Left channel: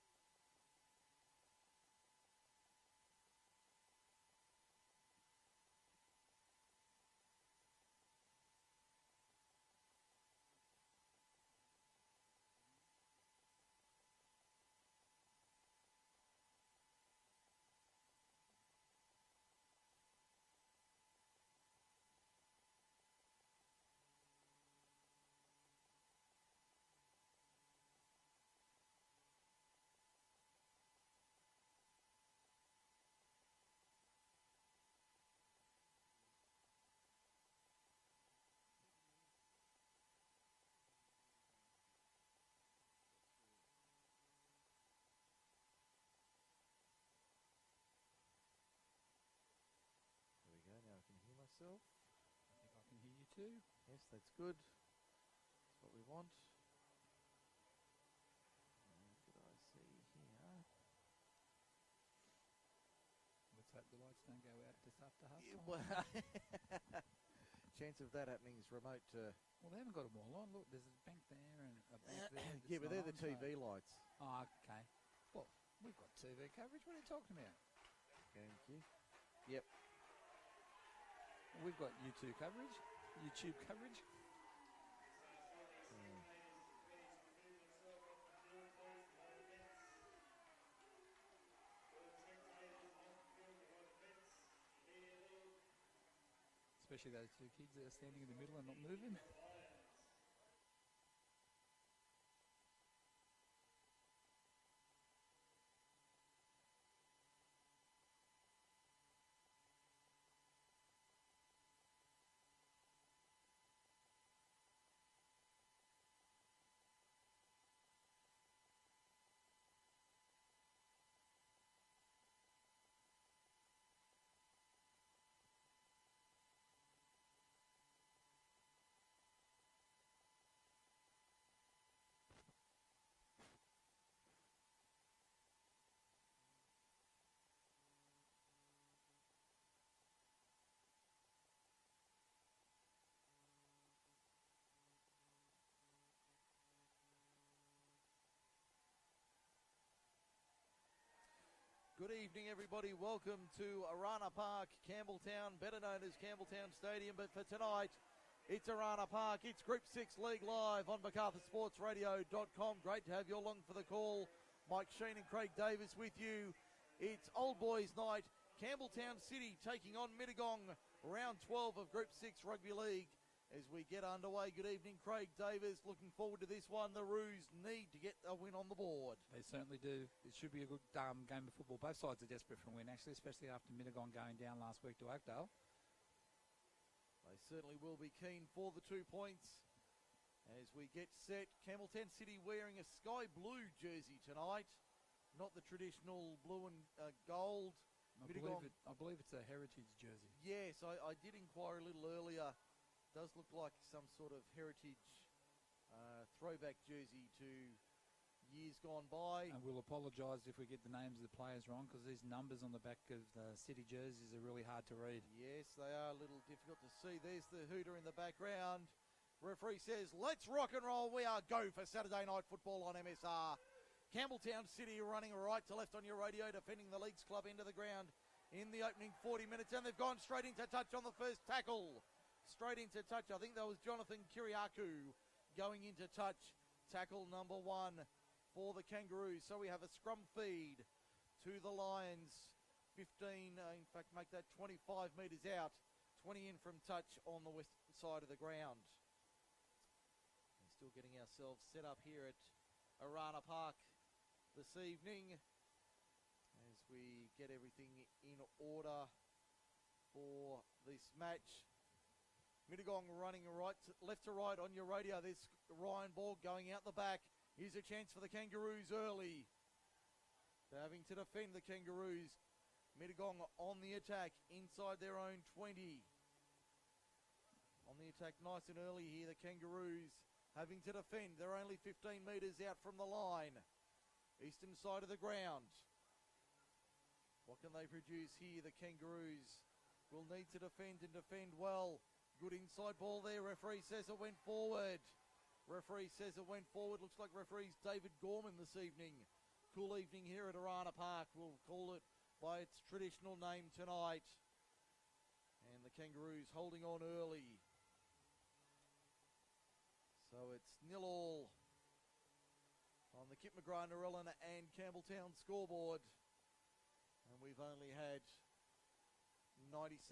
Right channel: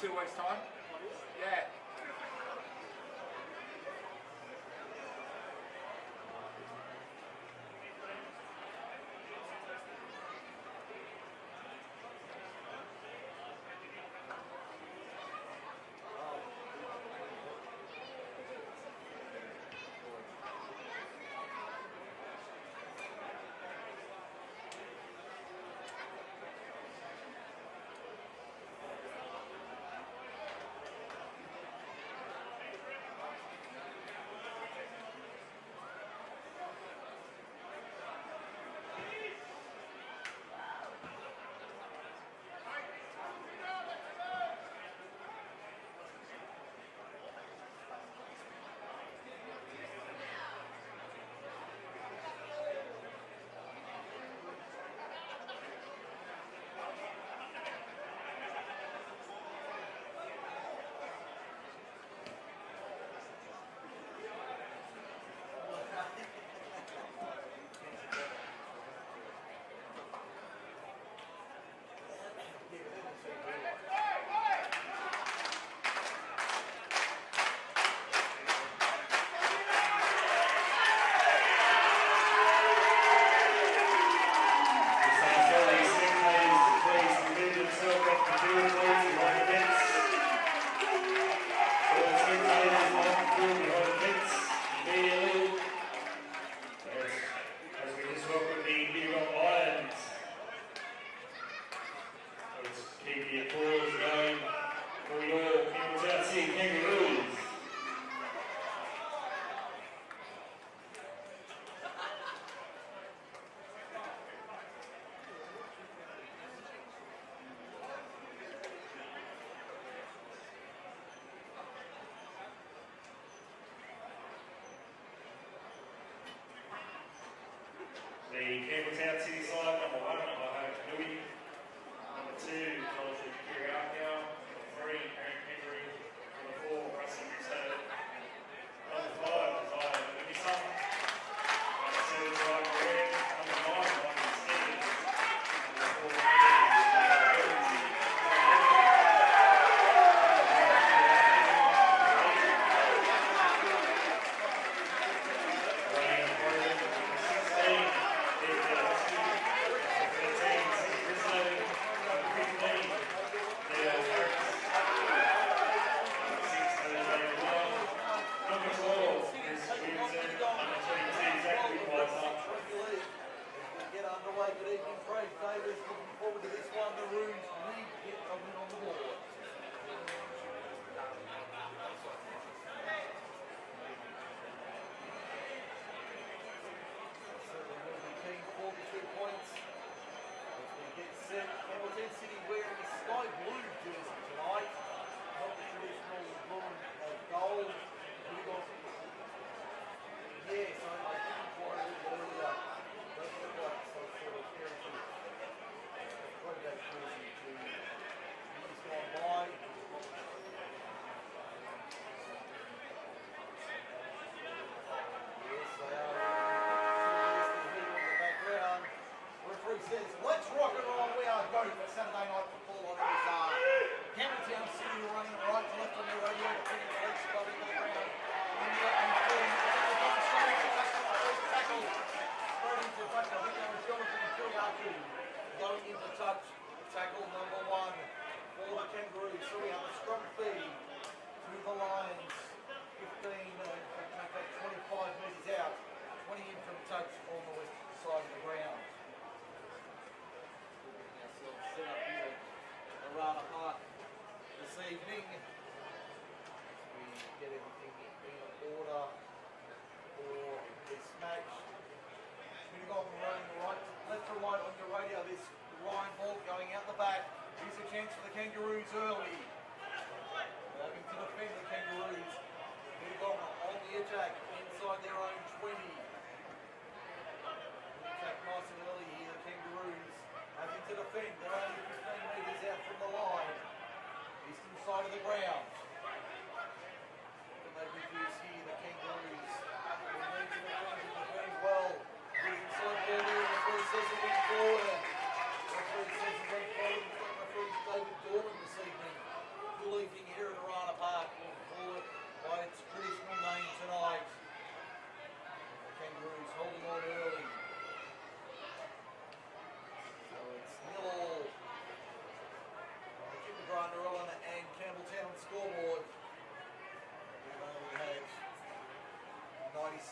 2 weeks' time. Yeah.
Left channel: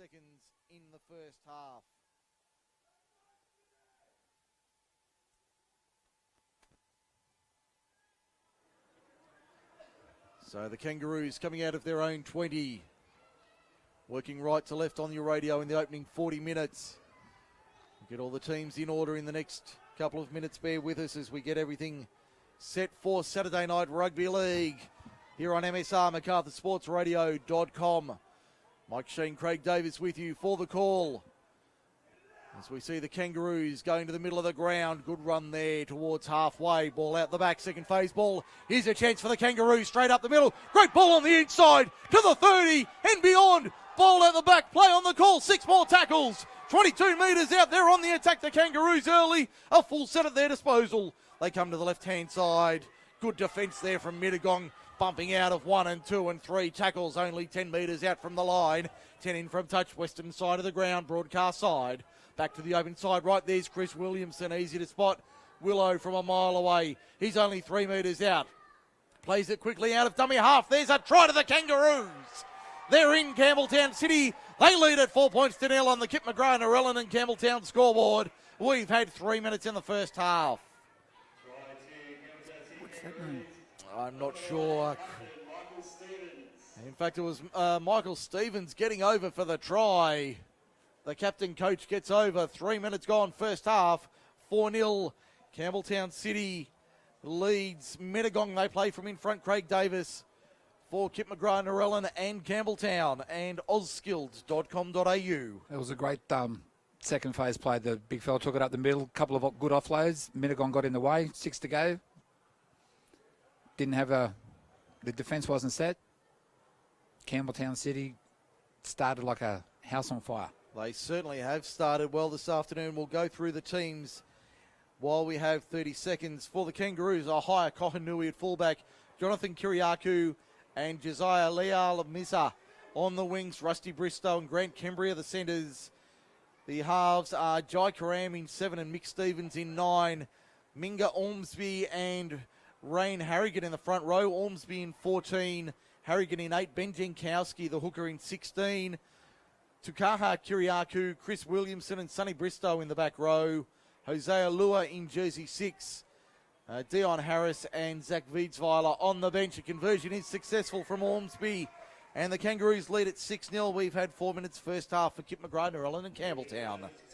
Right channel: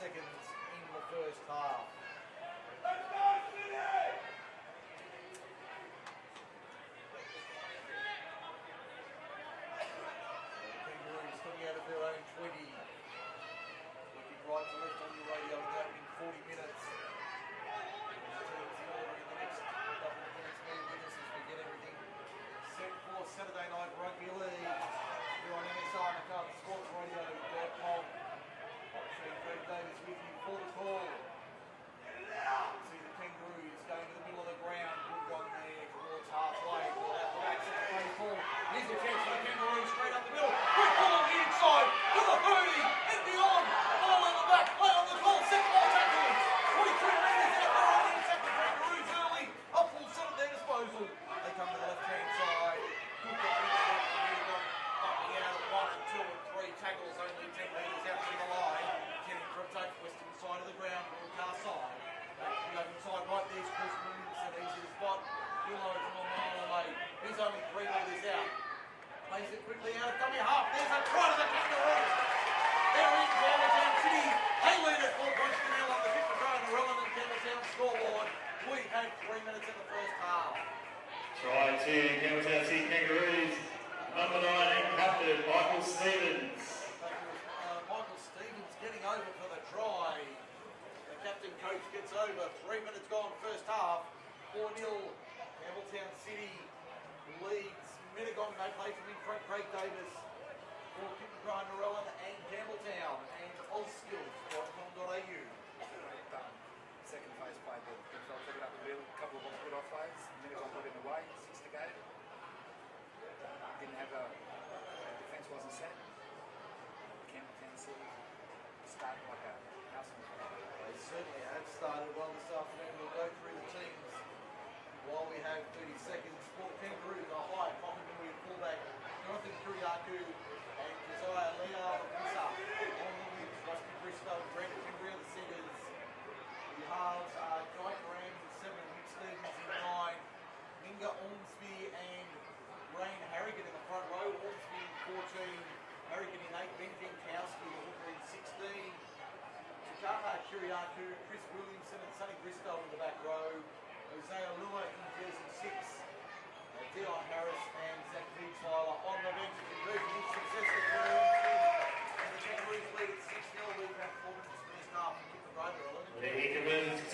seconds in the first half. So the Kangaroos coming out of their own 20. Working right to left on your radio in the opening 40 minutes. Get all the teams in order in the next couple of minutes. Bear with us as we get everything set for Saturday Night Rugby League here on MSR, MacArthurSportsRadio.com. Mike Sheen, Craig Davis with you for the call. As we see the Kangaroos going to the middle of the ground. Good run there towards halfway. Ball out the back, second phase ball. Here's a chance for the Kangaroos straight up the middle. Great ball on the inside to the 30 and beyond. Ball out the back, play on the call. 6 more tackles. 22 metres out there on the attack. The Kangaroos early. A full set at their disposal. They come to the left-hand side. Good defence there from Mittagong. Bumping out of 1 and 2 and 3 tackles. Only 10 metres out from the line. 10 in from touch. Western side of the ground. Broadcast side. Back to the open side, right there's Chris Williamson, easy to spot. Willow from a mile away. He's only 3 metres out. Plays it quickly out of dummy half. There's a try to the Kangaroos. They're in Campbelltown City. They lead at 4 points to 0 on the Kip McGrath, Narellan and Campbelltown scoreboard. We've had 3 minutes in the first half. Try to Campbelltown City Kangaroos. I'm not sure. Captain Michael Stevens. In fact, it was Michael Stevens getting over for the try. The captain coach gets over. 3 minutes gone, first half. 4-0. Campbelltown City leads Mittagong. They play from in front. Craig Davis for Kip McGrath, Narellan and Campbelltown and ozskills.com.au. It was a great second phase play. The big fella took it up the middle. Couple of good offloads. Mittagong got in the way. 6 to go. Didn't have the defence wasn't set. Campbelltown City started like a house on fire. They certainly have started well this afternoon. We'll go through the teams while we have 30 seconds. For the Kangaroos, Ahaya Kohanui at fullback, Jonathan Kiriakou and Josiah Leal Misa on the wings, Rusty Bristow and Grant Kembria the centres. The halves are Jai Karam in 7 and Mick Stevens in 9. Minga Ormsby and Rain Harrigan in the front row. Ormsby in 14, Harrigan in 8, Ben Jankowski, the hooker, in 16. Tukaha Kiriakou, Chris Williamson and Sonny Bristow in the back row. Hosea Lua in jersey 6. Dion Harris and Zach Wiedsweiler on the bench. A conversion is successful from Ormsby. And the Kangaroos lead at 6-0. We've had 4 minutes first half for Kip McGrath, Narellan and Campbelltown.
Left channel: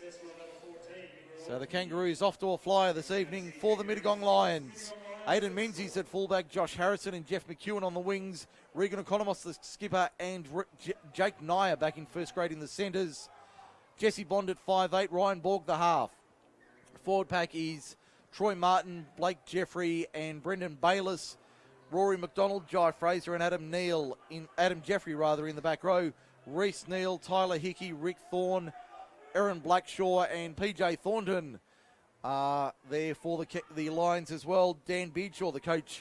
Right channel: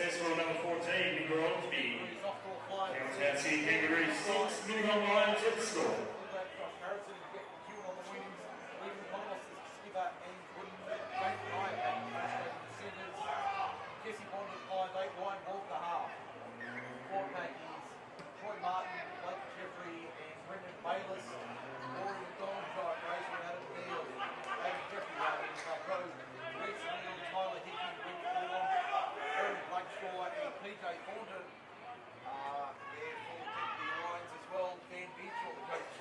So the Kangaroos off to a flyer this evening for the Mittagong Lions. Aidan Menzies at fullback, Josh Harrison and Jeff McEwen on the wings. Regan Economos, the skipper, and Jake Nyer back in first grade in the centres. Jesse Bond at 5'8", Ryan Borg the half. Forward pack is Troy Martin, Blake Jeffrey and Brendan Bayliss. Rory McDonald, Jai Fraser and Adam Jeffrey in the back row. Reece Neal, Tyler Hickey, Rick Thorne, Aaron Blackshaw and PJ Thornton are there for the Lions as well. Dan Beedshaw, the coach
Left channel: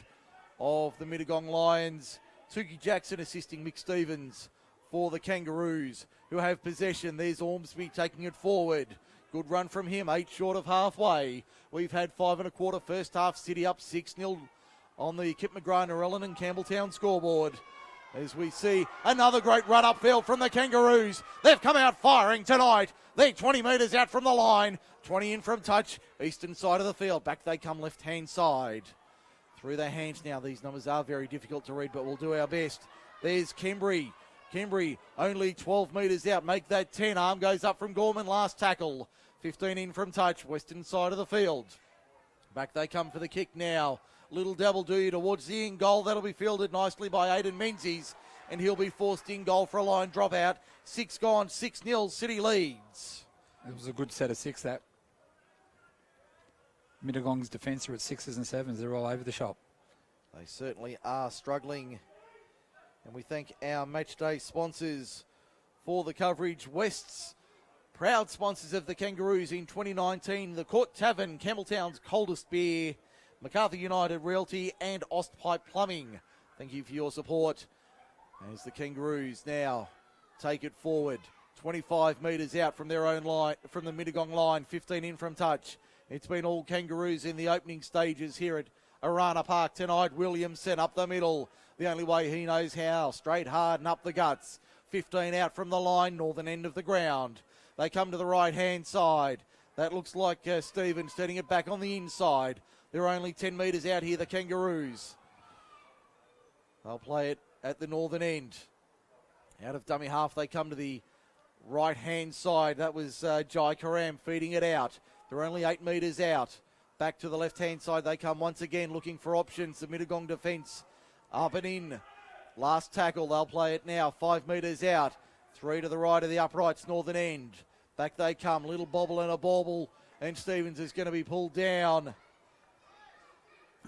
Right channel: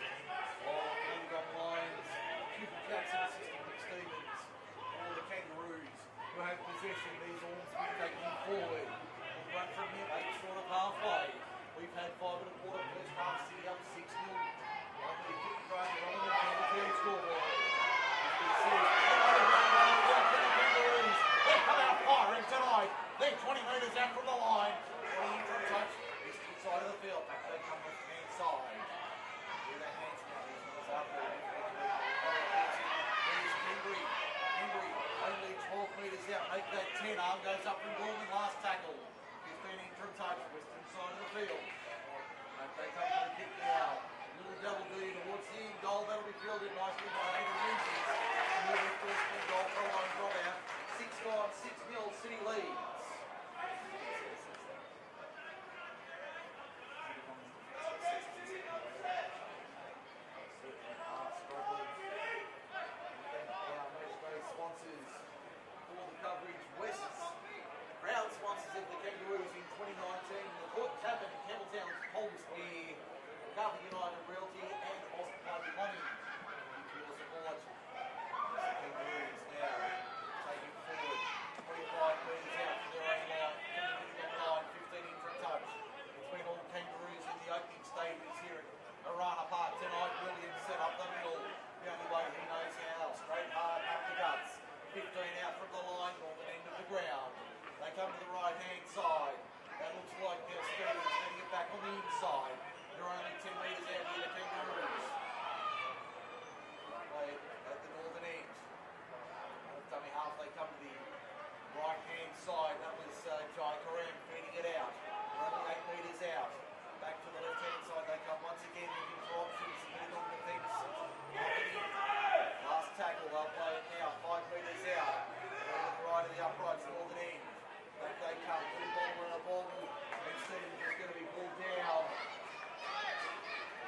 of the Mittagong Lions. Tukey Jackson assisting Mick Stevens for the Kangaroos, who have possession. There's Ormsby taking it forward. Good run from him, 8 short of halfway. We've had 5 1/4 first half. City up 6-0 on the Kip McGrath, Narellan and Campbelltown scoreboard. As we see another great run upfield from the Kangaroos. They've come out firing tonight. They're 20 metres out from the line. 20 in from touch. Eastern side of the field. Back they come left-hand side. Through their hands now. These numbers are very difficult to read, but we'll do our best. There's Kembry. Kembry only 12 metres out. Make that 10. Arm goes up from Gorman. Last tackle. 15 in from touch. Western side of the field. Back they come for the kick now. Little double do towards the in goal. That'll be fielded nicely by Aidan Menzies. And he'll be forced in goal for a line dropout. 6 gone. 6-0. City leads. It was a good set of 6, that. Mittagong's defence are at 6s and 7s. They're all over the shop. They certainly are struggling. And we thank our matchday sponsors for the coverage. West's proud sponsors of the Kangaroos in 2019. The Court Tavern, Campbelltown's coldest beer. MacArthur United Realty and Ostpipe Plumbing. Thank you for your support. As the Kangaroos now take it forward. 25 metres out from their own line, from the Mittagong line. 15 in from touch. It's been all Kangaroos in the opening stages here at Arana Park tonight. Williamson up the middle. The only way he knows how. Straight hard and up the guts. 15 out from the line, northern end of the ground. They come to the right-hand side. That looks like Stevens setting it back on the inside. They're only 10 metres out here, the Kangaroos. They'll play it at the northern end. Out of dummy half, they come to the right-hand side. That was Jai Karam feeding it out. They're only 8 metres out. Back to the left-hand side, they come once again looking for options. The Mittagong defence up and in. Last tackle, they'll play it now, 5 metres out. 3 to the right of the uprights, northern end. Back they come, little bobble and a bobble, and Stevens is going to be pulled down.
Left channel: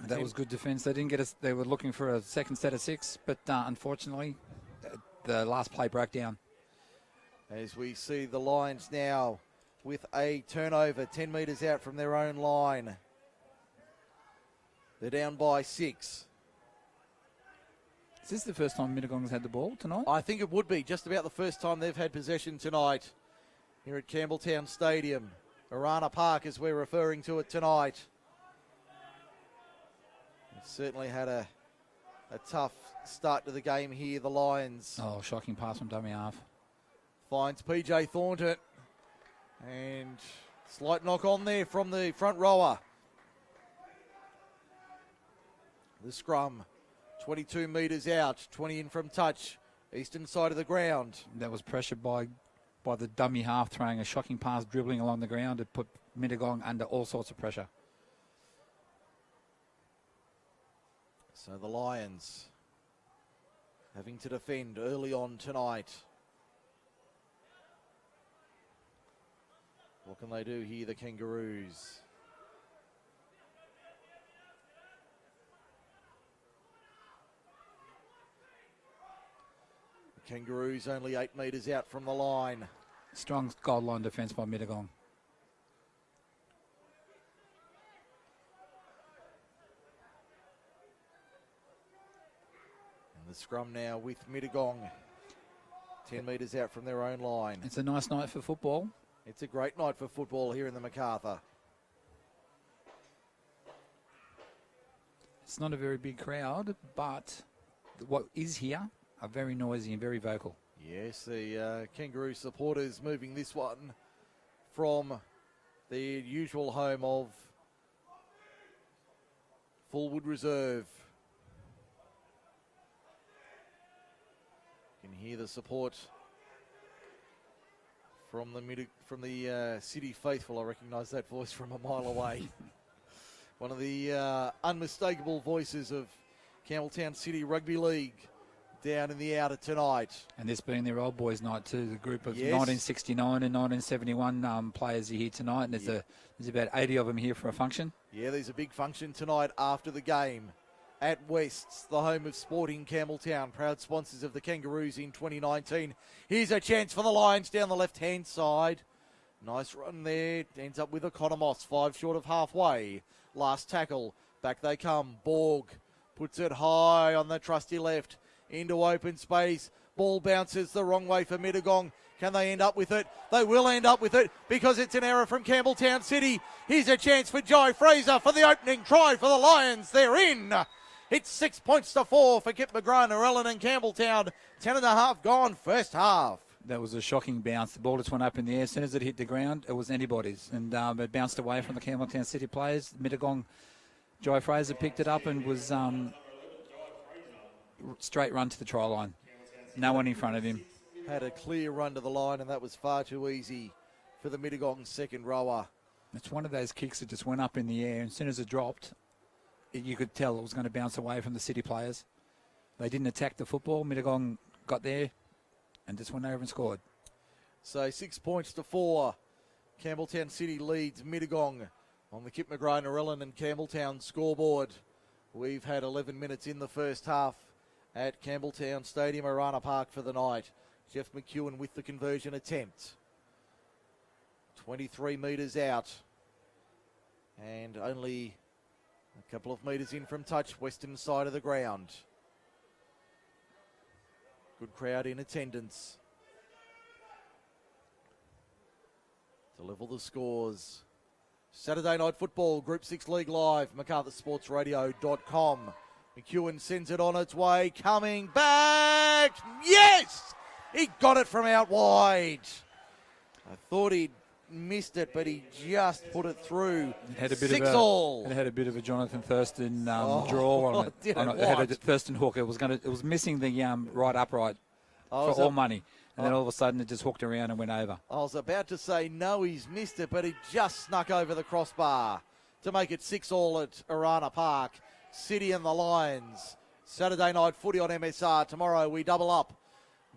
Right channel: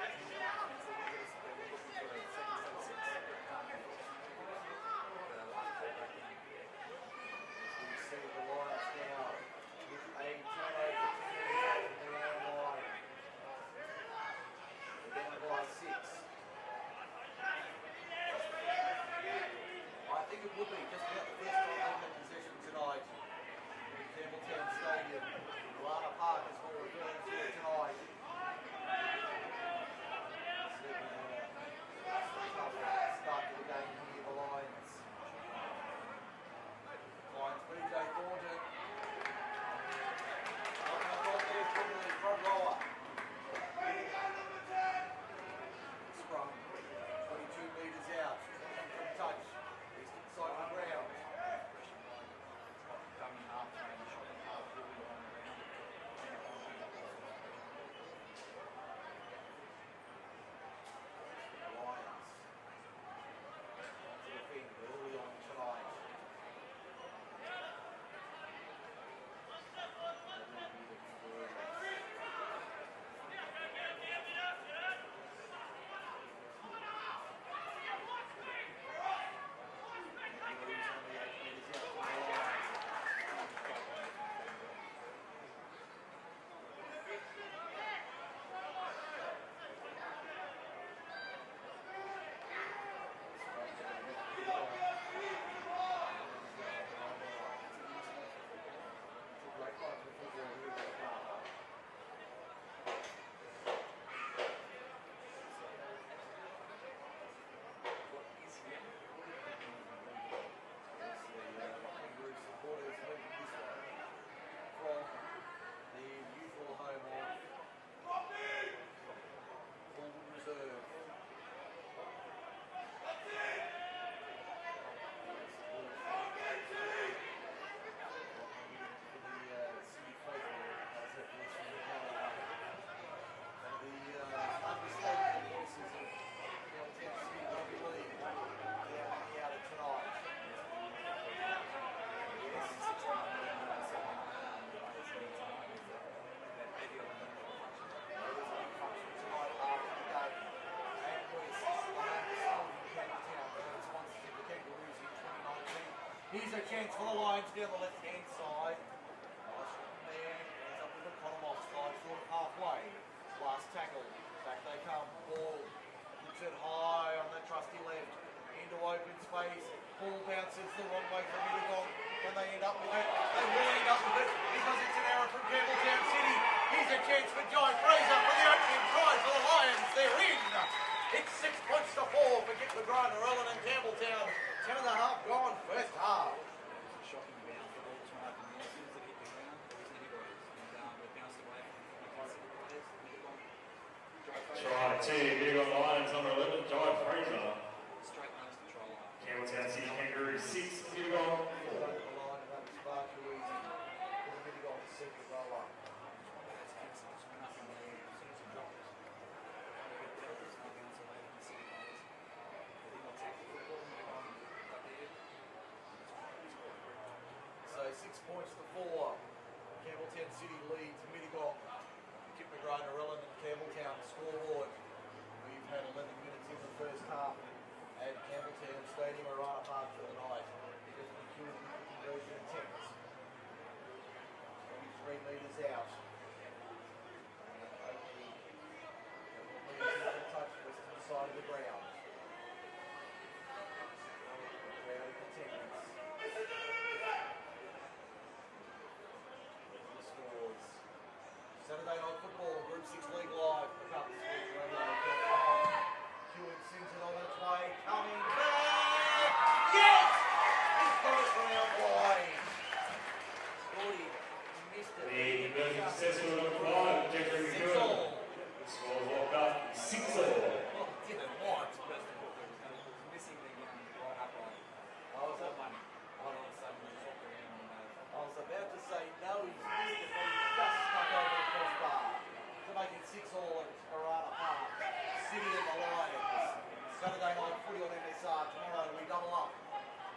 That was good defence. They didn't get us. They were looking for a second set of 6, but unfortunately, the last play broke down. As we see the Lions now with a turnover, 10 metres out from their own line. They're down by 6. Is this the first time Mittagong's had the ball tonight? I think it would be just about the first time they've had possession tonight here at Campbelltown Stadium. Arana Park, as we're referring to it tonight. Certainly had a tough start to the game here, the Lions. Oh, shocking pass from dummy half. Finds PJ Thornton. And slight knock on there from the front rower. The scrum, 22 metres out, 20 in from touch, eastern side of the ground. That was pressured by the dummy half throwing a shocking pass, dribbling along the ground to put Mittagong under all sorts of pressure. So the Lions having to defend early on tonight. What can they do here, the Kangaroos? Kangaroos only 8 metres out from the line. Strong goal line defence by Mittagong. Scrum now with Mittagong, 10 metres out from their own line. It's a nice night for football. It's a great night for football here in the MacArthur. It's not a very big crowd, but what is here are very noisy and very vocal. Yes, the Kangaroo supporters moving this one from the usual home of Fullwood Reserve. Hear the support from the City faithful. I recognise that voice from a mile away. One of the unmistakable voices of Campbelltown City Rugby League down in the outer tonight. And this being their old boys' night too, the group of Yes. 1969 and 1971 players are here tonight, and there's about 80 of them here for a function. Yeah, there's a big function tonight after the game at West's, the home of Sporting Campbelltown, proud sponsors of the Kangaroos in 2019. Here's a chance for the Lions down the left-hand side. Nice run there. Ends up with Economos, 5 short of halfway. Last tackle. Back they come. Borg puts it high on the trusty left. Into open space. Ball bounces the wrong way for Mittagong. Can they end up with it? They will end up with it because it's an error from Campbelltown City. Here's a chance for Jai Fraser for the opening try for the Lions. They're in. It's 6 points to 4 for Kip McGrath, Narellan and Campbelltown. 10.5 gone first half. That was a shocking bounce. The ball just went up in the air. As soon as it hit the ground, it was anybody's. And it bounced away from the Campbelltown City players. Mittagong, Jai Fraser picked it up and was straight run to the try line. No one in front of him. Had a clear run to the line, and that was far too easy for the Mittagong second rower. It's one of those kicks that just went up in the air. And as soon as it dropped, you could tell it was going to bounce away from the City players. They didn't attack the football. Mittagong got there and just went over and scored. So 6 points to 4. Campbelltown City leads Mittagong on the Kip McGrath, Narellan and Campbelltown scoreboard. We've had 11 minutes in the first half at Campbelltown Stadium, Arana Park for the night. Jeff McEwen with the conversion attempt. 23 metres out. And only a couple of metres in from touch, western side of the ground. Good crowd in attendance. To level the scores. Saturday night football, Group 6 League Live, MacArthurSportsRadio.com. McEwen sends it on its way, coming back. Yes! He got it from out wide. I thought he'd missed it, but he just put it through. Had a bit 6 of all. It had a bit of a Jonathan Thurston draw on it. Did On it? it had What? a Thurston hook. It was missing the right upright I for was all up- money, and then all of a sudden it just hooked around and went over. I was about to say no, he's missed it, but he just snuck over the crossbar to make it 6 all at Arana Park. City and the Lions. Saturday night footy on MSR. Tomorrow we double up.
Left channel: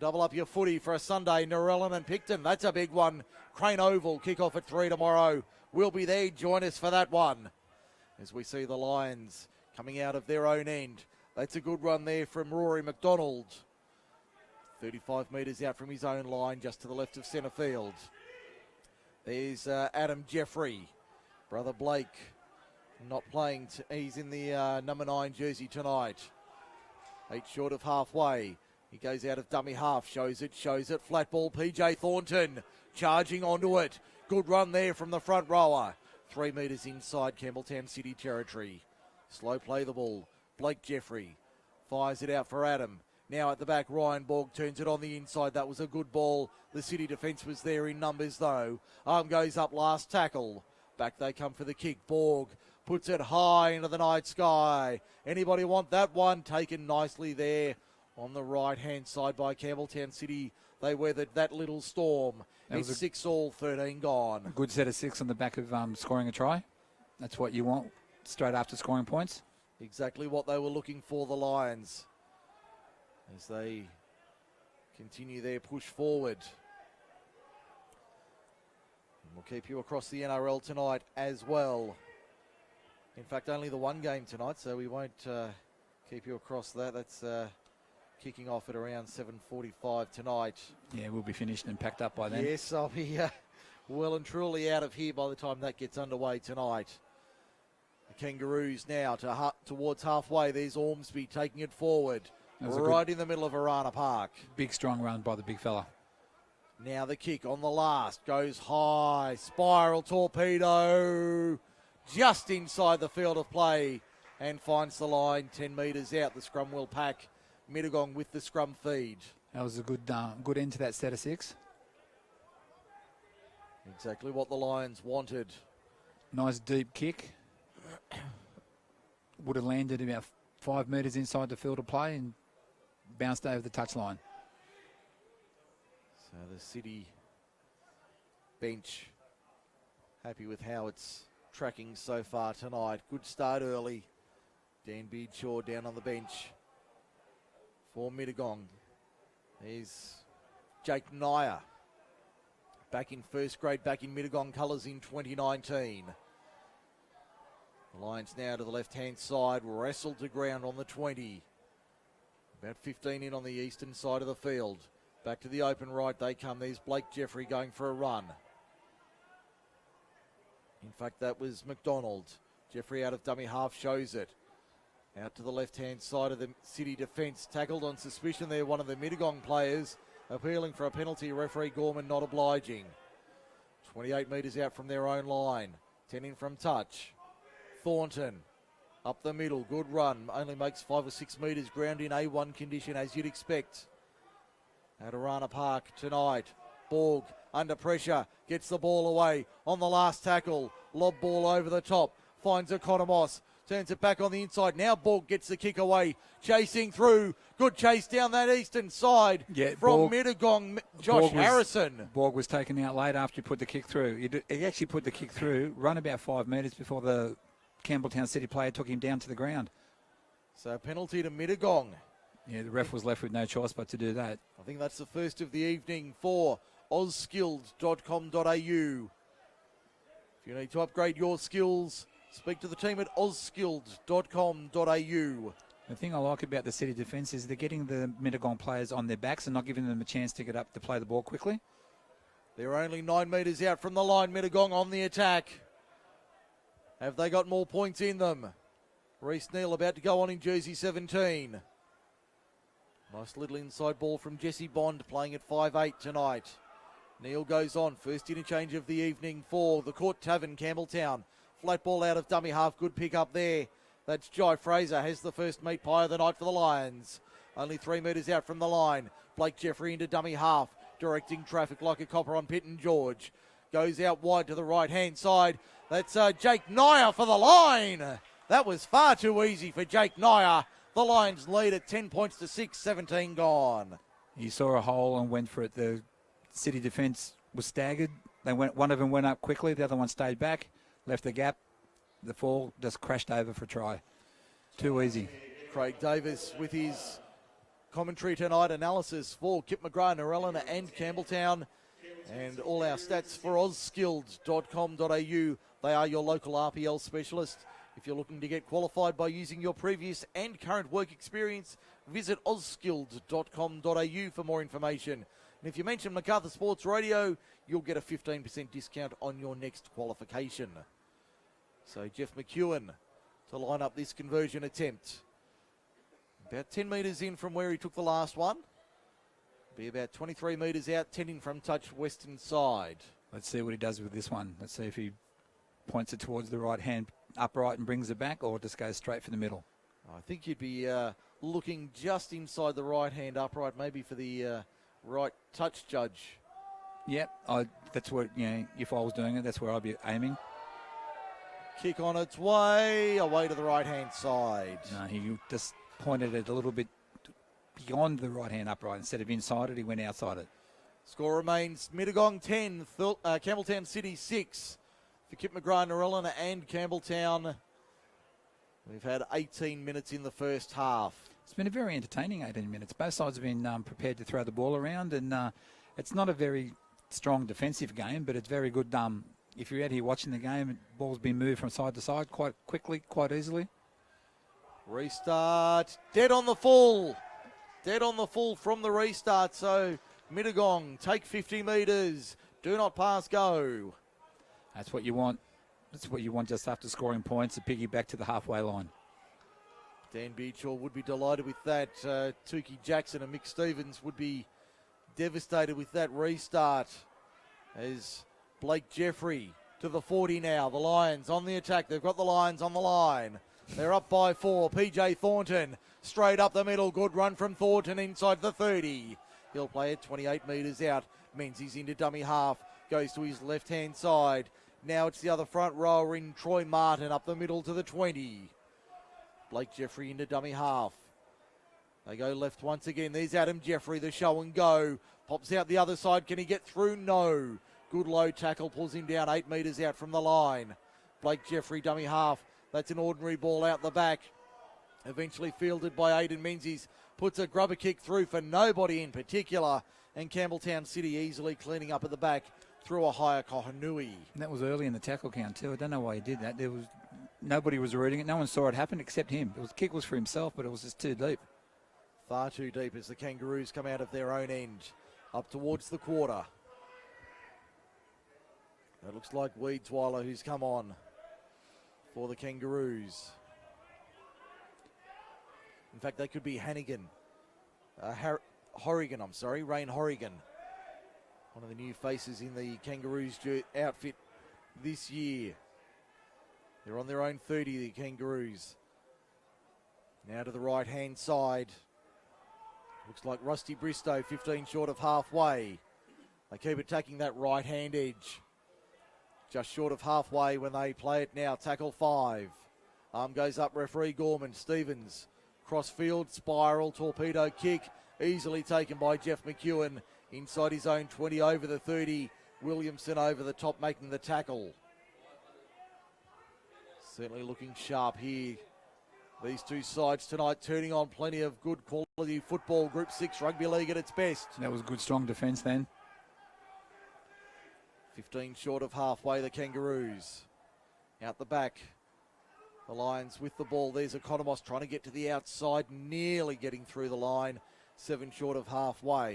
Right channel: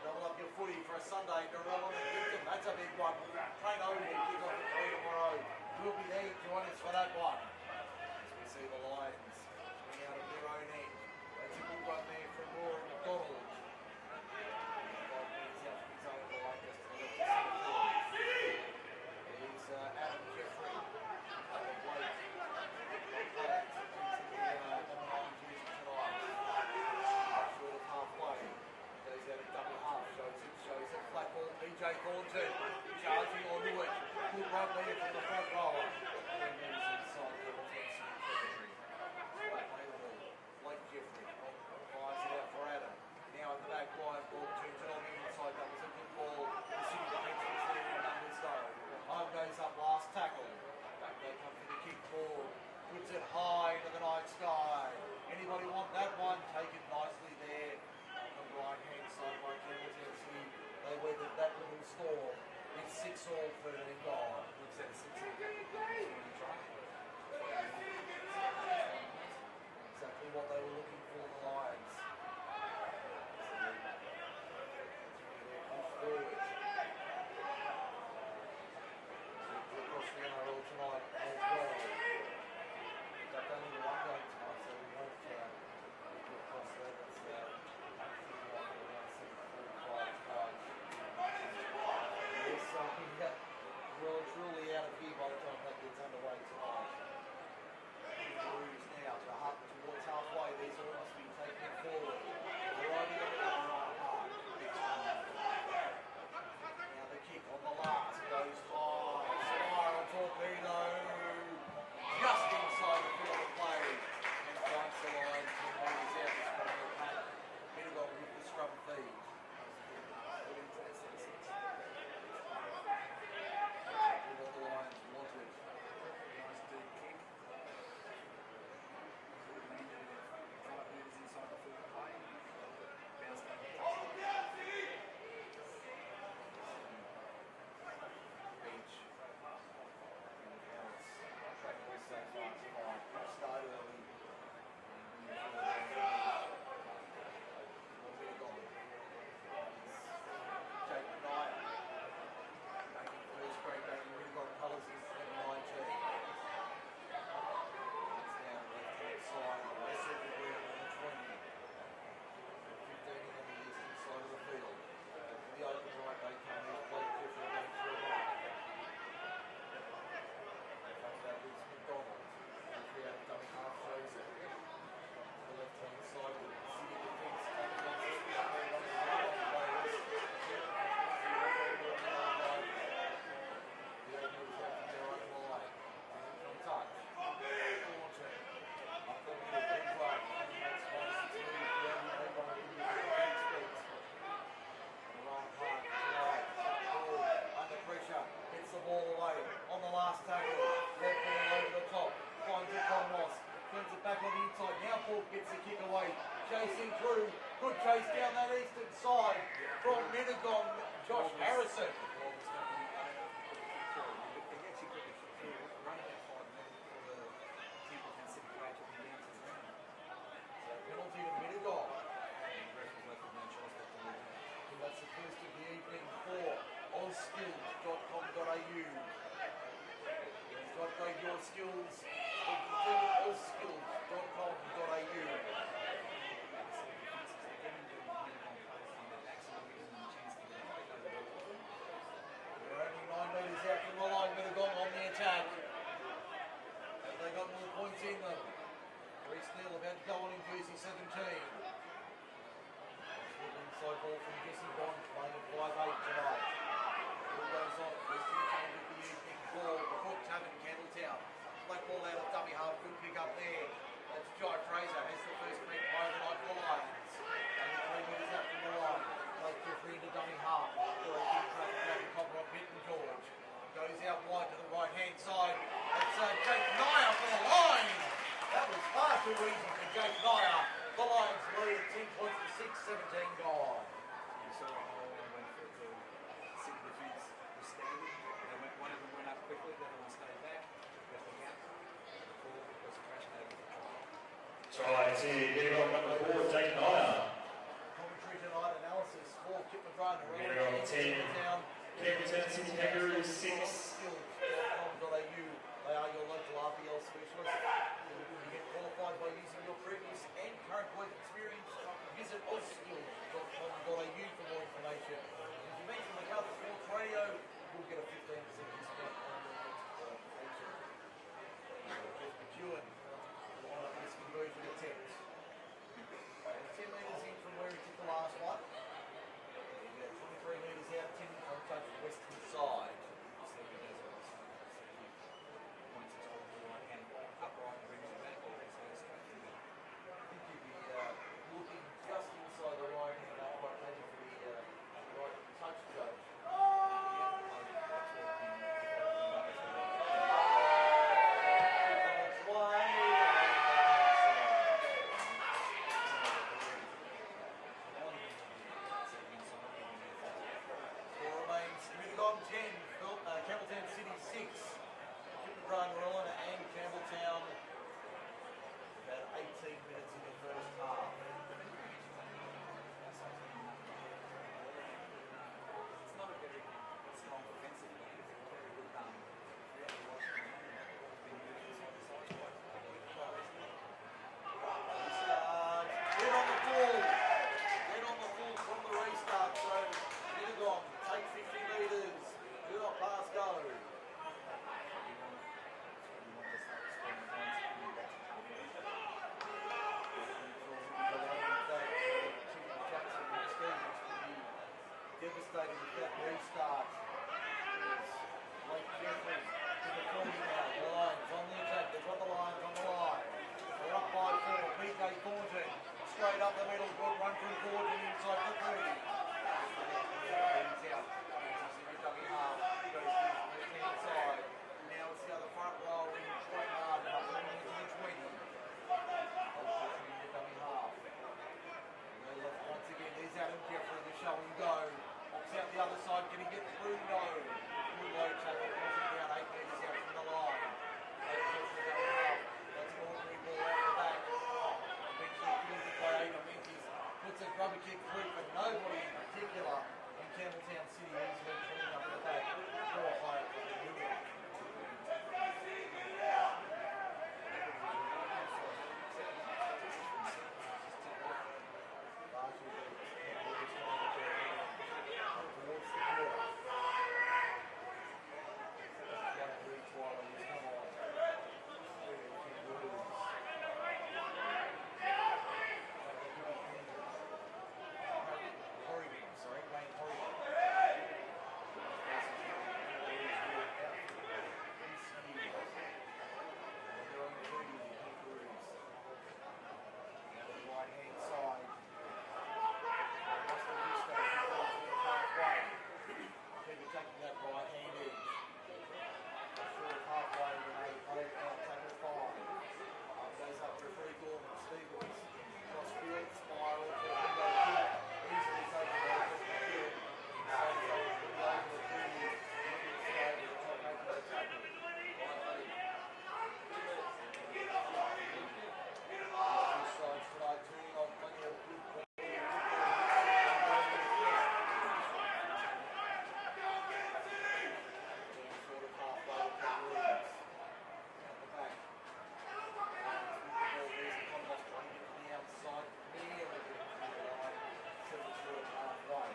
Double up your footy for a Sunday. Narellan and Picton. That's a big one. Crane Oval kick off at 3 tomorrow. We'll be there. Join us for that one. As we see the Lions coming out of their own end. That's a good one there from Rory McDonald. 35 metres out from his own line, just to the left of centre field. There's Adam Jeffrey. Brother Blake not playing. He's in the number 9 jersey tonight. 8 short of halfway. He goes out of dummy half. Shows it. Flat ball. PJ Thornton charging onto it. Good run there from the front rower. 3 metres inside Campbelltown City territory. Slow play the ball. Blake Jeffrey fires it out for Adam. Now at the back, Ryan Borg turns it on the inside. That was a good ball. The City defence was there in numbers though. Arm goes up, last tackle. Back they come for the kick. Borg puts it high into the night sky. Anybody want that one? Taken nicely there on the right-hand side by Campbelltown City. They weathered that little storm. It's 6 all, 13 gone. Good set of 6 on the back of scoring a try. That's what you want straight after scoring points. Exactly what they were looking for, the Lions, as they continue their push forward. We'll keep you across the NRL tonight as well. In fact, only the one game tonight, so we won't keep you across that. That's kicking off at around 7:45 tonight. Yeah, we'll be finished and packed up by then. Yes, I'll be well and truly out of here by the time that gets underway tonight. The Kangaroos now towards halfway. There's Ormsby taking it forward. Right in the middle of Arana Park. Big strong run by the big fella. Now the kick on the last. Goes high. Spiral torpedo. Just inside the field of play. And finds the line 10 metres out. The scrum will pack. Mittagong with the scrum feed. That was a good end to that set of 6. Exactly what the Lions wanted. Nice deep kick. Would have landed about 5 metres inside the field of play and bounced over the touchline. So the City bench happy with how it's tracking so far tonight. Good start early. Dan Beadshaw down on the bench for Mittagong. Here's Jake Nyer. Back in first grade, back in Mittagong colours in 2019. Lions now to the left-hand side, wrestled to ground on the 20. About 15 in on the eastern side of the field. Back to the open right they come. There's Blake Jeffrey going for a run. In fact, that was McDonald. Jeffrey out of dummy half shows it. Out to the left-hand side of the City defence. Tackled on suspicion there, one of the Mittagong players. Appealing for a penalty, referee Gorman not obliging. 28 metres out from their own line. 10 in from touch. Thornton up the middle, good run, only makes 5 or 6 metres, ground in A1 condition as you'd expect. At Arana Park tonight, Borg under pressure, gets the ball away on the last tackle, lob ball over the top, finds Economos, turns it back on the inside, now Borg gets the kick away, chasing through, good chase down that eastern side from Mittagong, Josh Harrison. Borg was taken out late after he put the kick through. He actually put the kick through, run about 5 metres before the Campbelltown City player took him down to the ground. So penalty to Mittagong. Yeah, the ref was left with no choice but to do that. I think that's the first of the evening for ozskills.com.au. If you need to upgrade your skills, speak to the team at ozskills.com.au. The thing I like about the City defence is they're getting the Mittagong players on their backs and not giving them a chance to get up to play the ball quickly. They're only 9 metres out from the line. Mittagong on the attack. Have they got more points in them? Reece Neal about to go on in jersey 17. Nice little inside ball from Jesse Bond, playing at 5'8 tonight. Neal goes on. First interchange of the evening for the Court Tavern, Campbelltown. Flat ball out of dummy half. Good pick up there. That's Jai Fraser. Has the first meat pie of the night for the Lions. Only 3 metres out from the line. Blake Jeffrey into dummy half, directing traffic like a copper on Pitt and George. Goes out wide to the right-hand side. That's Jake Nyer for the line. That was far too easy for Jake Nyer. The Lions lead at 10 points to 6, 17 gone. You saw a hole and went for it. The City defence was staggered. One of them went up quickly, the other one stayed back, left the gap. The fall just crashed over for try. Too easy. Craig Davis with his commentary tonight, analysis for Kip McGrath, Narellan and Campbelltown. And all our stats for ozskills.com.au. They are your local RPL specialist. If you're looking to get qualified by using your previous and current work experience, visit ozskills.com.au for more information. And if you mention MacArthur Sports Radio, you'll get a 15% discount on your next qualification. So Jeff McEwen to line up this conversion attempt. About 10 metres in from where he took the last one. Be about 23 metres out, tending from touch western side. Let's see what he does with this one. Let's see if he points it towards the right hand upright and brings it back, or just goes straight for the middle. I think you'd be looking just inside the right hand upright, maybe for the right touch judge. Yep, that's what, if I was doing it, that's where I'd be aiming. Kick on its way, away to the right hand side. He just pointed it a little bit beyond the right hand upright. Instead of inside it, he went outside it. Score remains Mittagong 10, Campbelltown City 6. For Kip McGrath, Narellan and Campbelltown. We've had 18 minutes in the first half. It's been a very entertaining 18 minutes. Both sides have been prepared to throw the ball around, and it's not a very strong defensive game, but it's very good. If you're out here watching the game, ball's been moved from side to side quite quickly, quite easily. Restart, dead on the full. Dead on the full from the restart, so Mittagong take 50 metres. Do not pass go. That's what you want. That's what you want just after scoring points, to piggyback to the halfway line. Dan Beachaw would be delighted with that. Tukey Jackson and Mick Stevens would be devastated with that restart. As Blake Jeffrey to the 40 now. The Lions on the attack. They've got the Lions on the line. They're up by 4. PJ Thornton straight up the middle. Good run from Thornton inside the 30. He'll play it 28 metres out. Means he's into dummy half. Goes to his left-hand side. Now it's the other front rower in Troy Martin up the middle to the 20. Blake Jeffrey into dummy half. They go left once again. There's Adam Jeffrey, the show and go. Pops out the other side. Can he get through? No. Good low tackle. Pulls him down 8 metres out from the line. Blake Jeffrey, dummy half. That's an ordinary ball out the back. Eventually fielded by Aidan Menzies. Puts a grubber kick through for nobody in particular. And Campbelltown City easily cleaning up at the back through a higher Kohanui. And that was early in the tackle count too. I don't know why he did that. Nobody was reading it. No one saw it happen except him. The kick was for himself, but it was just too deep. Far too deep as the Kangaroos come out of their own end. Up towards the quarter. It looks like Weedsweiler who's come on for the Kangaroos. In fact, that could be Hannigan. Horrigan, I'm sorry. Rain Horrigan. One of the new faces in the Kangaroos outfit this year. They're on their own 30, the Kangaroos. Now to the right-hand side. Looks like Rusty Bristow, 15 short of halfway. They keep attacking that right-hand edge. Just short of halfway when they play it now. Tackle 5. Arm goes up, referee Gorman. Stevens, cross-field, spiral, torpedo kick. Easily taken by Jeff McEwen. Inside his own 20, over the 30. Williamson over the top, making the tackle. Certainly looking sharp here. These two sides tonight turning on plenty of good quality football. Group 6 rugby league at its best. That was good, strong defence then. 15 short of halfway, the Kangaroos. Out the back. The Lions with the ball. There's Economos trying to get to the outside, nearly getting through the line. 7 short of halfway.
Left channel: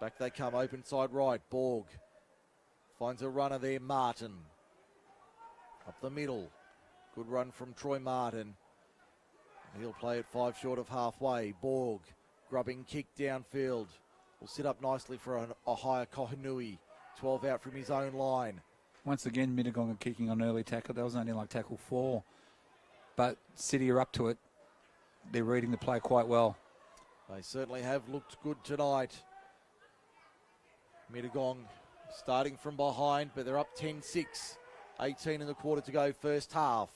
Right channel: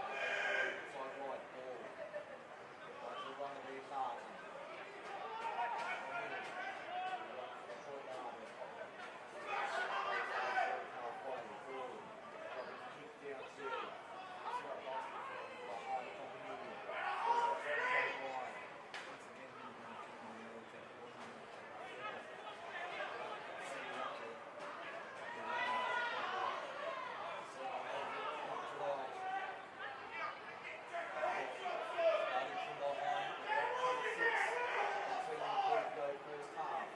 Back they come, open side right. Borg finds a runner there, Martin. Up the middle. Good run from Troy Martin. He'll play it 5 short of halfway. Borg, grubbing kick downfield. Will sit up nicely for a higher Kohanui. 12 out from his own line. Once again, Mittagong kicking on early tackle. That was only like tackle 4. But City are up to it. They're reading the play quite well. They certainly have looked good tonight. Mittagong starting from behind, but they're up 10-6. 18 in the quarter to go, first half.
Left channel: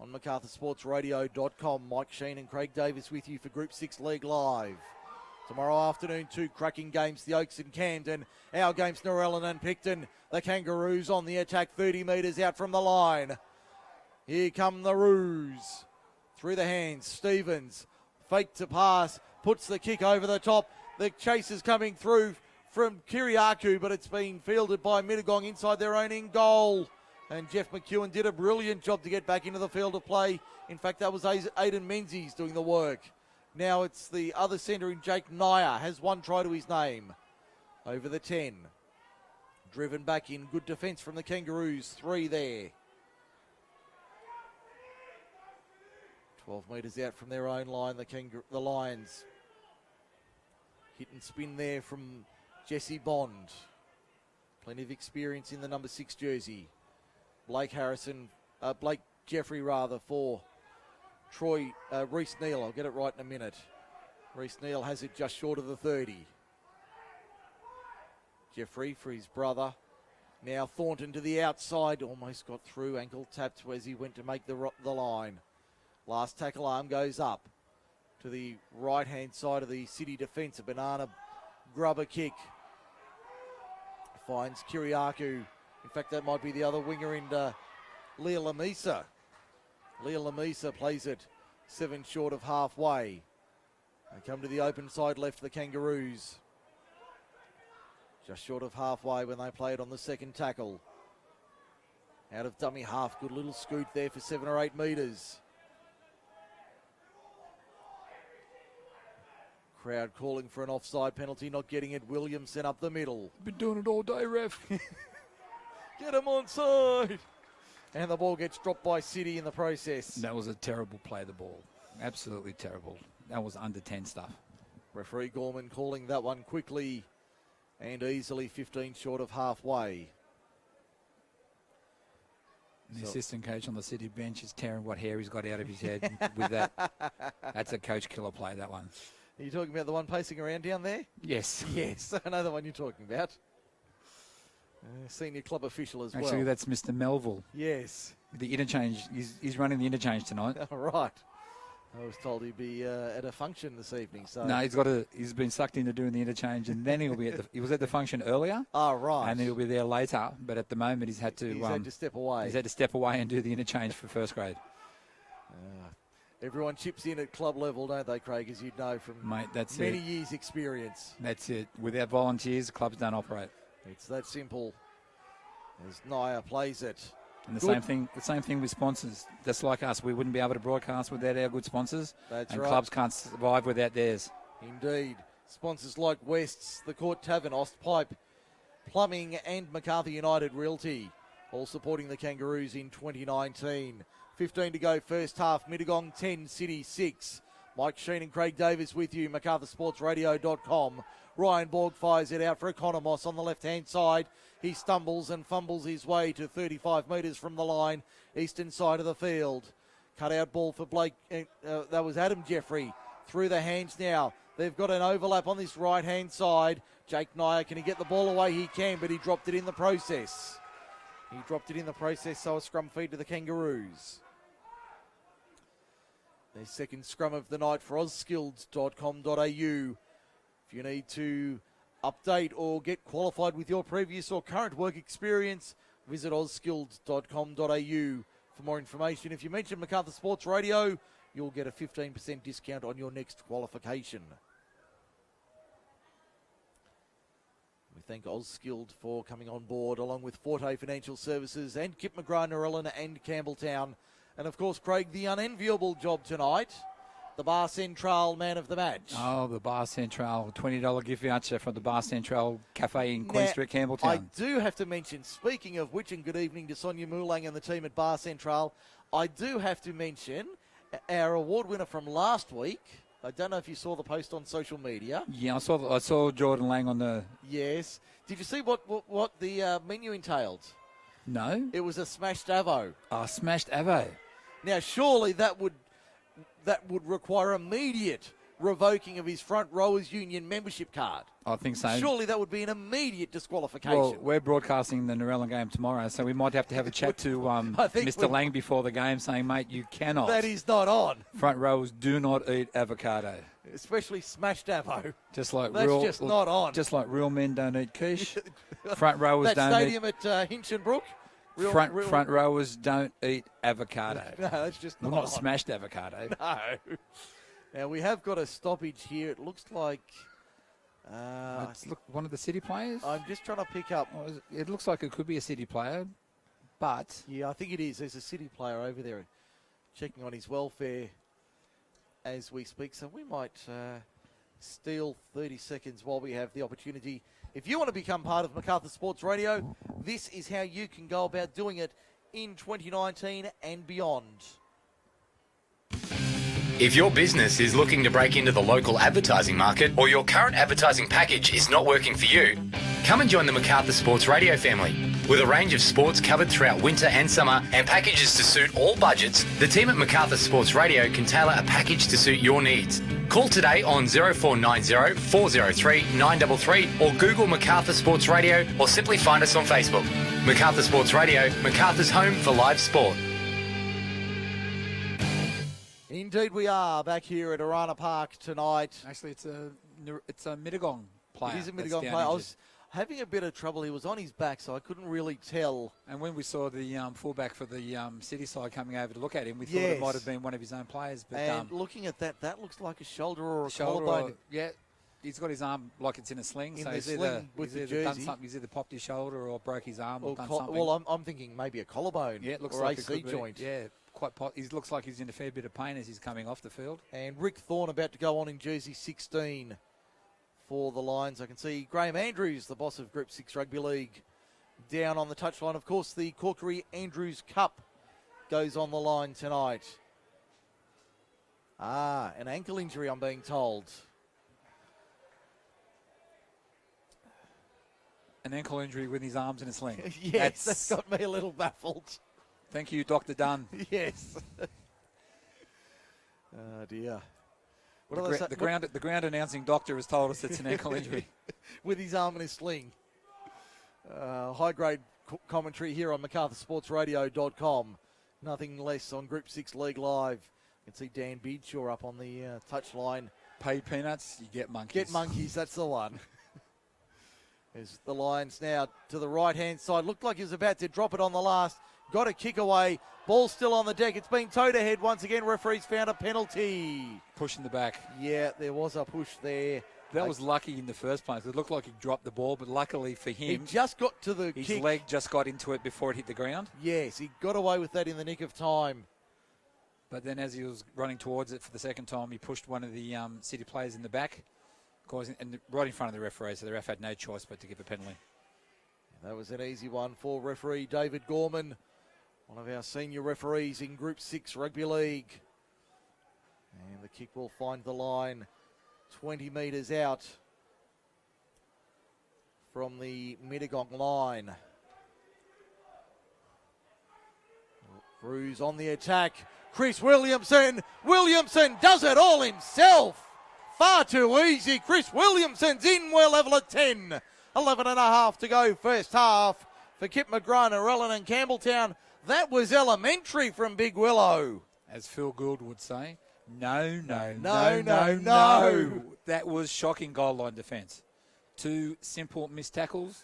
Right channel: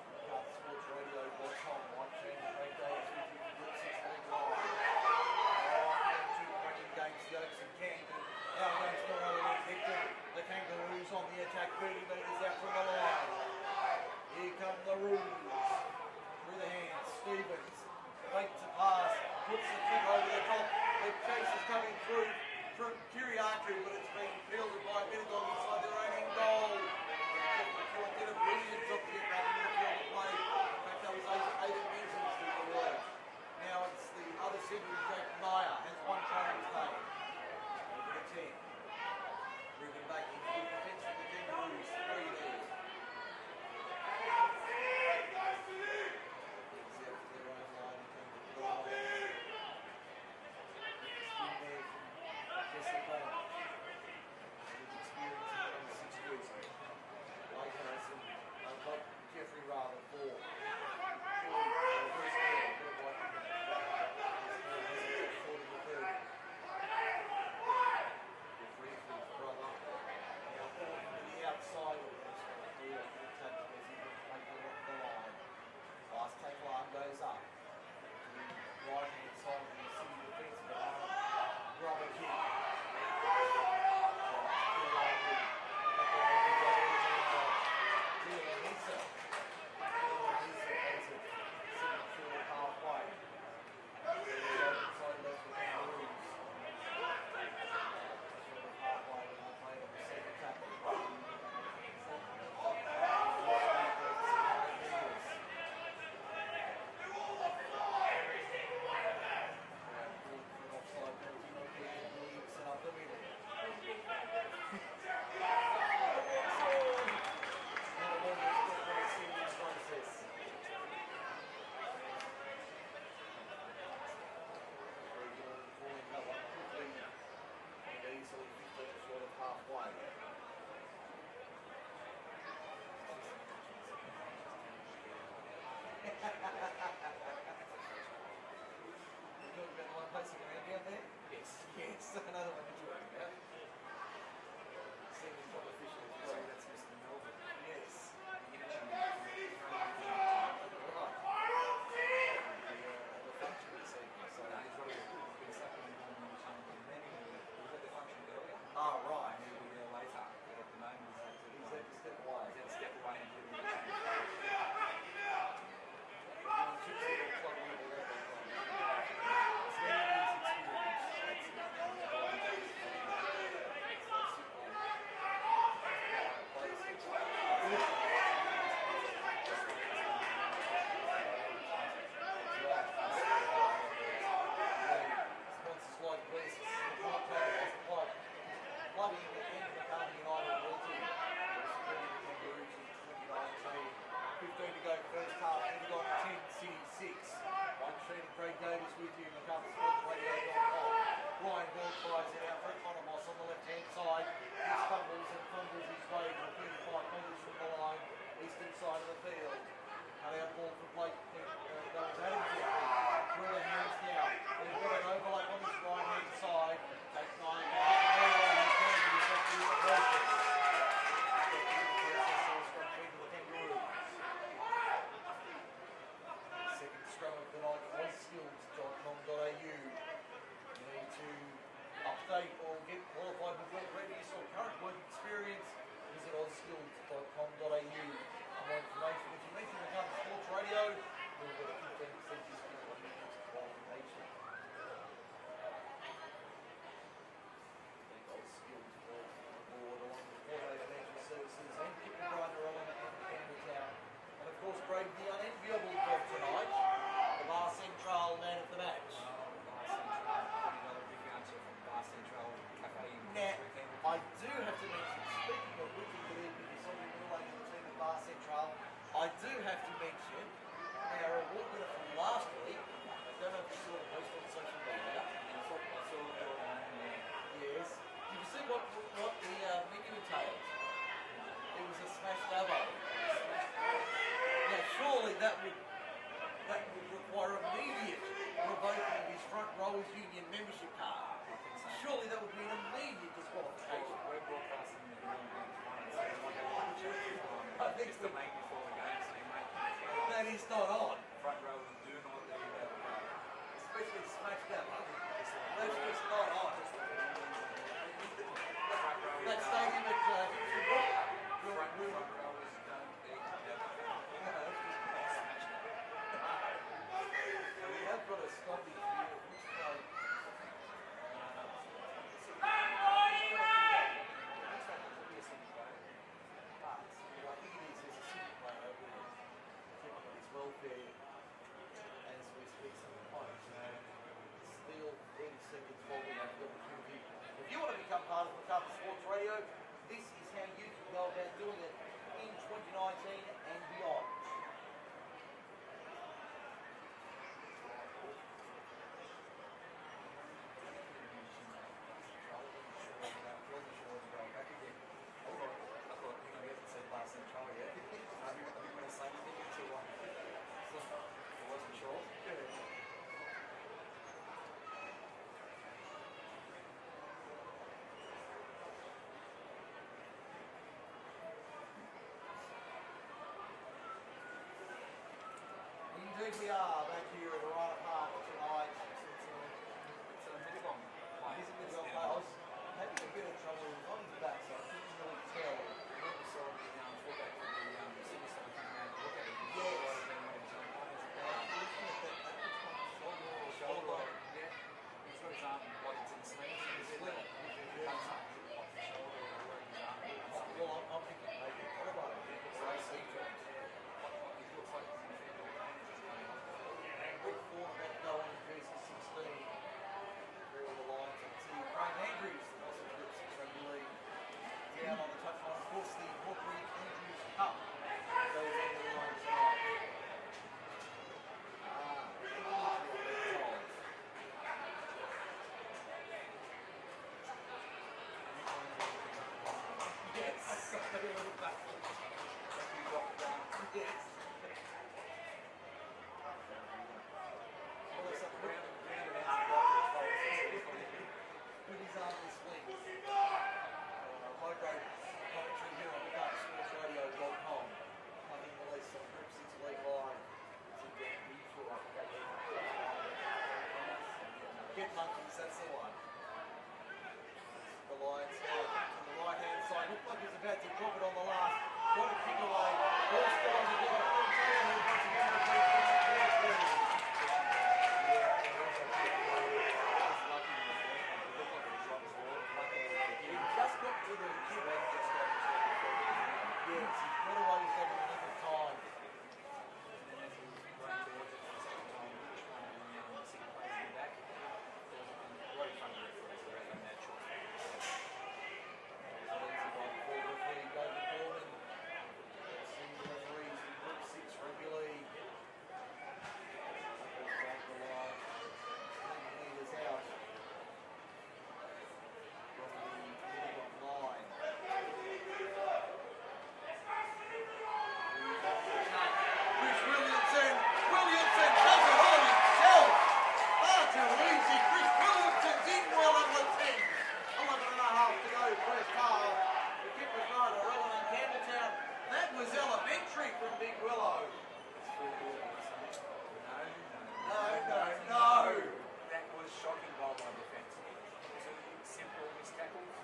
On MacArthurSportsRadio.com, Mike Sheen and Craig Davis with you for Group 6 League Live. Tomorrow afternoon, 2 cracking games, the Oaks and Camden. Our games, Norellan and Picton. The Kangaroos on the attack, 30 metres out from the line. Here come the Roos. Through the hands, Stevens. Fake to pass, puts the kick over the top. The chase is coming through from Kiriakou, but it's been fielded by Mittagong inside their own end goal. And Jeff McEwen did a brilliant job to get back into the field of play. In fact, that was Aidan Menzies doing the work. Now it's the other centre in Jake Nyer, has 1 try to his name. Over the 10. Driven back in, good defence from the Kangaroos, 3 there. 12 metres out from their own line, the Lions. Hit and spin there from Jesse Bond. Plenty of experience in the number 6 jersey. Blake Jeffrey for Reece Neal. I'll get it right in a minute. Reece Neal has it just short of the 30. Jeffrey for his brother. Now Thornton to the outside, almost got through, ankle tapped as he went to make the line. Last tackle arm goes up to the right-hand side of the City defence. A banana grubber kick. Finds Kiriakou. In fact, that might be the other winger in Leah Lamisa. Leah Lamisa plays it 7 short of halfway. They come to the open side left, the Kangaroos. Just short of halfway when they played on the second tackle. Out of dummy half, good little scoot there for 7 or 8 metres. Crowd calling for an offside penalty, not getting it. Williamson up the middle. Been doing it all day, ref. Get him onside. And the ball gets dropped by City in the process. That was a terrible play, the ball. Absolutely terrible. That was under 10 stuff. Referee Gorman calling that one quickly and easily, 15 short of halfway. The assistant coach on the City bench is tearing what hair he's got out of his head with that. That's a coach killer play, that one. Are you talking about the one pacing around down there? Yes. Yes, I know the one you're talking about. Senior club official as well. Actually, that's Mr. Melville. Yes. The interchange. He's running the interchange tonight. Right. I was told he'd be at a function this evening. So no, he's been sucked into doing the interchange, and then he'll be he was at the function earlier. Oh, right. And he'll be there later. But at the moment, he's had to step away. He's had to step away and do the interchange for first grade. Everyone chips in at club level, don't they, Craig, as you know from many years' experience. That's it. Without volunteers, clubs don't operate. It's that simple. As Naya plays it. And the same thing with sponsors. Just like us, we wouldn't be able to broadcast without our good sponsors. That's and right. Clubs can't survive without theirs. Indeed. Sponsors like West's, the Court Tavern, Ostpipe, Plumbing and MacArthur United Realty, all supporting the Kangaroos in 2019. 15 to go, first half. Mittagong 10, City 6. Mike Sheen and Craig Davis with you, MacArthurSportsRadio.com. Ryan Borg fires it out for Economos on the left-hand side. He stumbles and fumbles his way to 35 metres from the line, eastern side of the field. Cut out ball for Blake. That was Adam Jeffrey. Through the hands now. They've got an overlap on this right-hand side. Jake Nyer, can he get the ball away? He can, but he dropped it in the process. So a scrum feed to the Kangaroos. Their second scrum of the night for auskills.com.au. If you need to update or get qualified with your previous or current work experience, visit auskills.com.au for more information. If you mention MacArthur Sports Radio, you'll get a 15% discount on your next qualification. We thank Auskilled for coming on board, along with Forte Financial Services and Kip McGrath, Norellan and Campbelltown. And of course, Craig, the unenviable job tonight, the Bar Central man of the match. Oh, the Bar Central, $20 gift voucher from the Bar Central Cafe in Queen Street, Campbelltown. I do have to mention, speaking of which, and good evening to Sonia Moulang and the team at Bar Central, I do have to mention our award winner from last week. I don't know if you saw the post on social media. Yeah, I saw Jordan Lang on the... Yes. Did you see what the menu entailed? No. It was a smashed avo. Oh, smashed avo. Now, surely that would require immediate revoking of his front rowers union membership card. I think so. Surely that would be an immediate disqualification. Well, we're broadcasting the Narellan game tomorrow, so we might have to have a chat to I think Mr. Lang before the game saying, mate, you cannot. That is not on. Front rowers do not eat avocado. Especially smashed avo. Just like That's just not on. Just like real men don't eat quiche. Front rowers that don't stadium at Hinchinbrook. Front rowers don't eat avocado. No, that's just Well, not not smashed avocado. No. Now we have got a stoppage here. It looks like. Look, one of the City players. I'm just trying to pick up. It looks like it could be a City player, but Yeah, I think it is. There's a City player over there checking on his welfare as we speak. So we might steal 30 seconds while we have the opportunity. If you want to become part of MacArthur Sports Radio, this is how you can go about doing it in 2019 and beyond. If your business is looking to break into the local advertising market or your current advertising package is not working for you, come and join the MacArthur Sports Radio family. With a range of sports covered throughout winter and summer and packages to suit all budgets, the team at MacArthur Sports Radio can tailor a package to suit your needs. Call today on 0490 403 933 or Google MacArthur Sports Radio or simply find us on Facebook. MacArthur Sports Radio, MacArthur's home for live sport. Indeed we are back here at Arana Park tonight. actually it's a Mittagong player. It is a That's Mittagong down player. I injured. was having a bit of trouble. He was on his back, so I couldn't really tell. And when we saw the fullback for the City side coming over to look at him, we thought Yes. it might have been one of his own players. But And looking at that, that looks like a shoulder or a shoulder, collarbone. yeah, he's got his arm like it's in a sling. In so the he's sling either, with he's the either done jersey. something. He's either popped his shoulder or broke his arm or Or done co- something. well, I'm thinking maybe a collarbone yeah, it looks or like it AC could be. joint. Yeah, quite. He looks like he's in a fair bit of pain as he's coming off the field. And Rick Thorne about to go on in jersey 16 for the Lions. I can see Graham Andrews, the boss of Group 6 Rugby League, down on the touchline. Of course, the Corkery-Andrews Cup goes on the line tonight. An ankle injury, I'm being told. An ankle injury with his arms in a sling. Yes, that's got me a little baffled. Thank you, Dr. Dunn. Yes. Oh dear. What do they say? The ground announcing doctor has told us it's an ankle injury. With his arm in a sling. High-grade commentary here on MacArthurSportsRadio.com. Nothing less on Group 6 League Live. You can see Dan Beedshaw up on the touchline. Pay peanuts, you get monkeys. Get monkeys, that's the one. There's the Lions now to the right-hand side. Looked like he was about to drop it on the last. Got a kick away. Ball still on the deck. It's been towed ahead once again. Referee's found a penalty. Pushing the back. Yeah, there was a push there. That was lucky in the first place. It looked like he dropped the ball, but luckily for He him, just got to the his kick. leg just got into it before it hit the ground. Yes, he got away with that in the nick of time. But then as he was running towards it for the second time, he pushed one of the City players in the back, right in front of the referee, so the ref had no choice but to give the penalty. That was an easy one for referee David Gorman, one of our senior referees in Group 6 Rugby League. And the kick will find the line 20 metres out from the Mittagong line. Roos on the attack. Chris Williamson. Williamson does it all himself. Far too easy. Chris Williamson's in. We're level at 10. 11 and a half to go first half for Kip McGrath, Narellan and Campbelltown. That was elementary from Big Willow. As Phil Gould would say, no. That was shocking goal line defence. Two simple missed tackles.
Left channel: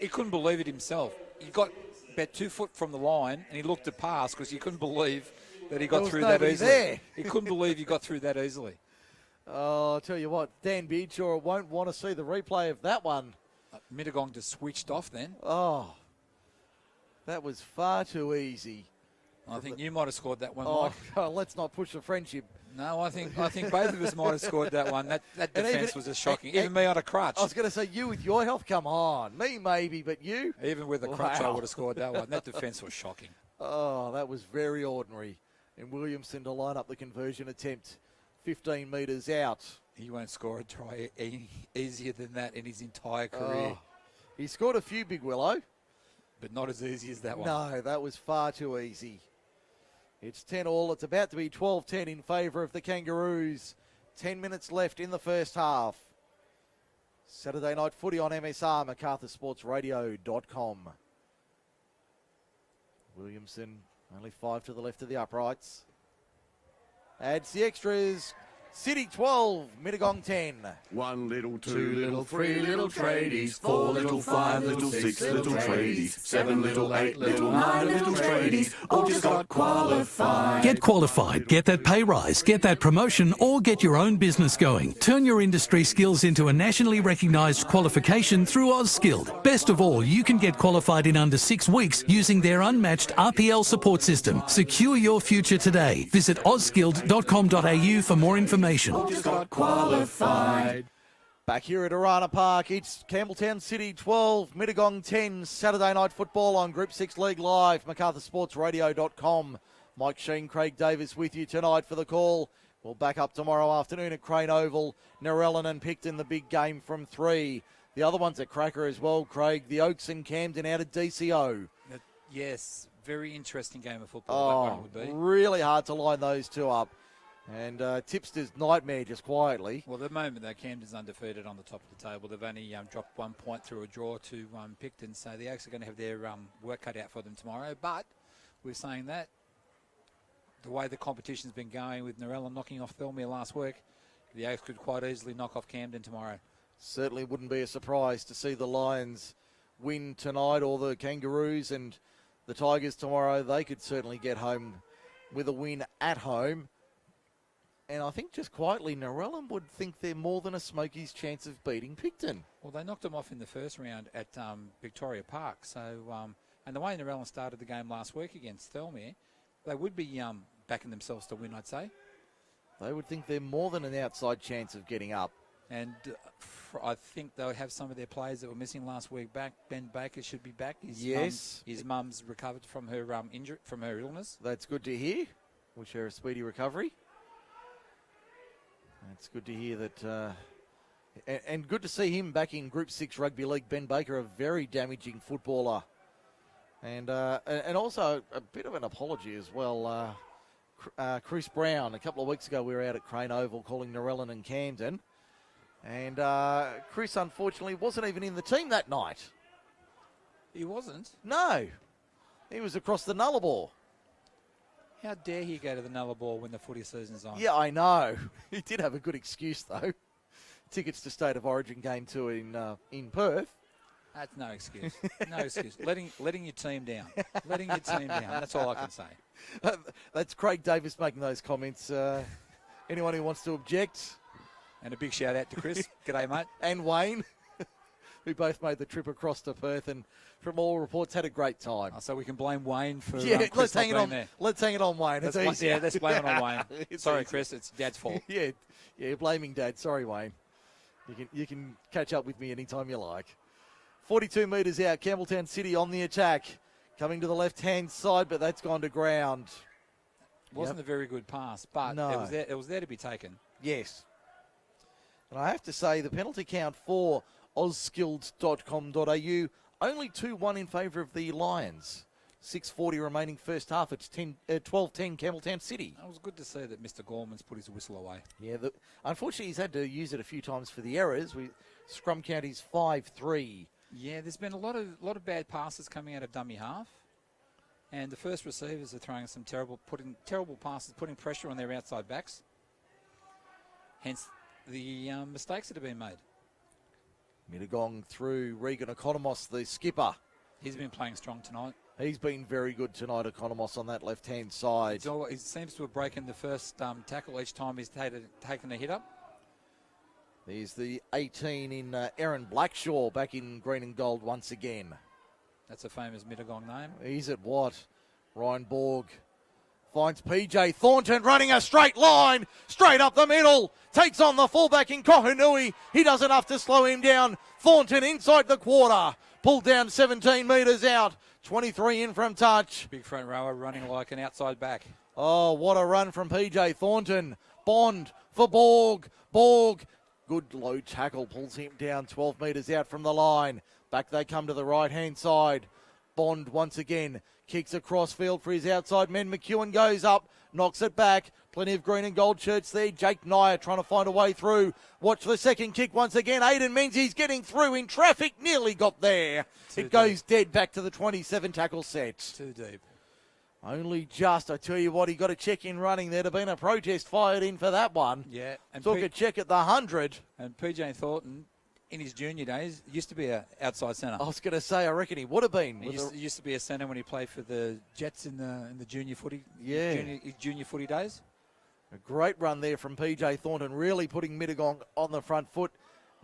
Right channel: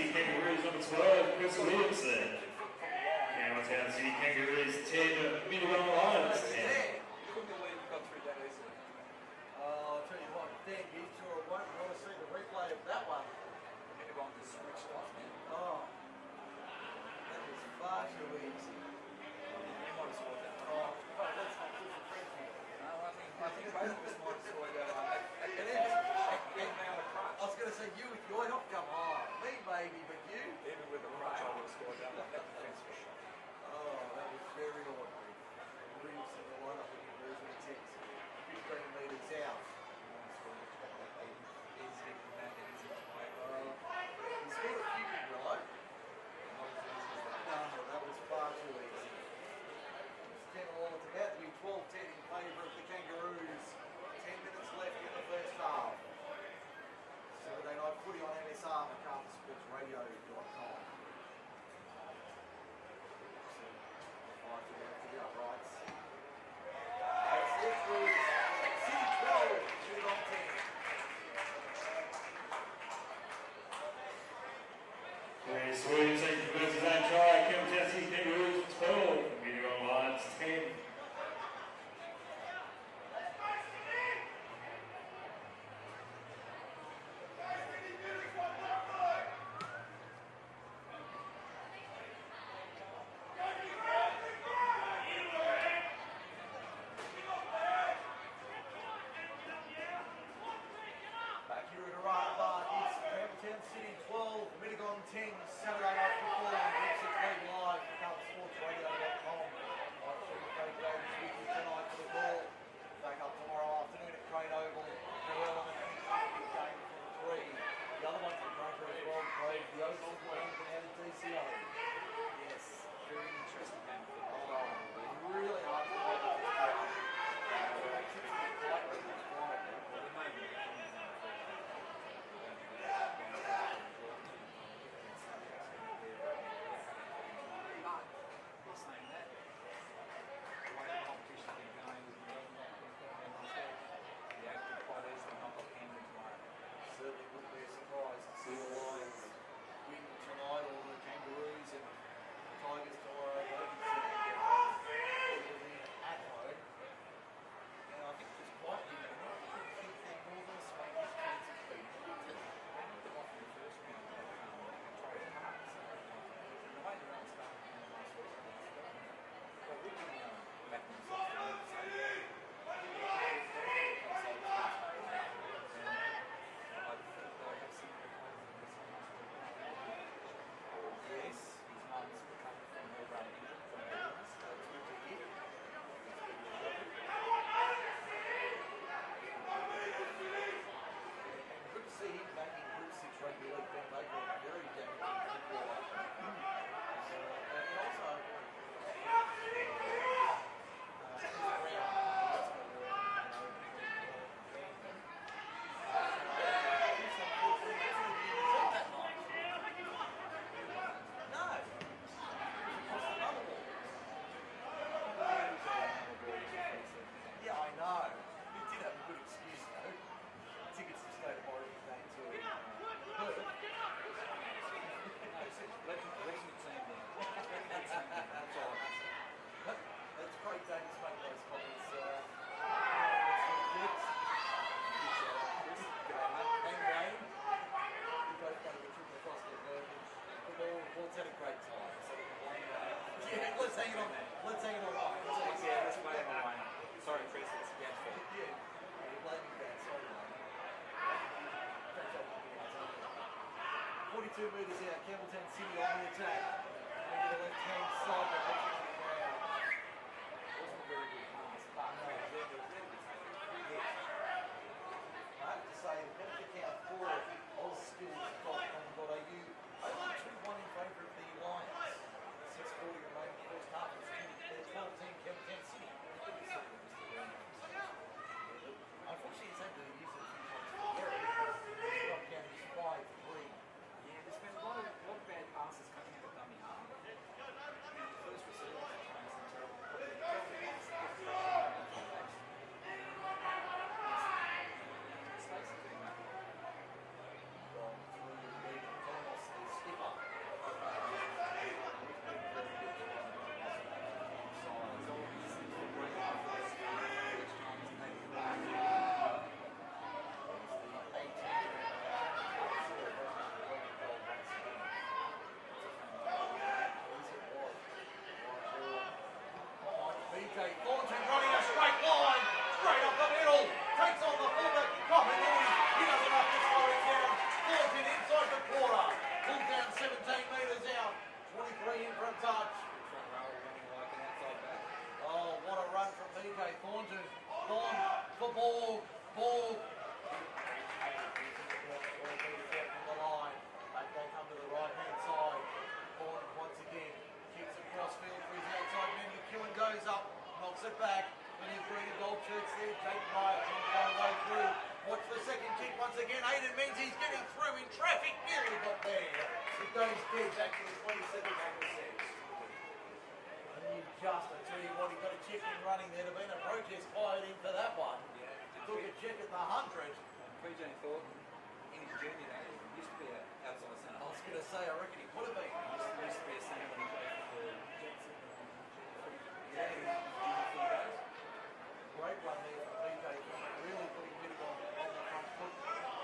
He couldn't believe it himself. He got about 2 foot from the line and he looked to pass because he couldn't believe that he got through that nobody easily. there. He couldn't believe he got through that easily. Oh, I'll tell you what, Dan Beedshaw won't want to see the replay of that one. Mittagong just switched off then. Oh, that was far too easy. I think you might have scored that one, Oh, Mike. God, let's not push the friendship. No, I think both of us might have scored that one. That And defence even- was just shocking. and- Even me on a crutch. I was going to say, you with your health, come on. Me, maybe, but you? Even with a crutch, I Wow. would have scored that one. That defence was shocking. Oh, that was very ordinary. And Williamson to line up the conversion attempt 15 metres out. He won't score a try easier than that in his entire career. Oh, he scored a few, Big Willow. But not as easy as that one. No, that was far too easy. It's 10-all. It's about to be 12-10 in favour of the Kangaroos. 10 minutes left in the first half. Saturday night footy on MSR, MacArthurSportsRadio.com. Williamson, only 5 to the left of the uprights. Adds the extras. City 12, Mittagong 10. 1 little, 2 little, 3 little tradies, 4 little, 5 little, 6 little tradies, 7 little, 8 little, 9 little tradies, all just got qualified. Get qualified, get that pay rise, get that promotion, or get your own business going. Turn your industry skills into a nationally recognised qualification through AusSkilled. Best of all, you can get qualified in under 6 weeks using their unmatched RPL support system. Secure your future today. Visit auskilled.com.au for more information. Just got qualified. Back here at Arana Park, it's Campbelltown City 12, Mittagong 10, Saturday night football on Group 6 League Live, MacArthurSportsRadio.com. Mike Sheen, Craig Davis with you tonight for the call. We'll back up tomorrow afternoon at Crane Oval. Narellan and Picton, the big game from 3. The other one's at Cracker as well, Craig. The Oaks and Camden out at DCO. Yes, very interesting game of football. Oh, that one will be. really hard to line those two up. And Tipster's nightmare just quietly. Well, at the moment, though, Camden's undefeated on the top of the table. They've only got 1 point through a draw to Picton, so the Oaks are going to have their work cut out for them tomorrow. But we're saying that the way the competition's been going with Narellan knocking off Thirlmere last week, the Oaks could quite easily knock off Camden tomorrow. Certainly wouldn't be a surprise to see the Lions win tonight, or the Kangaroos and the Tigers tomorrow. They could certainly get home with a win at home. And I think just quietly, Narellan would think they're more than a Smokies' chance of beating Picton. Well, they knocked them off in the first round at Victoria Park. So, and the way Narellan started the game last week against Thirlmere, they would be backing themselves to win, I'd say. They would think they're more than an outside chance of getting up. And I think they'll have some of their players that were missing last week back. Ben Baker should be back. His mum's recovered from her injury, from her illness. That's good to hear. We'll share a speedy recovery. It's good to hear that, and good to see him back in Group 6 Rugby League. Ben Baker, a very damaging footballer. And also a bit of an apology as well. Chris Brown, a couple of weeks ago we were out at Crane Oval calling Narellan and Camden. And Chris, unfortunately, wasn't even in the team that night. He wasn't? No. He was across the Nullarbor. How dare he go to the Nullarbor when the footy season's on? Yeah, I know. He did have a good excuse, though. Tickets to State of Origin game 2 in Perth. That's no excuse. No excuse. Letting your team down. Letting your team down. That's all I can say. That's Craig Davis making those comments. Anyone who wants to object. And a big shout out to Chris. G'day, mate. And Wayne, who both made the trip across to Perth and from all reports had a great time. So we can blame Wayne for let's hang it on. Let's hang it on Wayne. Let's blame it on Wayne. Sorry, Chris, it's Dad's fault. Yeah, blaming Dad. Sorry, Wayne. You can catch up with me anytime you like. 42 metres out, Campbelltown City on the attack. Coming to the left-hand side, but that's gone to ground. It wasn't a very good pass, but no. it was there to be taken. Yes. And I have to say, the penalty count for auskilled.com.au, only 2-1 in favour of the Lions. 6:40 remaining first half. It's 12-10 Campbelltown City. It was good to see that Mr. Gorman's put his whistle away. Yeah, unfortunately he's had to use it a few times for the errors. Scrum count is 5-3. Yeah, there's been a lot of bad passes coming out of dummy half. And the first receivers are throwing some terrible passes, putting pressure on their outside backs. Hence the mistakes that have been made. Mittagong through Regan Economos, the skipper. He's been playing strong tonight. He's been very good tonight, Economos, on that left-hand side. He seems to have broken the first tackle each time he's taken a hit up. He's the 18 in Aaron Blackshaw, back in green and gold once again. That's a famous Mittagong name. He's at what? Ryan Borg finds PJ Thornton running a straight line, straight up the middle. Takes on the fullback in Kohanui. He does enough to slow him down. Thornton inside the quarter. Pulled down 17 metres out. 23 in from touch. Big front rower running like an outside back. Oh, what a run from PJ Thornton. Bond for Borg. Borg. Good low tackle. Pulls him down 12 metres out from the line. Back they come to the right-hand side. Bond once again. Kicks across field for his outside men. McEwen goes up, knocks it back. Plenty of green and gold shirts there. Jake Nyer trying to find a way through. Watch the second kick once again. Aiden Menzies getting through in traffic. Nearly got there. It goes dead back to the 27 tackle set. Too deep. Only just. I tell you what, he got a check in running. There'd have been a protest fired in for that one. Yeah. And Took a check at the 100. And PJ Thornton, in his junior days, used to be an outside centre. I was going to say, I reckon he would have been. He used to be a centre when he played for the Jets in the junior footy. Yeah. Junior footy days. A great run there from PJ Thornton, really putting Mittagong on the front foot.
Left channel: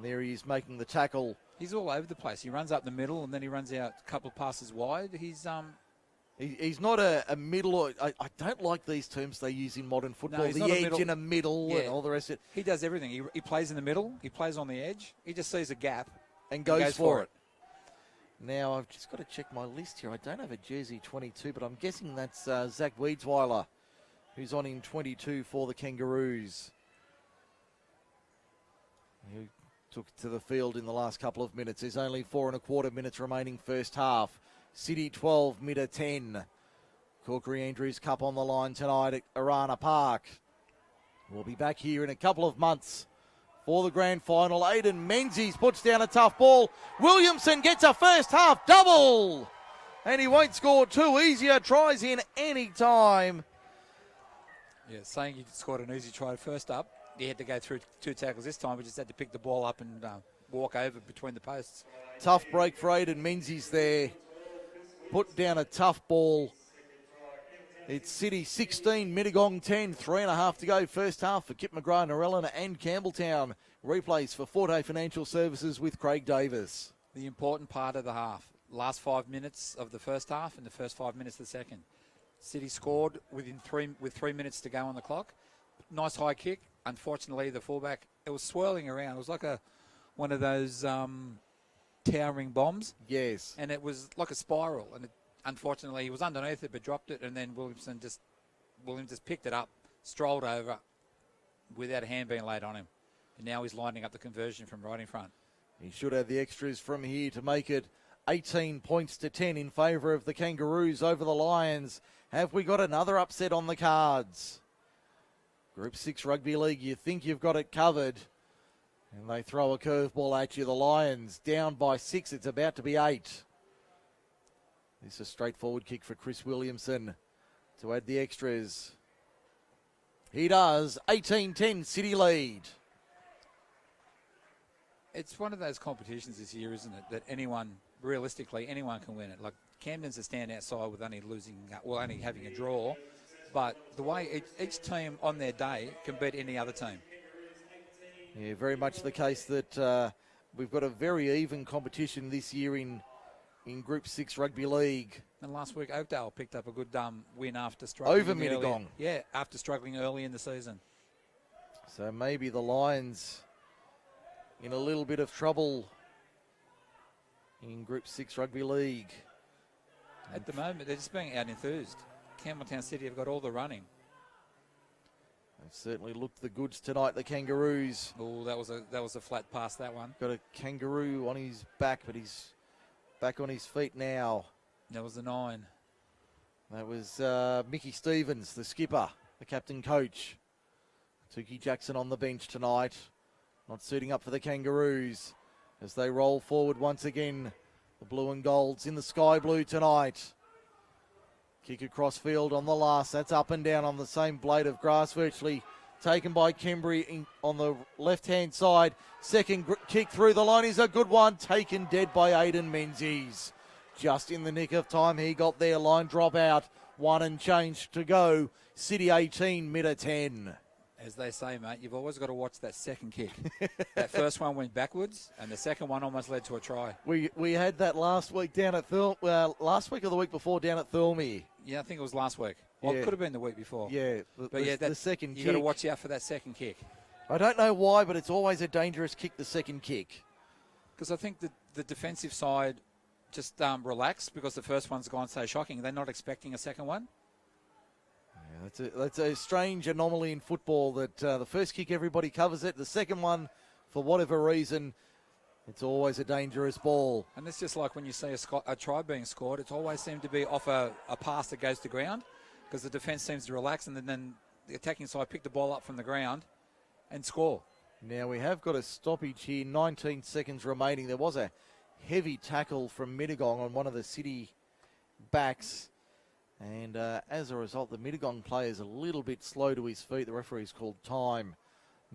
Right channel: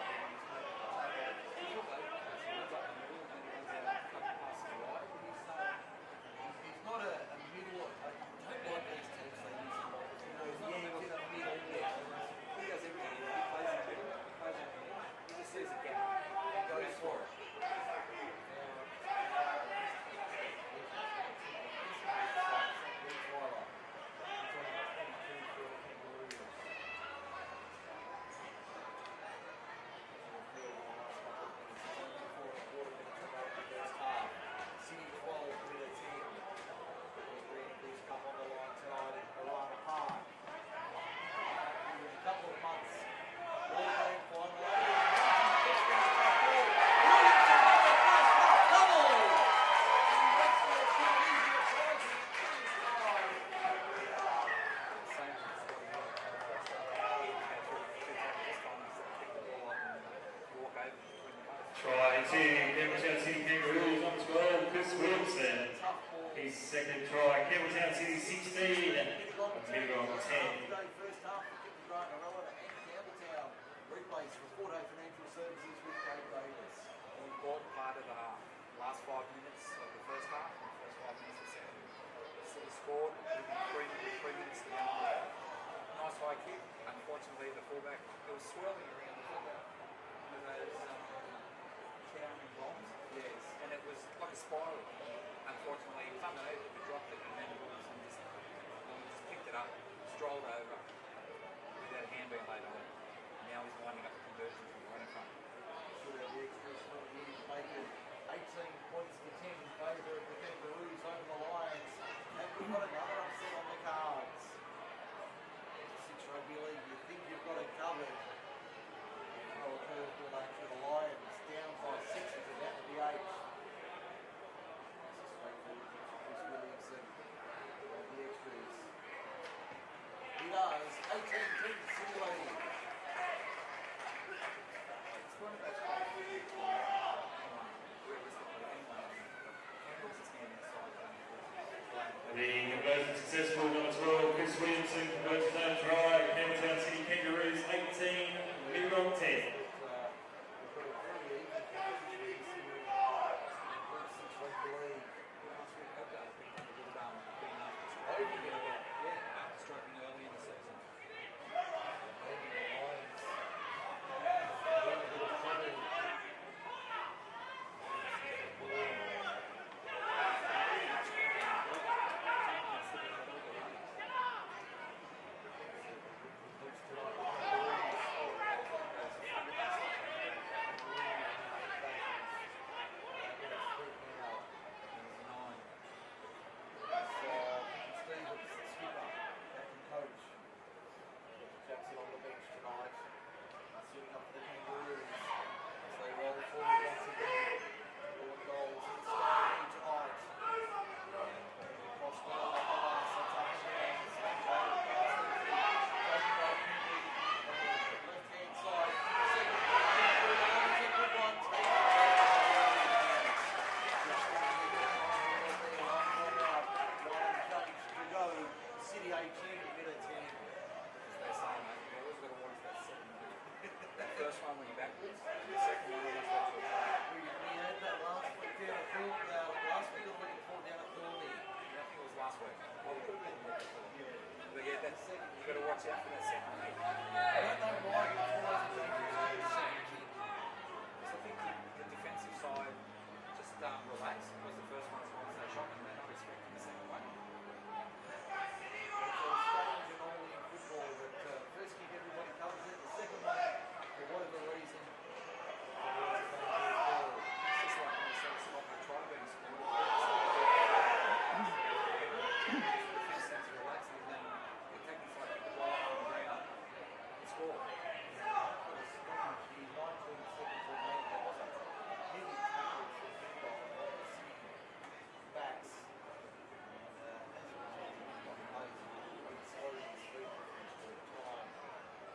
There he is making the tackle. He's all over the place. He runs up the middle and then he runs out a couple of passes wide. He's not a middle. Or, I don't like these terms they use in modern football. he's the not a edge middle. in a middle and all the rest of it. He does everything. He plays in the middle. He plays on the edge. He just sees a gap and goes for it. Now, I've just got to check my list here. I don't have a jersey 22, but I'm guessing that's Zach Wiedsweiler, who's on in 22 for the Kangaroos. He took it to the field in the last couple of minutes. There's only 4.25 minutes remaining first half. City 12, Mitta 10. Corkery-Andrews Cup on the line tonight at Arana Park. We'll be back here in a couple of months for the grand final. Aiden Menzies puts down a tough ball. Williamson gets a first half double. And he won't score two easier tries in any time. Yeah, saying he scored an easy try first up. He had to go through two tackles this time. He just had to pick the ball up and walk over between the posts. Tough break for Aiden Menzies there. Put down a tough ball. It's City 16, Mittagong 10. 3.5 to go first half for Kip McGrath, Narellan and Campbelltown. Replays for Forte Financial Services with Craig Davis. The important part of the half. Last 5 minutes of the first half and the first 5 minutes of the second. City scored with 3 minutes to go on the clock. Nice high kick. Unfortunately, the fullback, it was swirling around. It was like one of those towering bombs. Yes. And it was like a spiral. And unfortunately, he was underneath it but dropped it, and then William just picked it up, strolled over without a hand being laid on him. And now he's lining up the conversion from right in front. He should have the extras from here to make it 18 points to 10 in favour of the Kangaroos over the Lions. Have we got another upset on the cards? Group 6 Rugby League, you think you've got it covered. And they throw a curveball at you. The Lions down by 6. It's about to be 8. It's a straightforward kick for Chris Williamson to add the extras. He does. 18-10 City lead. It's one of those competitions this year, isn't it, that realistically, anyone can win it. Like, Camden's a standout side with only having a draw. But the way each team on their day can beat any other team. Yeah, very much the case that we've got a very even competition this year in Group 6 Rugby League. And last week, Oakdale picked up a good win after struggling. Over Mittagong. Yeah, after struggling early in the season. So maybe the Lions in a little bit of trouble in Group 6 Rugby League. At the moment, they're just being out-enthused. Campbelltown City have got all the running. Certainly looked the goods tonight, the Kangaroos. Oh, that was a flat pass, that one. Got a Kangaroo on his back, but he's back on his feet now. That was the 9. That was Mickey Stevens, the skipper, the captain coach. Tukey Jackson on the bench tonight. Not suiting up for the Kangaroos as they roll forward once again. The blue and gold's in the sky blue tonight. Kick across field on the last. That's up and down on the same blade of grass virtually. Taken by Kembry on the left-hand side. Second kick through the line is a good one. Taken dead by Aiden Menzies. Just in the nick of time he got there. Line drop out. 1 and change to go. City 18, Mitta 10. As they say, mate, you've always got to watch that second kick. That first one went backwards, and the second one almost led to a try. We had that last week down at last week or the week before down at Thurley. Yeah, I think it was last week. Well, it could have been the week before. Yeah, the second you kick. got to watch out for that second kick. I don't know why, but it's always a dangerous kick, the second kick. Because I think the defensive side just relaxed because the first one's gone so shocking. They're not expecting a second one. It's a strange anomaly in football that the first kick everybody covers it. The second one, for whatever reason, It's always a dangerous ball. And it's just like when you see a try being scored, it always seems to be off a pass that goes to ground, because the defence seems to relax, and then the attacking side pick the ball up from the ground and score. Now we have got a stoppage here, 19 seconds remaining. There was a heavy tackle from Mittagong on one of the City backs. And as a result, the Mittagong player is a little bit slow to his feet. The referee's called time,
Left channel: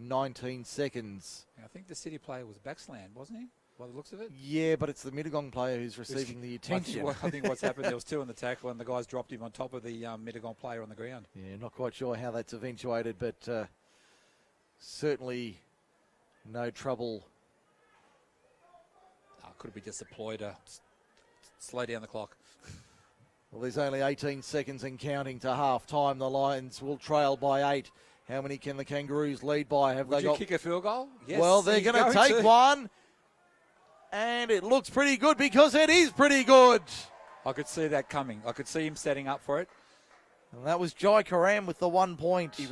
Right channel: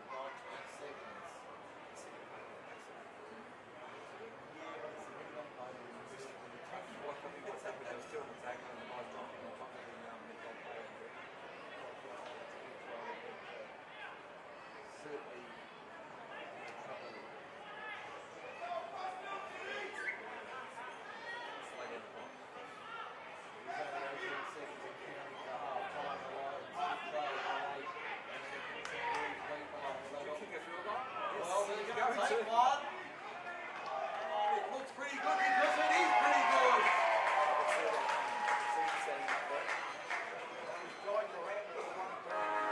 19 seconds. I think the City player was backslam, wasn't he? By the looks of it. Yeah, but it's the Mittagong player who's receiving the attention. I think what's happened, there was two on the tackle, and the guys dropped him on top of the Mittagong player on the ground. Yeah, not quite sure how that's eventuated, but certainly no trouble. Could be just a ploy to slow down the clock. Well, there's only 18 seconds and counting to half time. The Lions will trail by 8. How many can the Kangaroos lead by? Have Would they you got? kick a field goal? Yes, Well, they're he's going to take to. one. And it looks pretty good, because it is pretty good. I could see that coming. I could see him setting up for it. And that was Jai Karam with the 1 point. He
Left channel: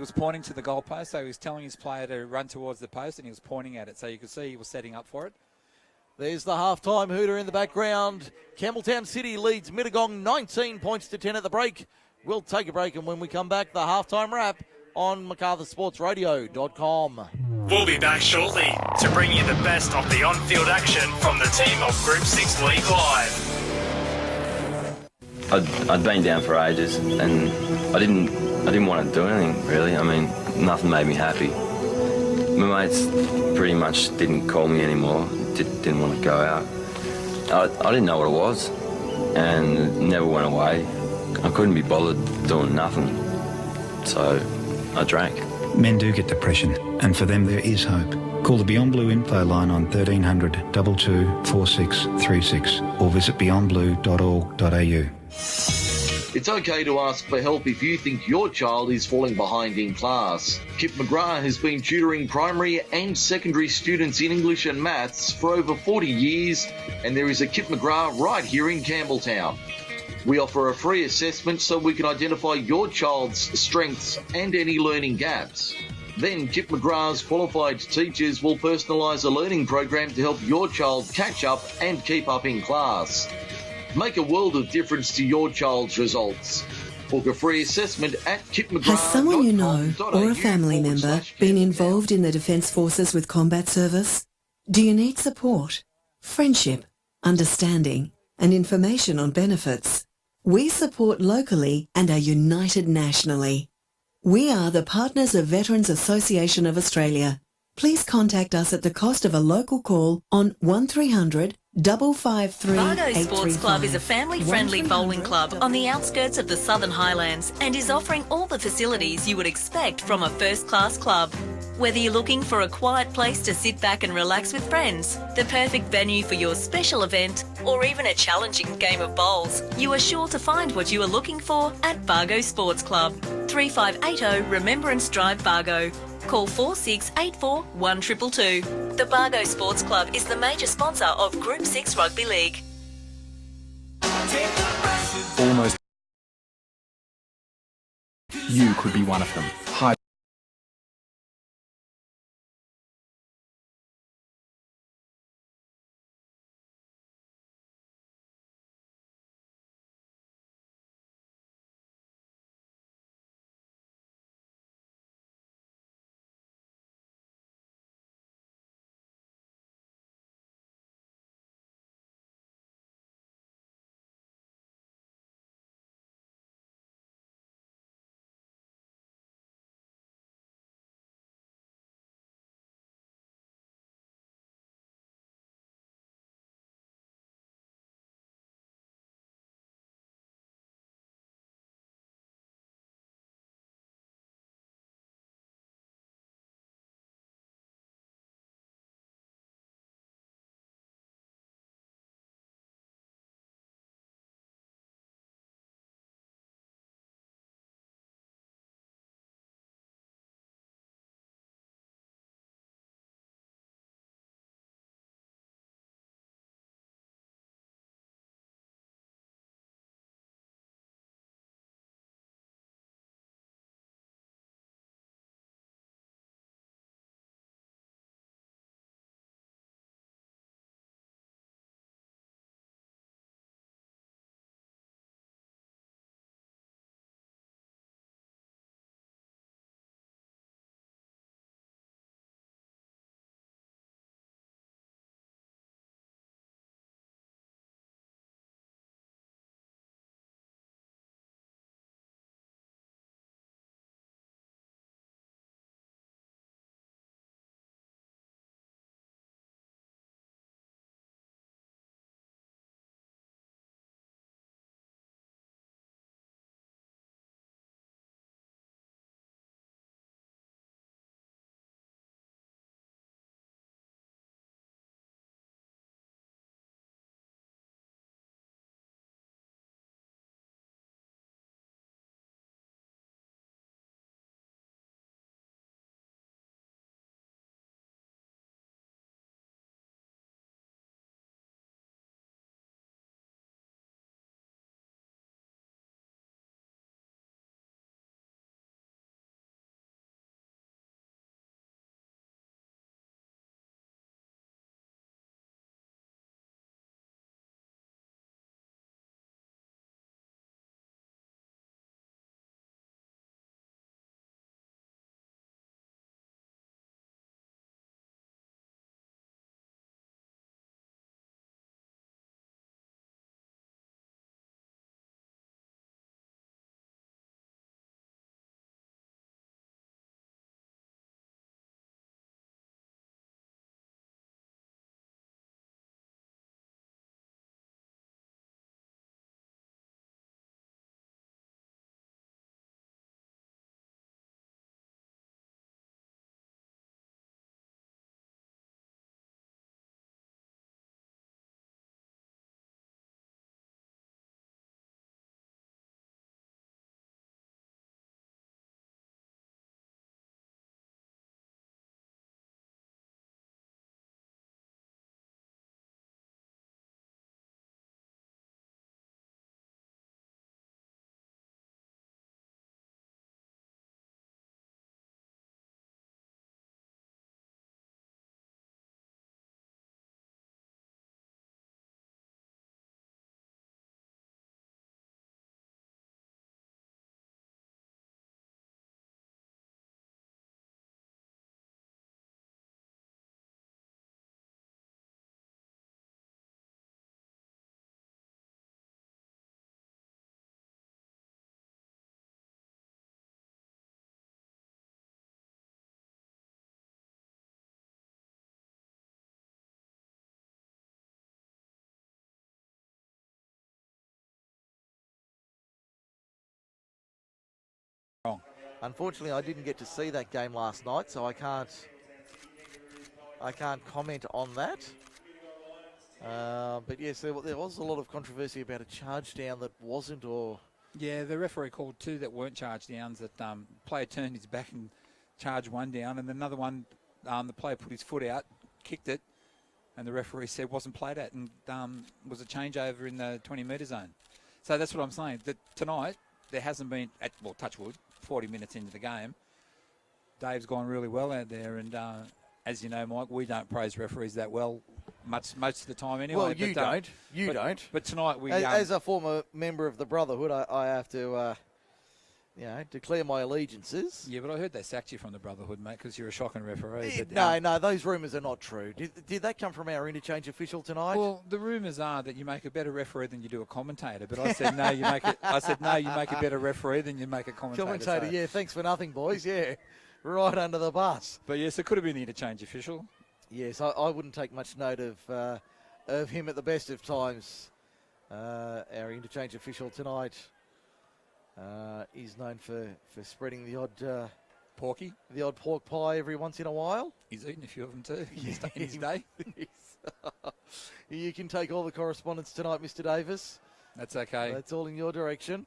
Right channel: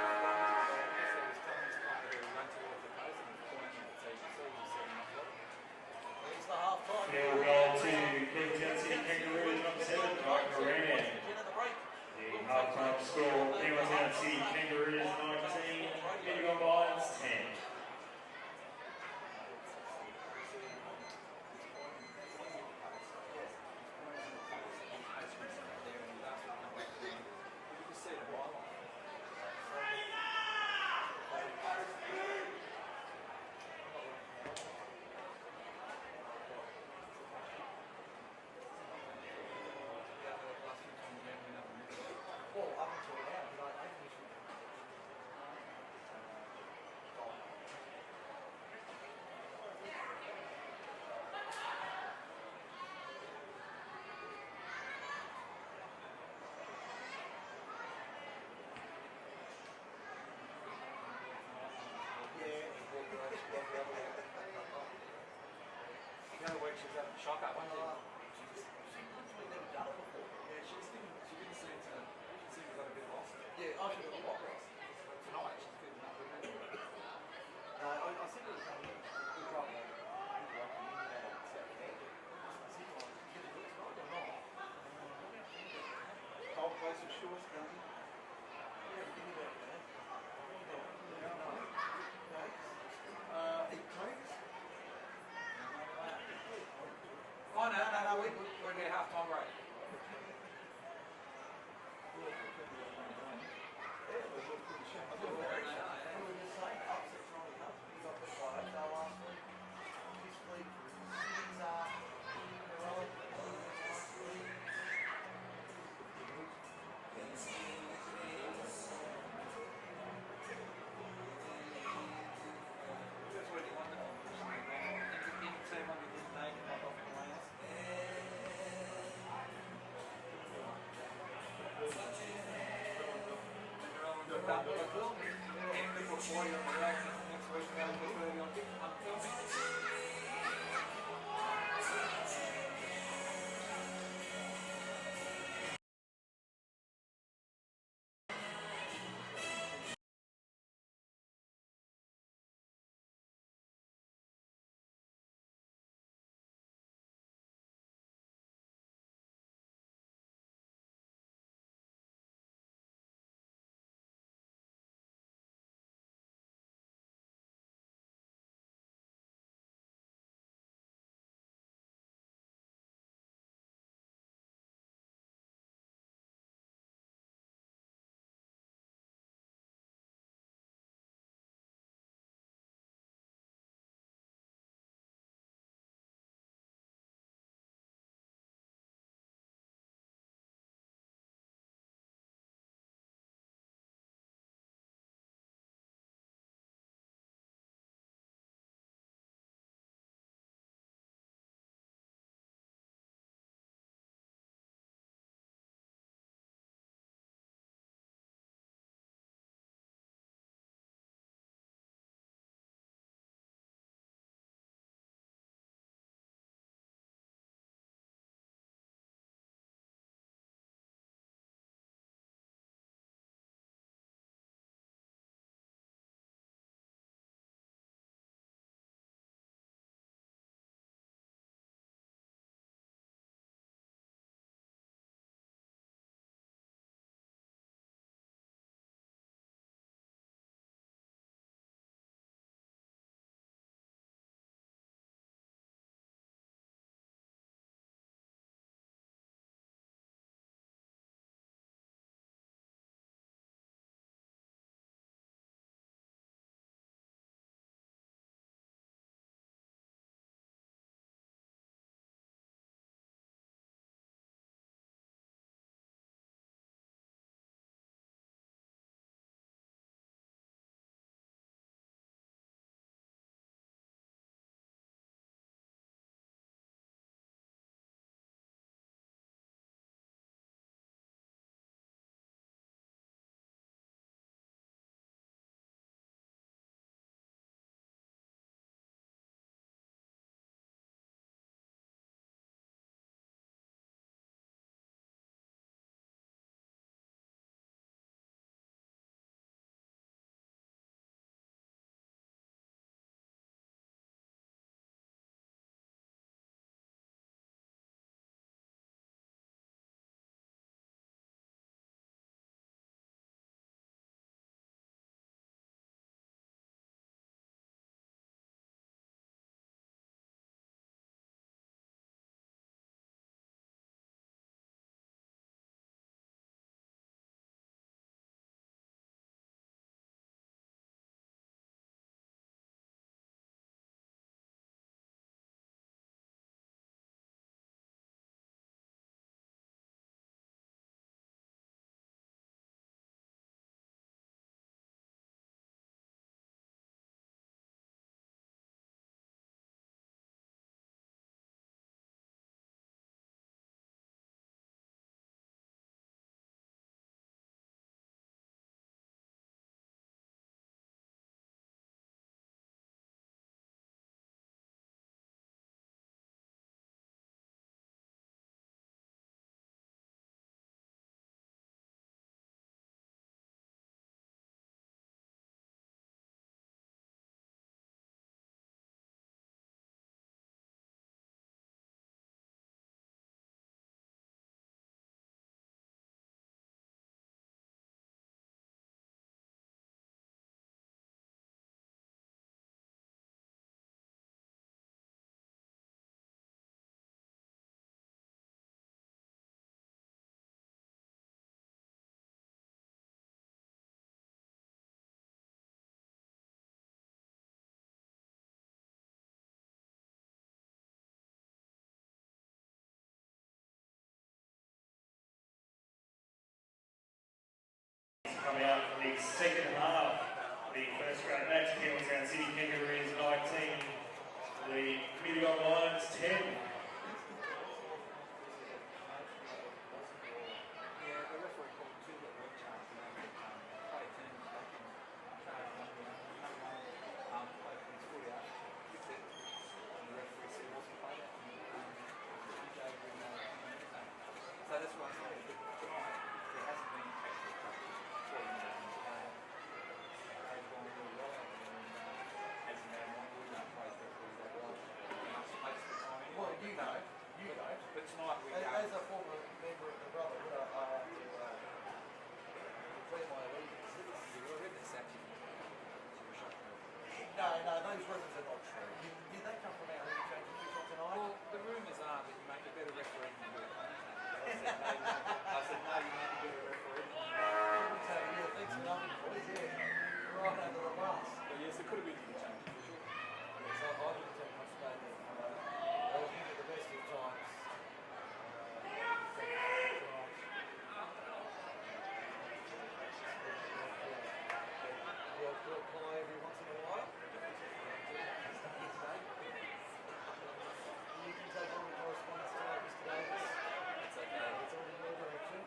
was pointing to the goal post, so he was telling his player to run towards the post, and he was pointing at it, so you could see he was setting up for it. There's the half-time hooter in the background. Campbelltown City leads Mittagong 19 points to 10 at the break. We'll take a break, and when we come back, the half-time wrap on MacArthurSportsRadio.com. We'll be back shortly to bring you the best of the on-field action from the team of Group 6 League Live. I'd been down for ages, and I didn't want to do anything really. I mean, nothing made me happy. My mates pretty much didn't call me anymore. Didn't want to go out. I didn't know what it was, and it never went away. I couldn't be bothered doing nothing, so I drank. Men do get depression, and for them there is hope. Call the Beyond Blue info line on 1300 22 4636 or visit beyondblue.org.au. It's okay to ask for help if you think your child is falling behind in class. Kip McGrath has been tutoring primary and secondary students in English and maths for over 40 years, and there is a Kip McGrath right here in Campbelltown. We offer a free assessment so we can identify your child's strengths and any learning gaps. Then Kip McGrath's qualified teachers will personalise a learning program to help your child catch up and keep up in class. Make a world of difference to your child's results. Book a free assessment at kipmcgrath.com.au. Has someone you know or a family member been involved in the Defence Forces with combat service? Do you need support, friendship, understanding and information on benefits? We support locally and are united nationally. We are the partners of Veterans Association of Australia. Please contact us at the cost of a local call on 1300 553 Bargo Sports Club is a family-friendly bowling club on the outskirts of the Southern Highlands and is offering all the facilities you would expect from a first-class club. Whether you're looking for a quiet place to sit back and relax with friends, the perfect venue for your special event, or even a challenging game of bowls, you are sure to find what you are looking for at Bargo Sports Club. 3580 Remembrance Drive, Bargo. Call 4684 1222. The Bargo Sports Club is the major sponsor of Group 6 Rugby League. Almost. You could be one of them. Hi. Unfortunately, I didn't get to see that game last night, so I can't comment on that. But yes, there was a lot of controversy about a charge down that wasn't, or Yeah, the referee called two that weren't charge downs. That player turned his back and charged one down, and another one, the player put his foot out, kicked it, and the referee said wasn't played at, and it was a changeover in the 20-metre zone. So that's what I'm saying. That tonight there hasn't been, touch wood, 40 minutes into the game. Dave's gone really well out there, and as you know, Mike, we don't praise referees that well most of the time anyway. Well, you don't. But tonight we... As a former member of the Brotherhood, I have to, declare my allegiances. Yeah, but I heard they sacked you from the Brotherhood, mate, because you're a shocking referee. No, those rumours are not true. Did that come from our interchange official tonight? Well, the rumours are that you make a better referee than you do a commentator. But I said no, you make a better referee than you make a commentator. Yeah, thanks for nothing, boys. Yeah, right under the bus. But yes, it could have been the interchange official. Yes, I wouldn't take much note of him at the best of times. Our interchange official tonight is known for spreading the odd pork pie every once in a while. He's eaten a few of them too. in his day. You can take all the correspondence tonight, Mr. Davis. That's okay. That's all in your direction.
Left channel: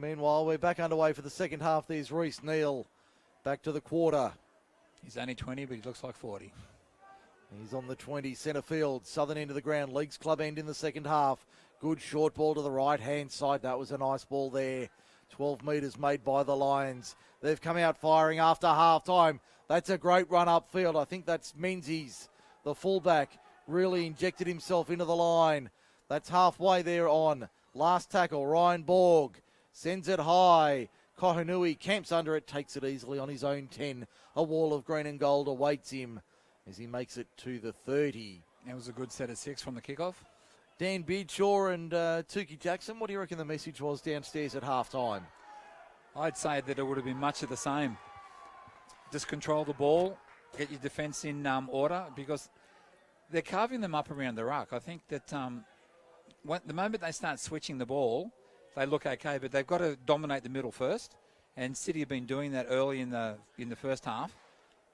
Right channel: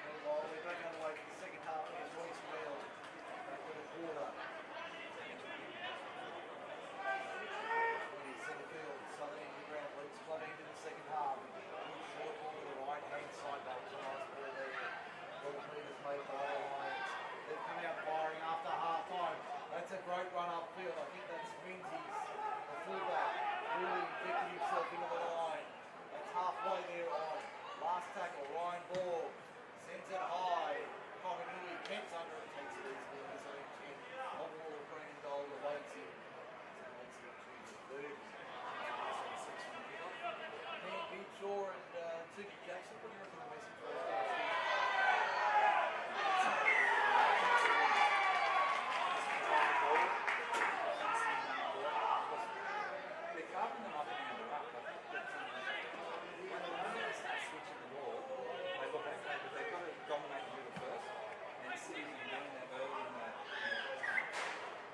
Meanwhile, we're back underway for the second half. There's Roos Neal back to the quarter. He's only 20, but he looks like 40. He's on the 20, centre field, southern end of the ground, Leagues Club end in the second half. Good short ball to the right-hand side. That was a nice ball there. 12 metres made by the Lions. They've come out firing after half-time. That's a great run upfield. I think that's Menzies, the fullback, really injected himself into the line. That's halfway there on. Last tackle, Ryan Borg sends it high. Kohanui camps under it, takes it easily on his own 10. A wall of green and gold awaits him as he makes it to the 30. That was a good set of 6 from the kickoff. Dan Beardshaw and Tukey Jackson, what do you reckon the message was downstairs at half-time? I'd say that it would have been much of the same. Just control the ball, get your defence in order, because they're carving them up around the ruck. I think that the moment they start switching the ball, they look okay, but they've got to dominate the middle first. And City have been doing that early in the first half.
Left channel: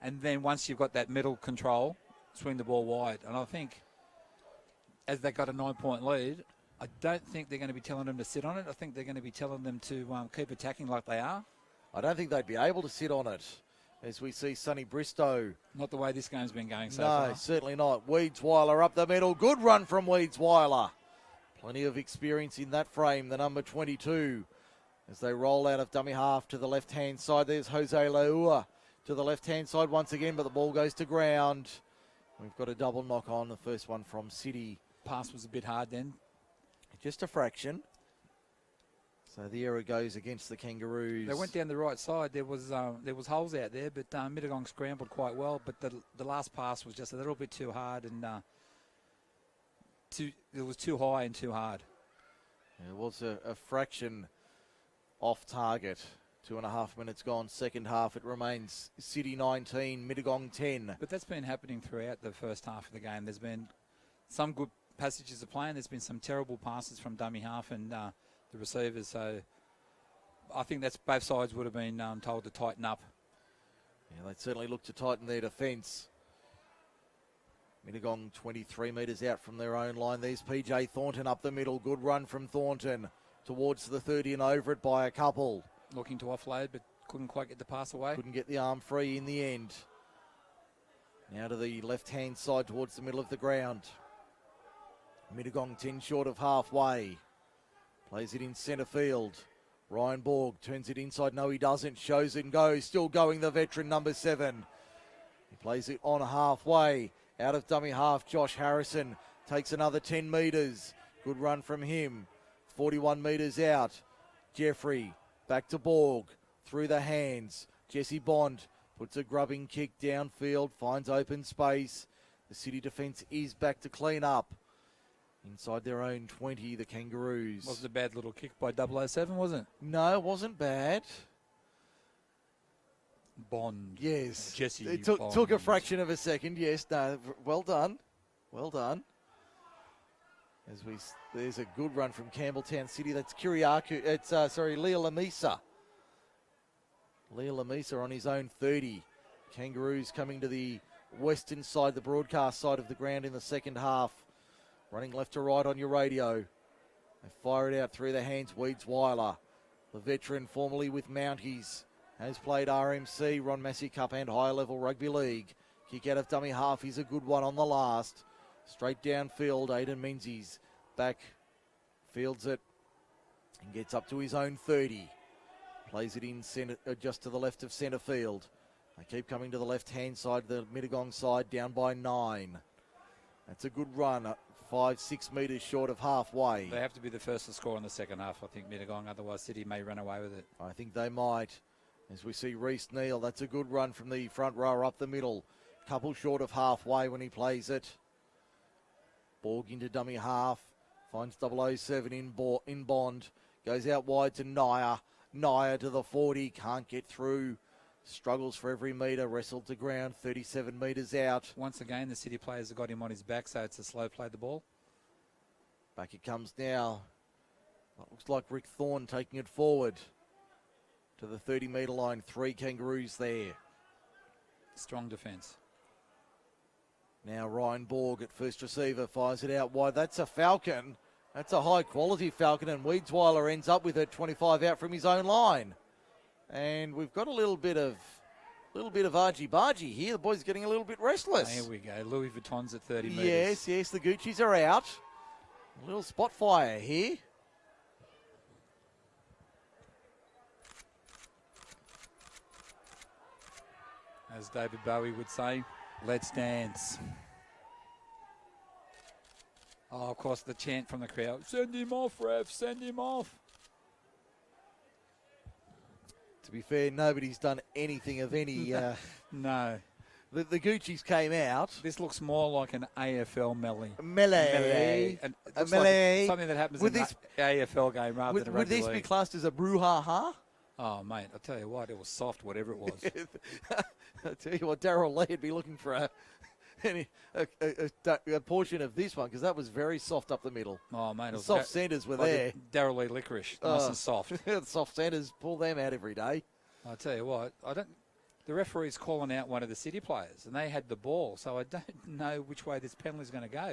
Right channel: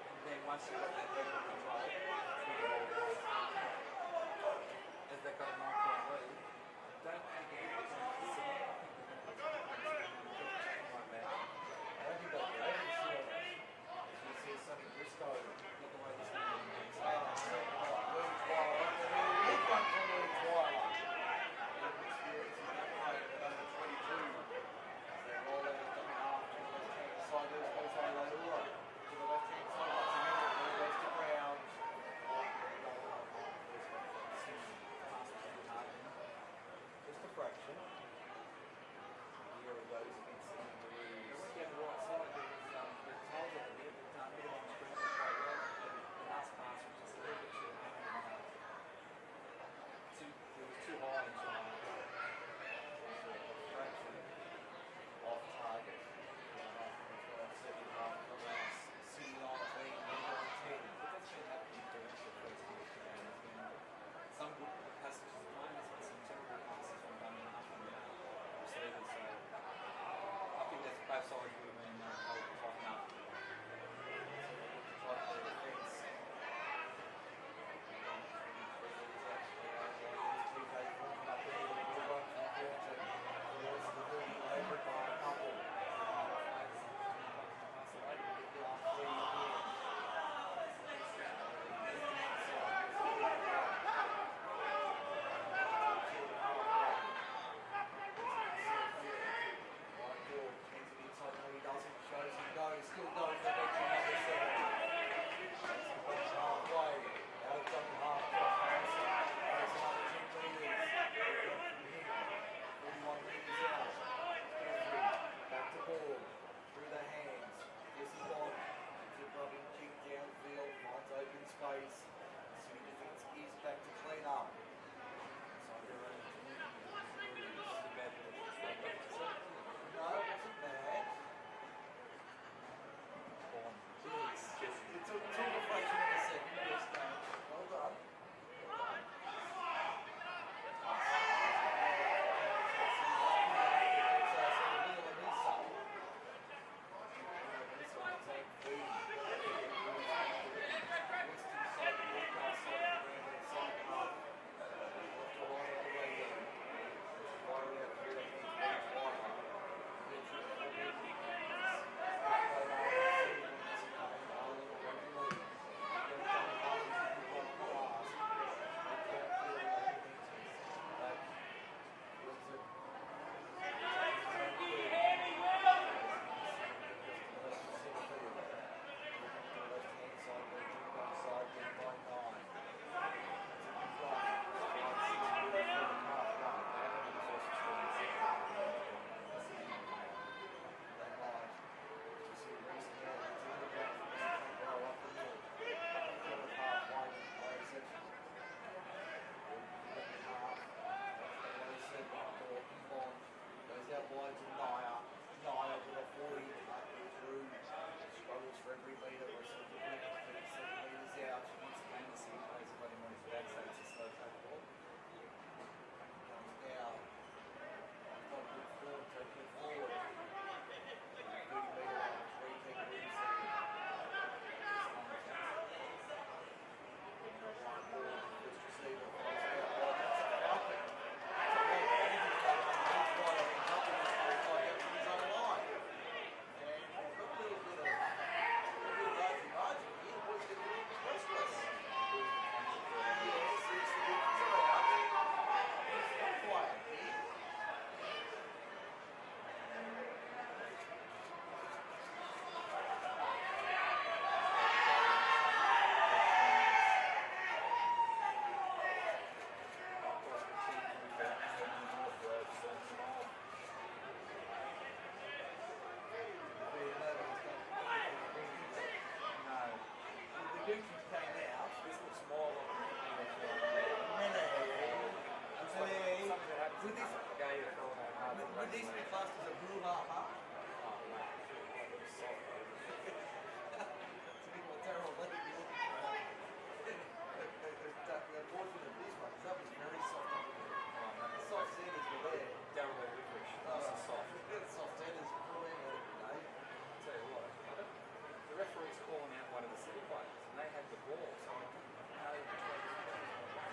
And then once you've got that middle control, swing the ball wide. And I think as they got a 9-point lead, I don't think they're going to be telling them to sit on it. I think they're going to be telling them to keep attacking like they are. I don't think they'd be able to sit on it, as we see Sonny Bristow. Not the way this game's been going so far. No, certainly not. Weedsweiler up the middle. Good run from Weedsweiler. Plenty of experience in that frame, the number 22. As they roll out of dummy half to the left-hand side, there's Jose Leua to the left-hand side once again, but the ball goes to ground. We've got a double knock on, the first one from City. Pass was a bit hard then. Just a fraction. So the error goes against the Kangaroos. They went down the right side. There was holes out there, but Mittagong scrambled quite well. But the last pass was just a little bit too hard, and it was too high and too hard. It was a fraction off target. 2.5 minutes gone. Second half, it remains City 19, Mittagong 10. But that's been happening throughout the first half of the game. There's been some good passages of play, and there's been some terrible passes from dummy half and the receivers. So I think that's both sides would have been told to tighten up. Well, they certainly look to tighten their defence. Mittagong 23 metres out from their own line. There's PJ Thornton up the middle. Good run from Thornton towards the 30 and over it by a couple. Looking to offload, but couldn't quite get the pass away. Couldn't get the arm free in the end. Now to the left-hand side towards the middle of the ground. Mittagong 10 short of halfway. Plays it in centre field. Ryan Borg turns it inside. No, he doesn't. Shows and goes. Still going, the veteran, number 7. Plays it on halfway. Out of dummy half, Josh Harrison takes another 10 metres. Good run from him. 41 metres out. Jeffrey back to Borg. Through the hands. Jesse Bond puts a grubbing kick downfield. Finds open space. The City defence is back to clean up. Inside their own 20, the Kangaroos. Wasn't a bad little kick by 007, was it? No, it wasn't bad. Bond. Yes. Jesse It Bond. took a fraction of a second. Yes, no, well done. Well done. There's a good run from Campbelltown City. That's Kiriaku. It's, Leo Lamisa. Leo Lamisa on his own 30. Kangaroos coming to the western side, the broadcast side of the ground in the second half. Running left to right on your radio. Fire it out through the hands, Weeds Weiler. The veteran formerly with Mounties. Has played RMC, Ron Massey Cup and higher level rugby league. Kick out of dummy half, he's a good one on the last. Straight downfield, Aidan Menzies back, fields it, and gets up to his own 30. Plays it in centre, just to the left of centre field. They keep coming to the left-hand side, the Mittagong side, down by 9. That's a good run, 5-6 metres short of halfway. They have to be the first to score in the second half, I think, Mittagong, otherwise City may run away with it. I think they might. As we see Reece Neal, that's a good run from the front row up the middle. Couple short of halfway when he plays it. Borg into dummy half. Finds 007 in Bond. Goes out wide to Naya. Naya to the 40. Can't get through. Struggles for every metre. Wrestled to ground. 37 metres out. Once again, the City players have got him on his back, so it's a slow play the ball. Back it comes now. Looks like Rick Thorne taking it forward to the 30-metre line. 3 Kangaroos there. Strong defence. Now Ryan Borg at first receiver, fires it out wide. That's a Falcon. That's a high-quality Falcon, and Weedsweiler ends up with it 25 out from his own line. And we've got a little bit of argy-bargy here. The boy's getting a little bit restless. There we go. Louis Vuitton's at 30 metres. Yes, the Gucci's are out. A little spot fire here. As David Bowie would say, let's dance. Oh, of course, the chant from the crowd. Send him off, ref, send him off. To be fair, nobody's done anything of any... No. The Gucci's came out. This looks more like an AFL melee. Melee. And A melee. like something that happens in this AFL game rather than a rugby Would this league. be classed as a brouhaha? Oh, mate, I'll tell you what, it was soft, whatever it was. I'll tell you what, Darryl Lee would be looking for a portion of this one, because that was very soft up the middle. Oh, mate. The soft centres were there. Darryl Lee licorice, nice and soft. Soft centres, pull them out every day. I'll tell you what, the referee's calling out one of the City players, and they had the ball, so I don't know which way this penalty's going to go.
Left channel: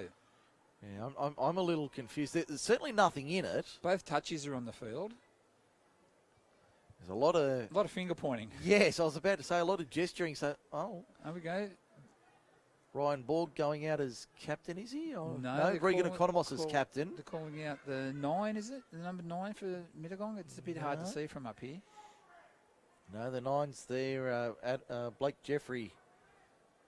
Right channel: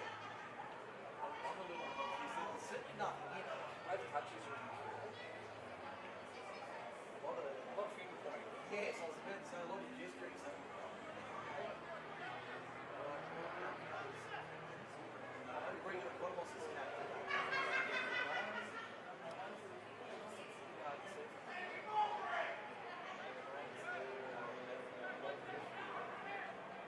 Yeah, I'm a little confused. There's certainly nothing in it. Both touches are on the field. There's a lot of finger pointing. Yes, I was about to say a lot of gesturing. So, there we go. Ryan Borg going out as captain, is he? Or No, Regan Economos as captain. They're calling out the 9, is it? The number 9 for Mittagong? It's a bit hard to see from up here. No, the 9's there at Blake Jeffrey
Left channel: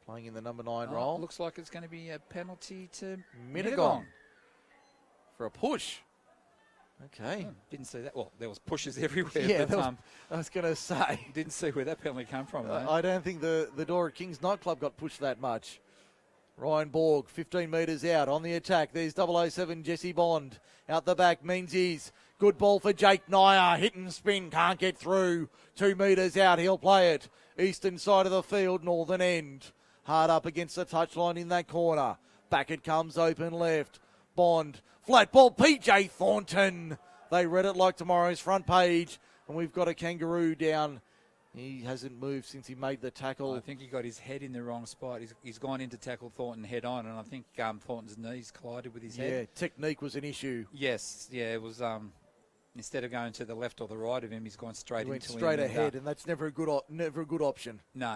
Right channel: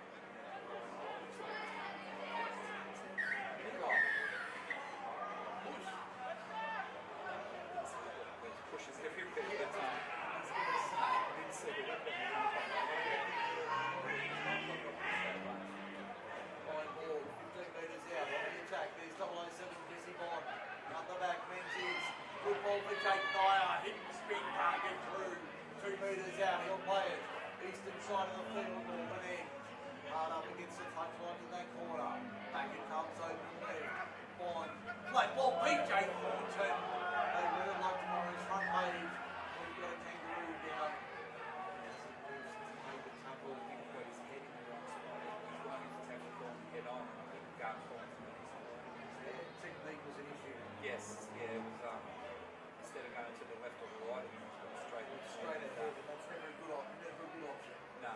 playing in the number 9 role. Looks like it's going to be a penalty to Mittagong for a push. Okay. Didn't see that. Well, there was pushes everywhere. Yeah, but, I was going to say. Didn't see where that penalty came from. Right? I don't think the Dora Kings nightclub got pushed that much. Ryan Borg, 15 metres out on the attack. There's 007 Jesse Bond. Out the back, Menzies. Good ball for Jake Nyer. Hit and spin, can't get through. 2 metres out, he'll play it. Eastern side of the field, northern end. Hard up against the touchline in that corner. Back it comes, open left. Bond, flat ball, PJ Thornton. They read it like tomorrow's front page. And we've got a Kangaroo down. He hasn't moved since he made the tackle. I think he got his head in the wrong spot. He's gone in to tackle Thornton head on, and I think Thornton's knees collided with his head. Yeah, technique was an issue. Yes, yeah, it was. Instead of going to the left or the right of him, he's gone straight into him. Straight ahead, and that's never a good option. No.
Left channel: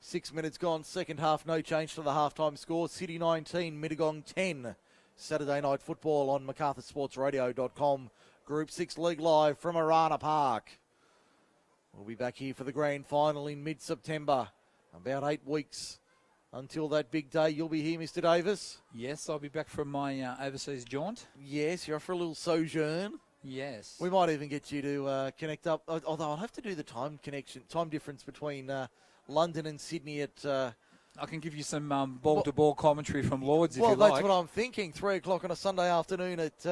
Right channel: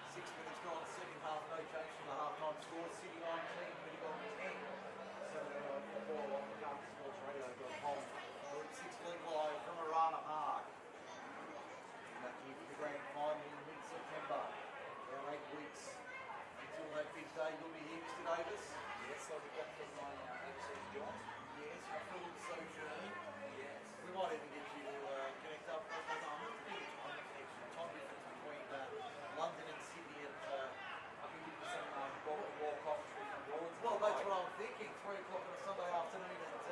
6 minutes gone, second half, no change to the halftime score. City 19, Mittagong 10. Saturday night football on MacArthurSportsRadio.com. Group 6 League live from Arana Park. We'll be back here for the grand final in mid-September. About 8 weeks until that big day. You'll be here, Mr. Davis? Yes, I'll be back from my overseas jaunt. Yes, you're off for a little sojourn. Yes. We might even get you to connect up, although I'll have to do the time difference between London and Sydney at... I can give you some ball-to-ball commentary from Lords if you like. Well, that's what I'm thinking. 3 o'clock on a Sunday afternoon at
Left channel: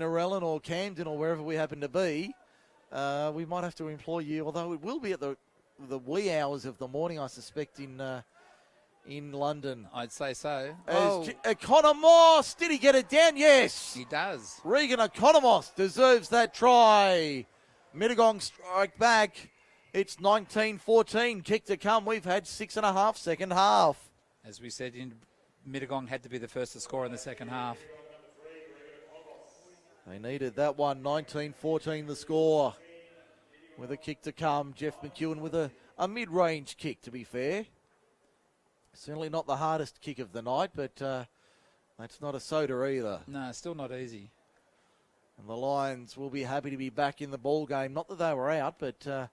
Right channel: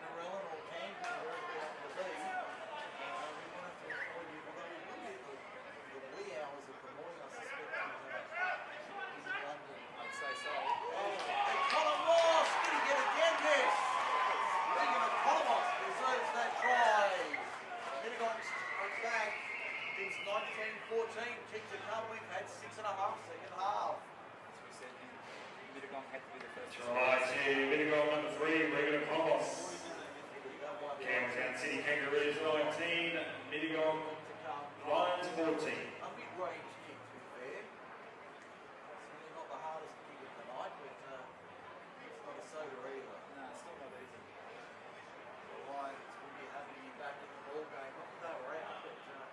Narellan or Camden or wherever we happen to be. We might have to employ you, although it will be at the wee hours of the morning, I suspect, in London. I'd say so. Economos, did he get it down? Yes. He does. Regan Economos deserves that try. Mittagong strike back. It's 19-14. Kick to come. We've had 6.5 second half. As we said, Mittagong had to be the first to score in the second half. They needed that one. 19-14 the score. With a kick to come. Jeff McEwen with a mid-range kick, to be fair. Certainly not the hardest kick of the night, but that's not a soda either. No, still not easy. And the Lions will be happy to be back in the ball game. Not that they were out, but to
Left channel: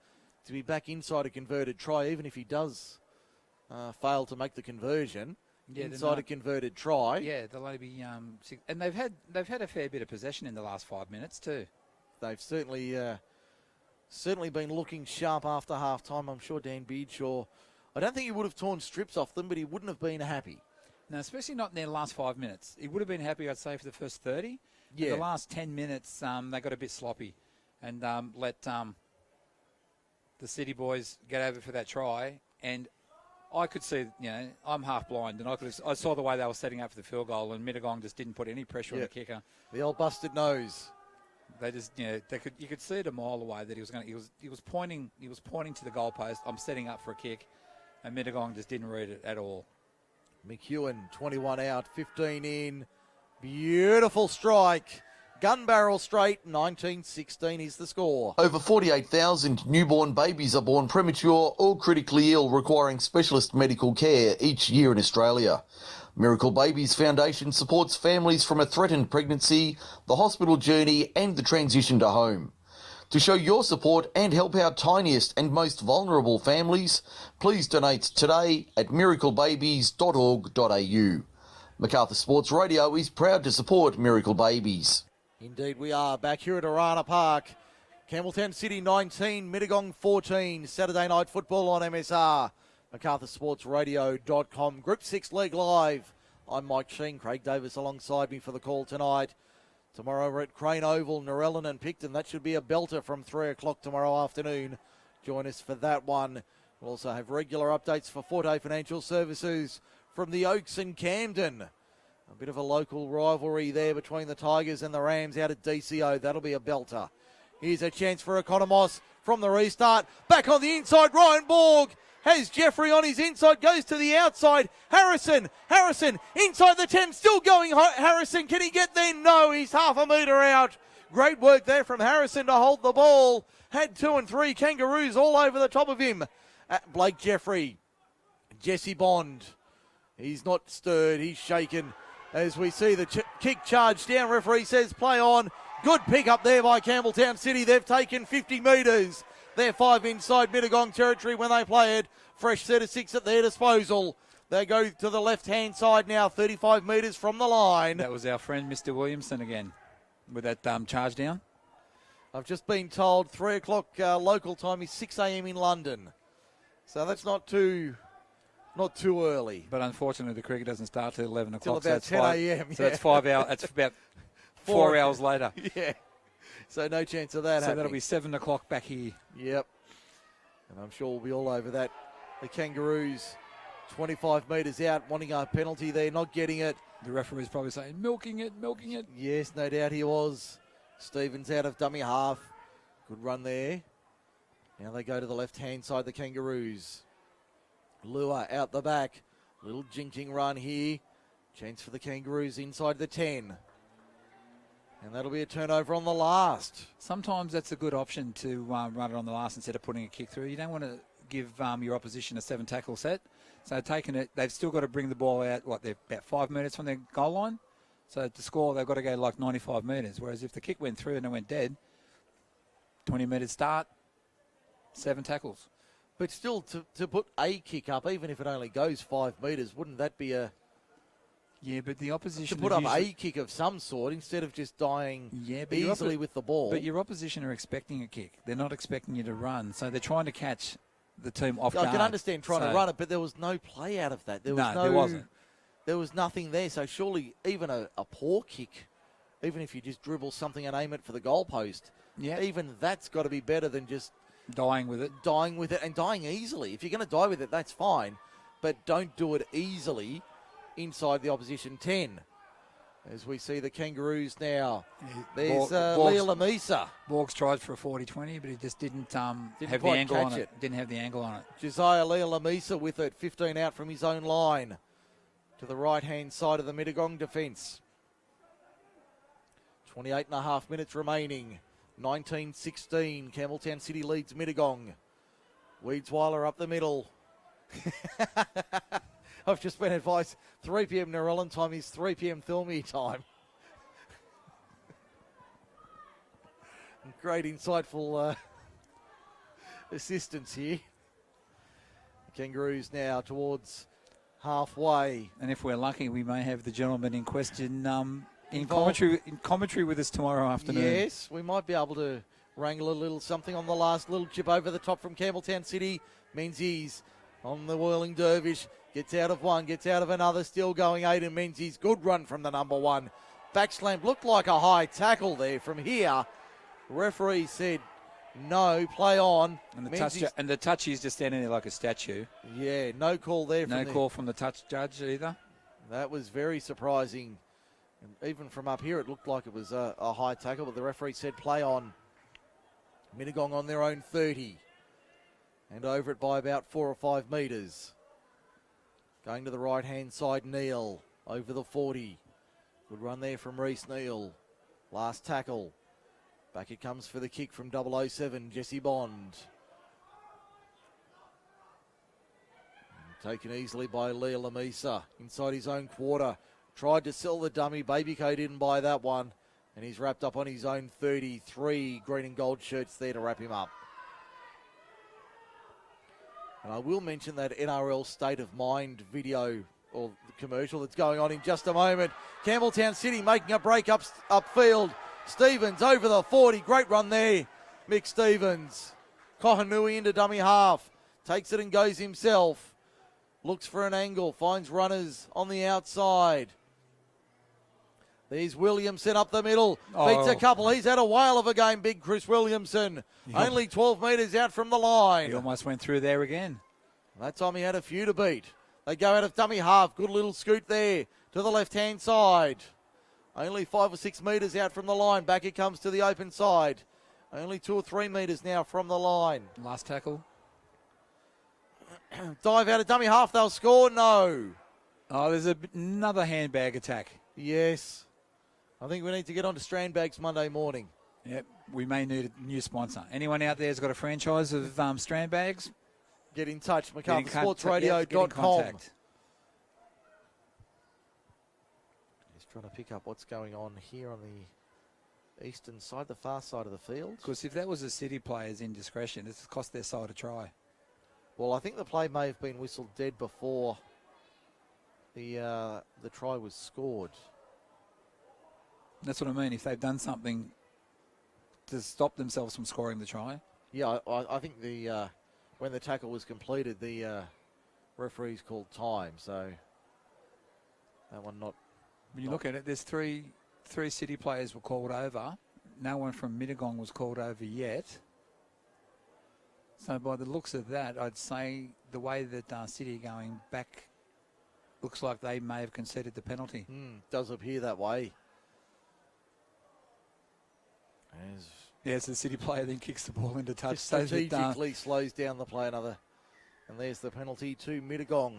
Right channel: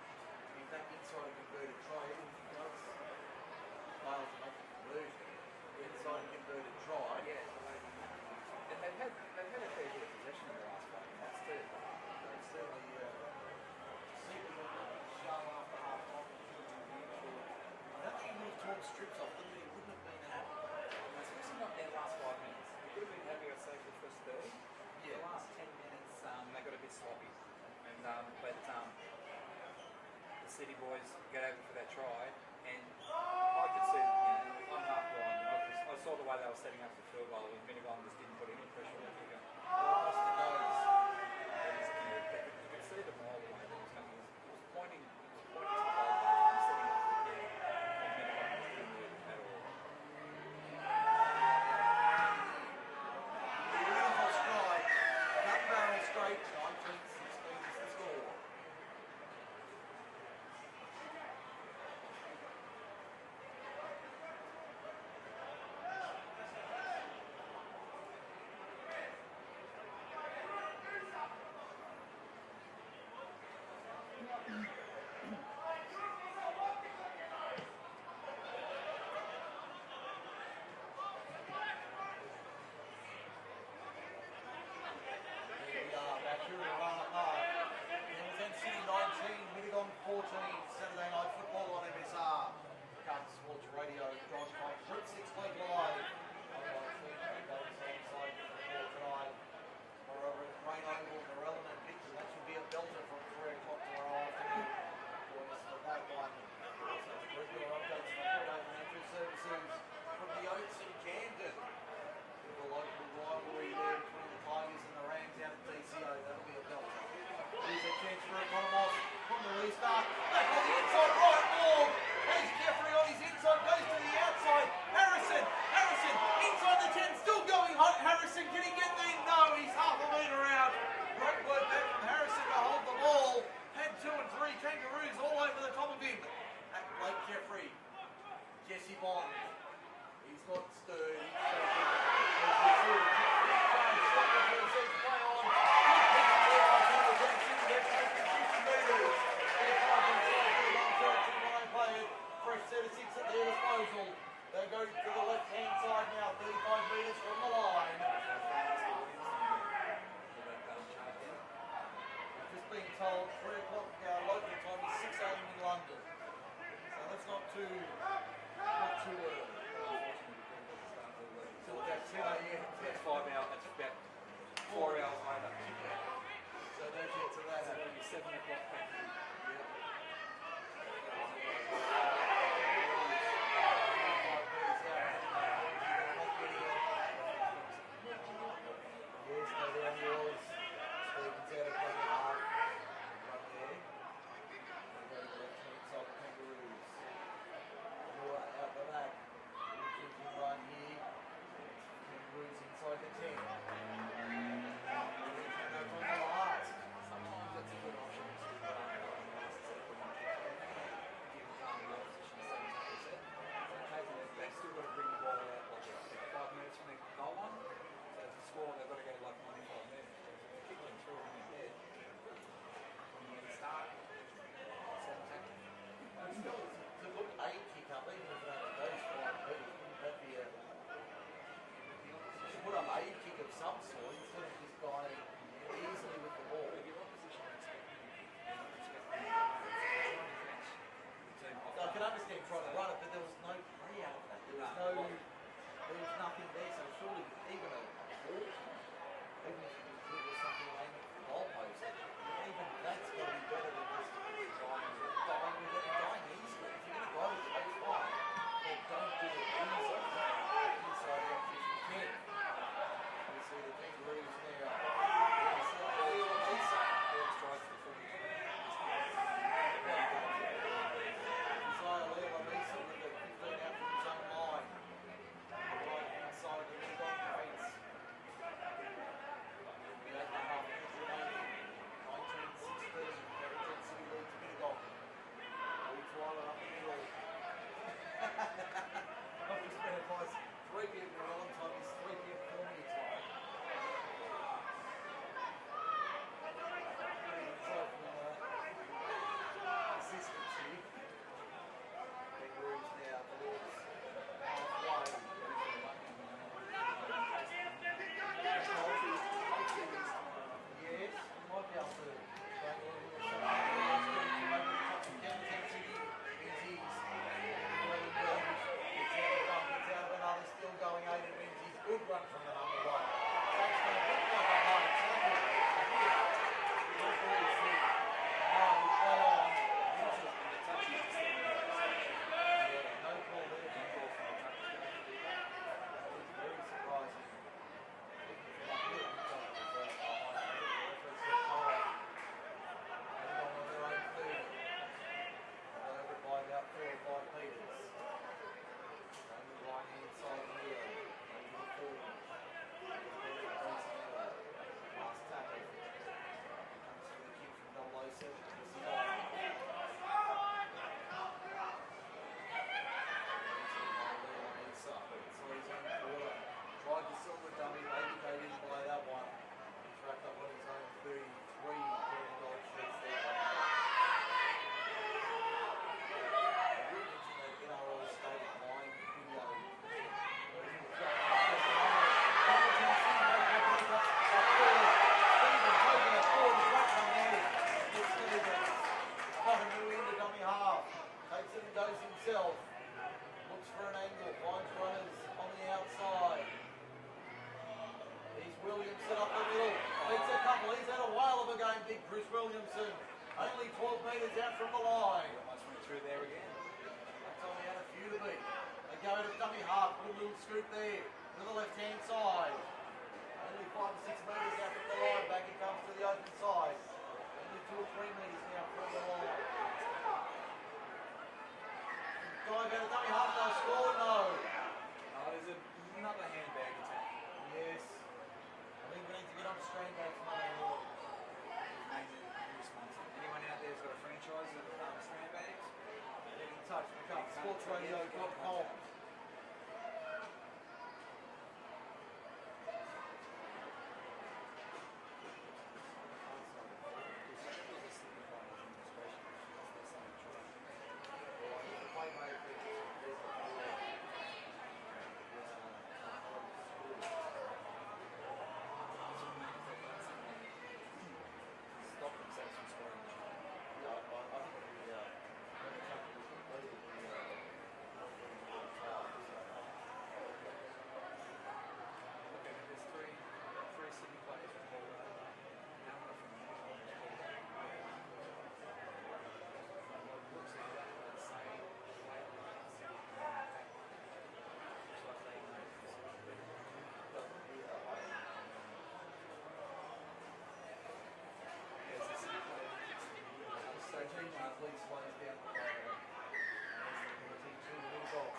be back inside a converted try, even if he does fail to make the conversion. Yeah, inside a converted try. Yeah, they'll only be and they've had a fair bit of possession in the last 5 minutes too. They've certainly been looking sharp after half time. I'm sure Dan Beardshaw, I don't think he would have torn strips off them, but he wouldn't have been happy. No, especially not in their last 5 minutes. He would have been happy, I'd say, for the first 30. Yeah. The last 10 minutes, they got a bit sloppy and let the City boys get over for that try. And I could see, I'm half blind, and I saw the way they were setting up for the field goal, and Mittagong just didn't put any pressure on the kicker. The old busted nose. They just, you could see it a mile away that he was pointing to the goalpost. I'm setting up for a kick, and Mittagong just didn't read it at all. McEwen, 21 out, 15 in. Beautiful strike. Gun barrel straight, 19-16 is the score. Over 48,000 newborn babies are born premature or critically ill, requiring specialist medical care each year in Australia. Miracle Babies Foundation supports families from a threatened pregnancy, the hospital journey and the transition to home. To show your support and help our tiniest and most vulnerable families, please donate today at miraclebabies.org.au. Macarthur Sports Radio is proud to support Miracle Babies. Indeed we are, back here at Arana Park. Campbelltown City 19, Mittagong 14. Saturday night football on MSR. MacArthurSportsRadio.com. Group 6 League Live. I'm Mike Sheen. Craig Davis alongside me for the call tonight. Tomorrow we're at Crane Oval, Narellan and Picton. That should be a belter from 3 o'clock tomorrow afternoon. Join us for that one. We also have regular updates for Forte Financial Services from the Oaks and Camden. A bit of a local rivalry there between the Tigers and the Rams out at DCO. That'll be a belter. Here's a chance for Economos from the restart. Back on the inside, Ryan Borg has Jeffrey on his inside, goes to the outside. Harrison, inside the 10, still going. Harrison, can he get there? No, he's half a metre out. Great work there from Harrison to hold the ball. Had 2 and 3 Kangaroos all over the top of him. Blake Jeffrey, Jesse Bond. He's not stirred, he's shaken. As we see the kick charge down, referee says play on. Good pick up there by Campbelltown City. They've taken 50 metres. They're 5 inside Mittagong territory when they play it. Fresh set of 6 at their disposal. They go to the left-hand side now, 35 metres from the line. That was our friend Mr. Williamson again with that charge down. I've just been told 3 o'clock local time is 6 a.m. in London. So that's not too early. But unfortunately, the cricket doesn't start till 11 o'clock. Till about 10 a.m. So that's 5 hours. That's about 4 hours later. Yeah. So no chance of that happening. So that'll be 7 o'clock back here. Yep. And I'm sure we'll be all over that. The Kangaroos, 25 metres out, wanting a penalty there, not getting it. The referee's probably saying, milking it. Yes, no doubt he was. Stevens out of dummy half. Good run there. Now they go to the left-hand side, the Kangaroos. Lua out the back. Little jinking run here. Chance for the Kangaroos inside the 10. And that'll be a turnover on the last. Sometimes that's a good option to run it on the last instead of putting a kick through. You don't want to give your opposition a 7 tackle set. So taking it, they've still got to bring the ball out, they're about 5 metres from their goal line. So to score, they've got to go like 95 metres. Whereas if the kick went through and it went dead, 20 metres start, 7 tackles. But still, to put a kick up, even if it only goes 5 metres, wouldn't that be a... Yeah, but the opposition... To put up a kick of some sort instead of just dying easily with the ball. But your opposition are expecting a kick. They're not expecting you to run. So they're trying to catch the team off guard. I can understand trying to run it, but there was no play out of that. There wasn't. There was nothing there. So surely even a poor kick, even if you just dribble something and aim it for the goalpost, even that's got to be better than just... Dying with it and dying easily. If you're going to die with it, that's fine. But don't do it easily inside the opposition 10. As we see the Kangaroos now. There's Borgs- Leah Lamisa. Borgs tried for a 40-20, but he just didn't have the quite angle on catch it. it. Didn't have the angle on it. Josiah Leah Lamisa with it, 15 out from his own line. To the right-hand side of the Mittagong defence. 28.5 minutes remaining. 19-16. Campbelltown City leads Mittagong. Weedsweiler up the middle. I've just been advised 3 p.m. Narellan time is 3 p.m. Thilmere time. Great insightful assistance here. Kangaroos now towards halfway. And if we're lucky, we may have the gentleman in question in commentary with us tomorrow afternoon. Yes, we might be able to wrangle a little something on the last little chip over the top from Campbelltown City. Menzies on the whirling dervish. Gets out of one, gets out of another. Still going, Aiden Menzies. Good run from the number one. Backslam looked like a high tackle there from here. The referee said no, play on. And the touch, he's just standing there like a statue. Yeah, no call there. No call from the touch judge either. That was very surprising. Even from up here, it looked like it was a high tackle, but the referee said play on. Mittagong on their own 30. And over it by about 4 or 5 metres. Going to the right-hand side, Neal. Over the 40. Good run there from Reese Neal. Last tackle. Back it comes for the kick from 007, Jesse Bond. Taken easily by Leah Lamisa. Inside his own quarter. Tried to sell the dummy. Babyco didn't buy that one. And he's wrapped up on his own 33 green and gold shirts there to wrap him up. I will mention that NRL State of Mind video or commercial that's going on in just a moment. Campbelltown City making a break upfield. Stevens over the 40. Great run there. Mick Stevens. Kohanui into dummy half. Takes it and goes himself. Looks for an angle. Finds runners on the outside. There's Williamson up the middle. Beats a couple. He's had a whale of a game, big Chris Williamson. Only 12 metres out from the line. He almost went through there again. That time he had a few to beat. They go out of dummy half. Good little scoot there to the left-hand side. Only 5 or 6 metres out from the line. Back it comes to the open side. Only 2 or 3 metres now from the line. Last tackle. Dive out of dummy half. They'll score. No. Oh, there's another handbag attack. Yes. I think we need to get on to Strandbags Monday morning. Yep, we may need a new sponsor. Anyone out there has got a franchise of Strandbags? Get in touch, Get in MacArthurSportsRadio.com. contact. Just trying to pick up what's going on here on the eastern side, the far side of the field. Because if that was a City player's indiscretion, it's cost their side a try. Well, I think the play may have been whistled dead before the try was scored. That's what I mean. If they've done something to stop themselves from scoring the try. Yeah, I think when the tackle was completed, the referees called time. So that one not. When you look at it, there's three City players were called over. No one from Mittagong was called over yet. So by the looks of that, I'd say the way that City are going back looks like they may have conceded the penalty. Does appear that way. Yes, the City player then kicks the ball into touch. Just strategically slows down the play another. And there's the penalty to Mittagong.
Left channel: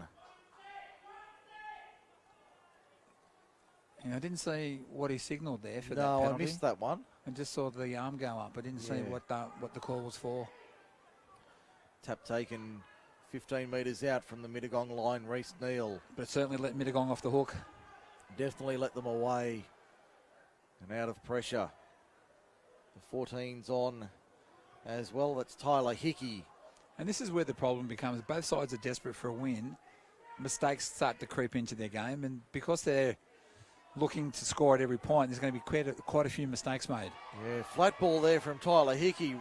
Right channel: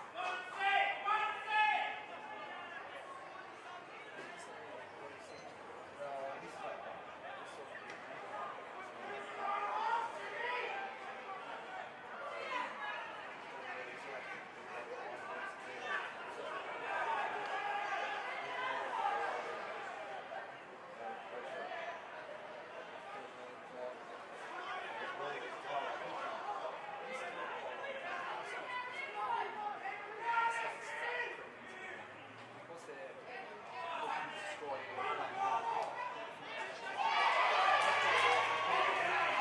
I didn't see what he signalled there for that No, penalty. I missed that one. I just saw the arm go up. I didn't see what the call was for. Tap taken 15 metres out from the Mittagong line, Reese Neal. But certainly let Mittagong off the hook. Definitely let them away. And out of pressure. The 14's on as well. That's Tyler Hickey. And this is where the problem becomes. Both sides are desperate for a win. Mistakes start to creep into their game. And because they're looking to score at every point, there's going to be quite a few mistakes made. Yeah, flat ball there from Tyler Hickey.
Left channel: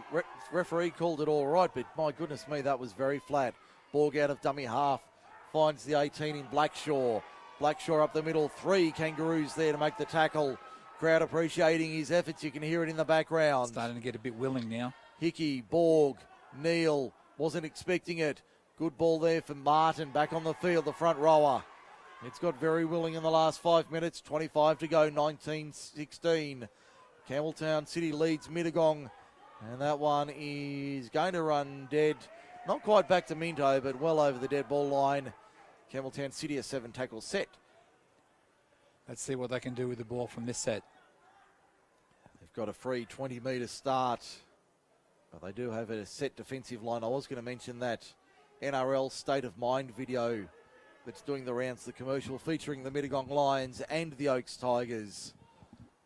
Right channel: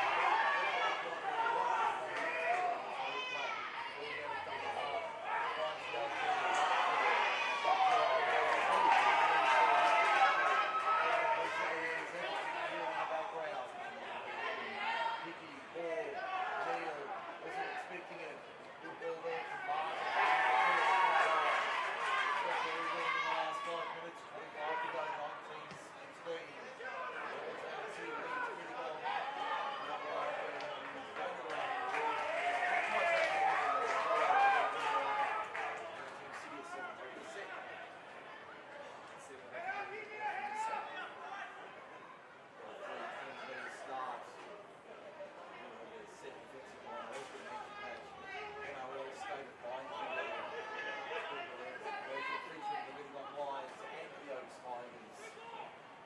Referee called it all right, but my goodness me, that was very flat. Borg out of dummy half. Finds the 18 in Blackshaw. Blackshaw up the middle. 3 Kangaroos there to make the tackle. Crowd appreciating his efforts. You can hear it in the background. Starting to get a bit willing now. Hickey, Borg, Neal. Wasn't expecting it. Good ball there from Martin. Back on the field, the front rower. It's got very willing in the last 5 minutes. 25 to go, 19-16. Campbelltown City leads Mittagong. And that one is going to run dead. Not quite back to Minto, but well over the dead ball line. Campbelltown City a 7-tackle set. Let's see what they can do with the ball from this set. They've got a free 20-metre start. Well, they do have a set defensive line. I was going to mention that NRL State of Mind video that's doing the rounds, the commercial featuring the Mittagong Lions and the Oaks Tigers.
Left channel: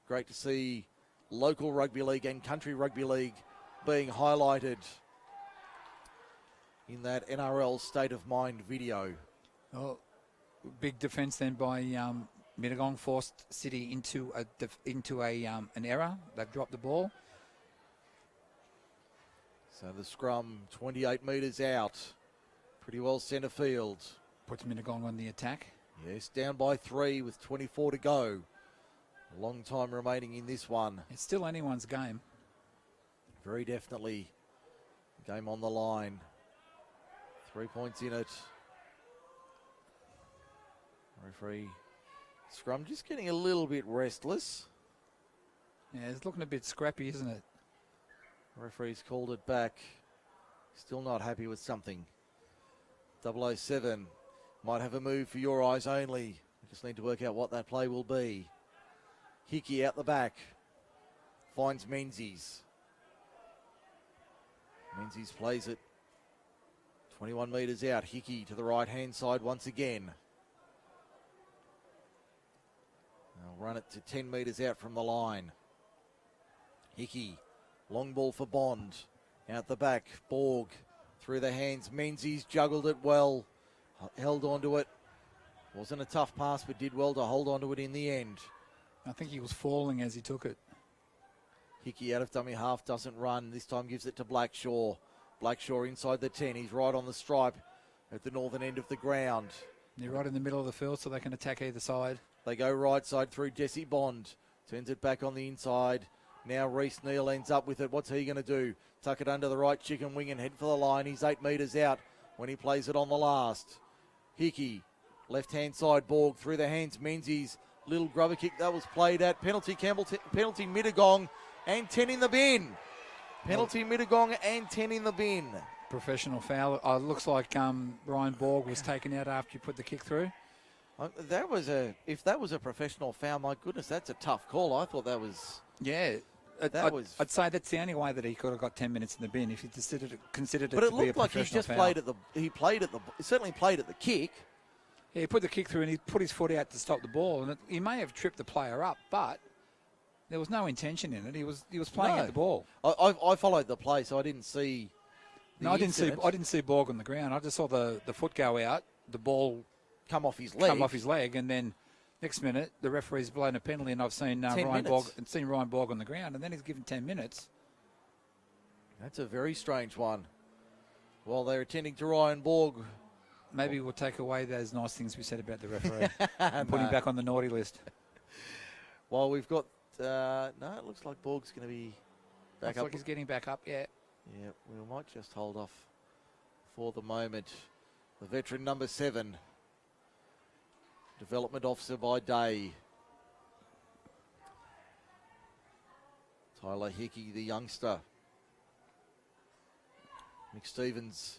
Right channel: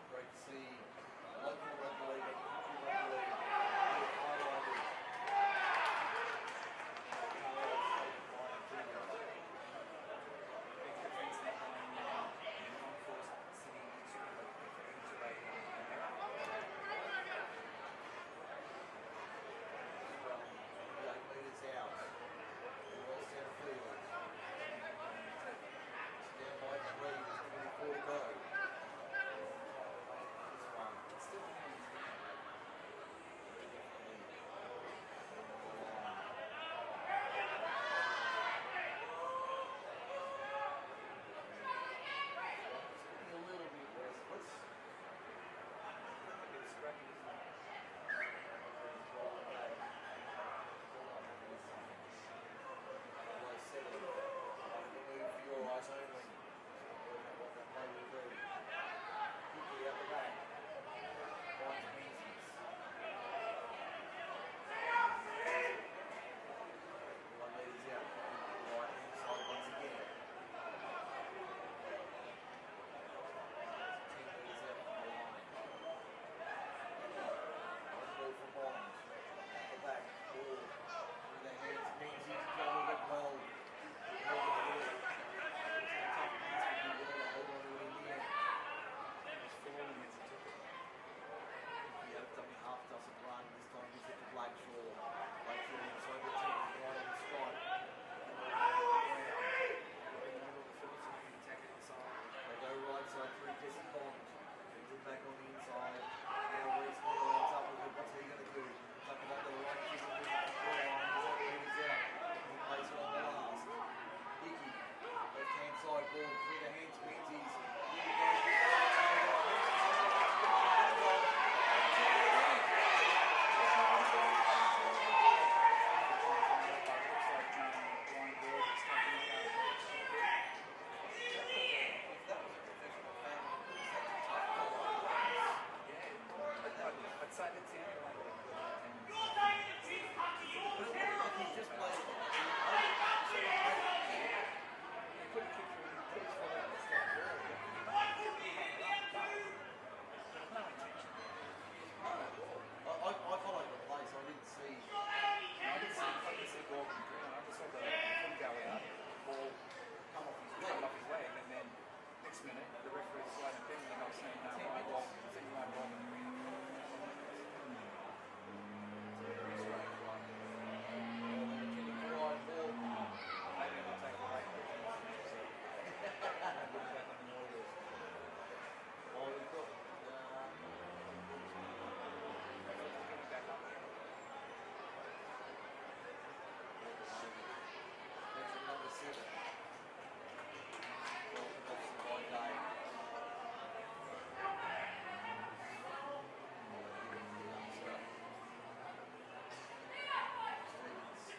Great to see local rugby league and country rugby league being highlighted in that NRL State of Mind video. Well, big defence then by Mittagong, forced City into an error. They've dropped the ball. So the scrum 28 metres out. Pretty well centre field. Puts Mittagong on the attack. Yes, down by 3 with 24 to go. A long time remaining in this one. It's still anyone's game. Very definitely. Game on the line. 3 points in it. Referee scrum just getting a little bit restless. Yeah, it's looking a bit scrappy, isn't it? Referee's called it back. Still not happy with something. 007 might have a move for your eyes only. Just need to work out what that play will be. Hickey out the back. Finds Menzies. Menzies plays it 21 metres out. Hickey to the right-hand side once again. Run it to 10 metres out from the line. Hickey, long ball for Bond. Out the back, Borg through the hands. Menzies juggled it well. Held onto it. Wasn't a tough pass, but did well to hold onto it in the end. I think he was falling as he took it. Hickey out of dummy half, doesn't run. This time gives it to Blackshaw. Blackshaw inside the 10. He's right on the stripe at the northern end of the ground. You're right in the middle of the field, so they can attack either side. They go right side through Jesse Bond. Turns it back on the inside. Now Reece Neal ends up with it. What's he going to do? Tuck it under the right chicken wing and head for the line. He's 8 metres out when he plays it on the last. Hickey, left-hand side, Borg through the hands. Menzies, little grubber kick that was played at. Penalty Campbelltown, penalty Mittagong, and 10 in the bin. Penalty Mittagong and 10 in the bin. Professional foul. It looks like Ryan Borg was taken out after he put the kick through. If that was a professional foul, my goodness, that's a tough call. I thought that was... Yeah. I'd say that's the only way that he could have got 10 minutes in the bin if he considered it to be a professional foul. But it looked like he just played at the... He certainly played at the kick. Yeah, he put the kick through and he put his foot out to stop the ball. And he may have tripped the player up, but there was no intention in it. He was playing at the ball. I followed the play, so I didn't see... No, I didn't see Borg on the ground. I just saw the foot go out, the ball come off his leg, and then next minute the referee's blown a penalty, and I've seen Ryan Borg on the ground, and then he's given 10 minutes. That's a very strange one. While they're attending to Ryan Borg, maybe we'll take away those nice things we said about the referee and put him back on the naughty list. Well, we've got it looks like Borg's going to be back up. Looks like he's getting back up, yeah. We might just hold off for the moment. The veteran number 7. Development officer by day. Tyler Hickey, the youngster. Nick Stevens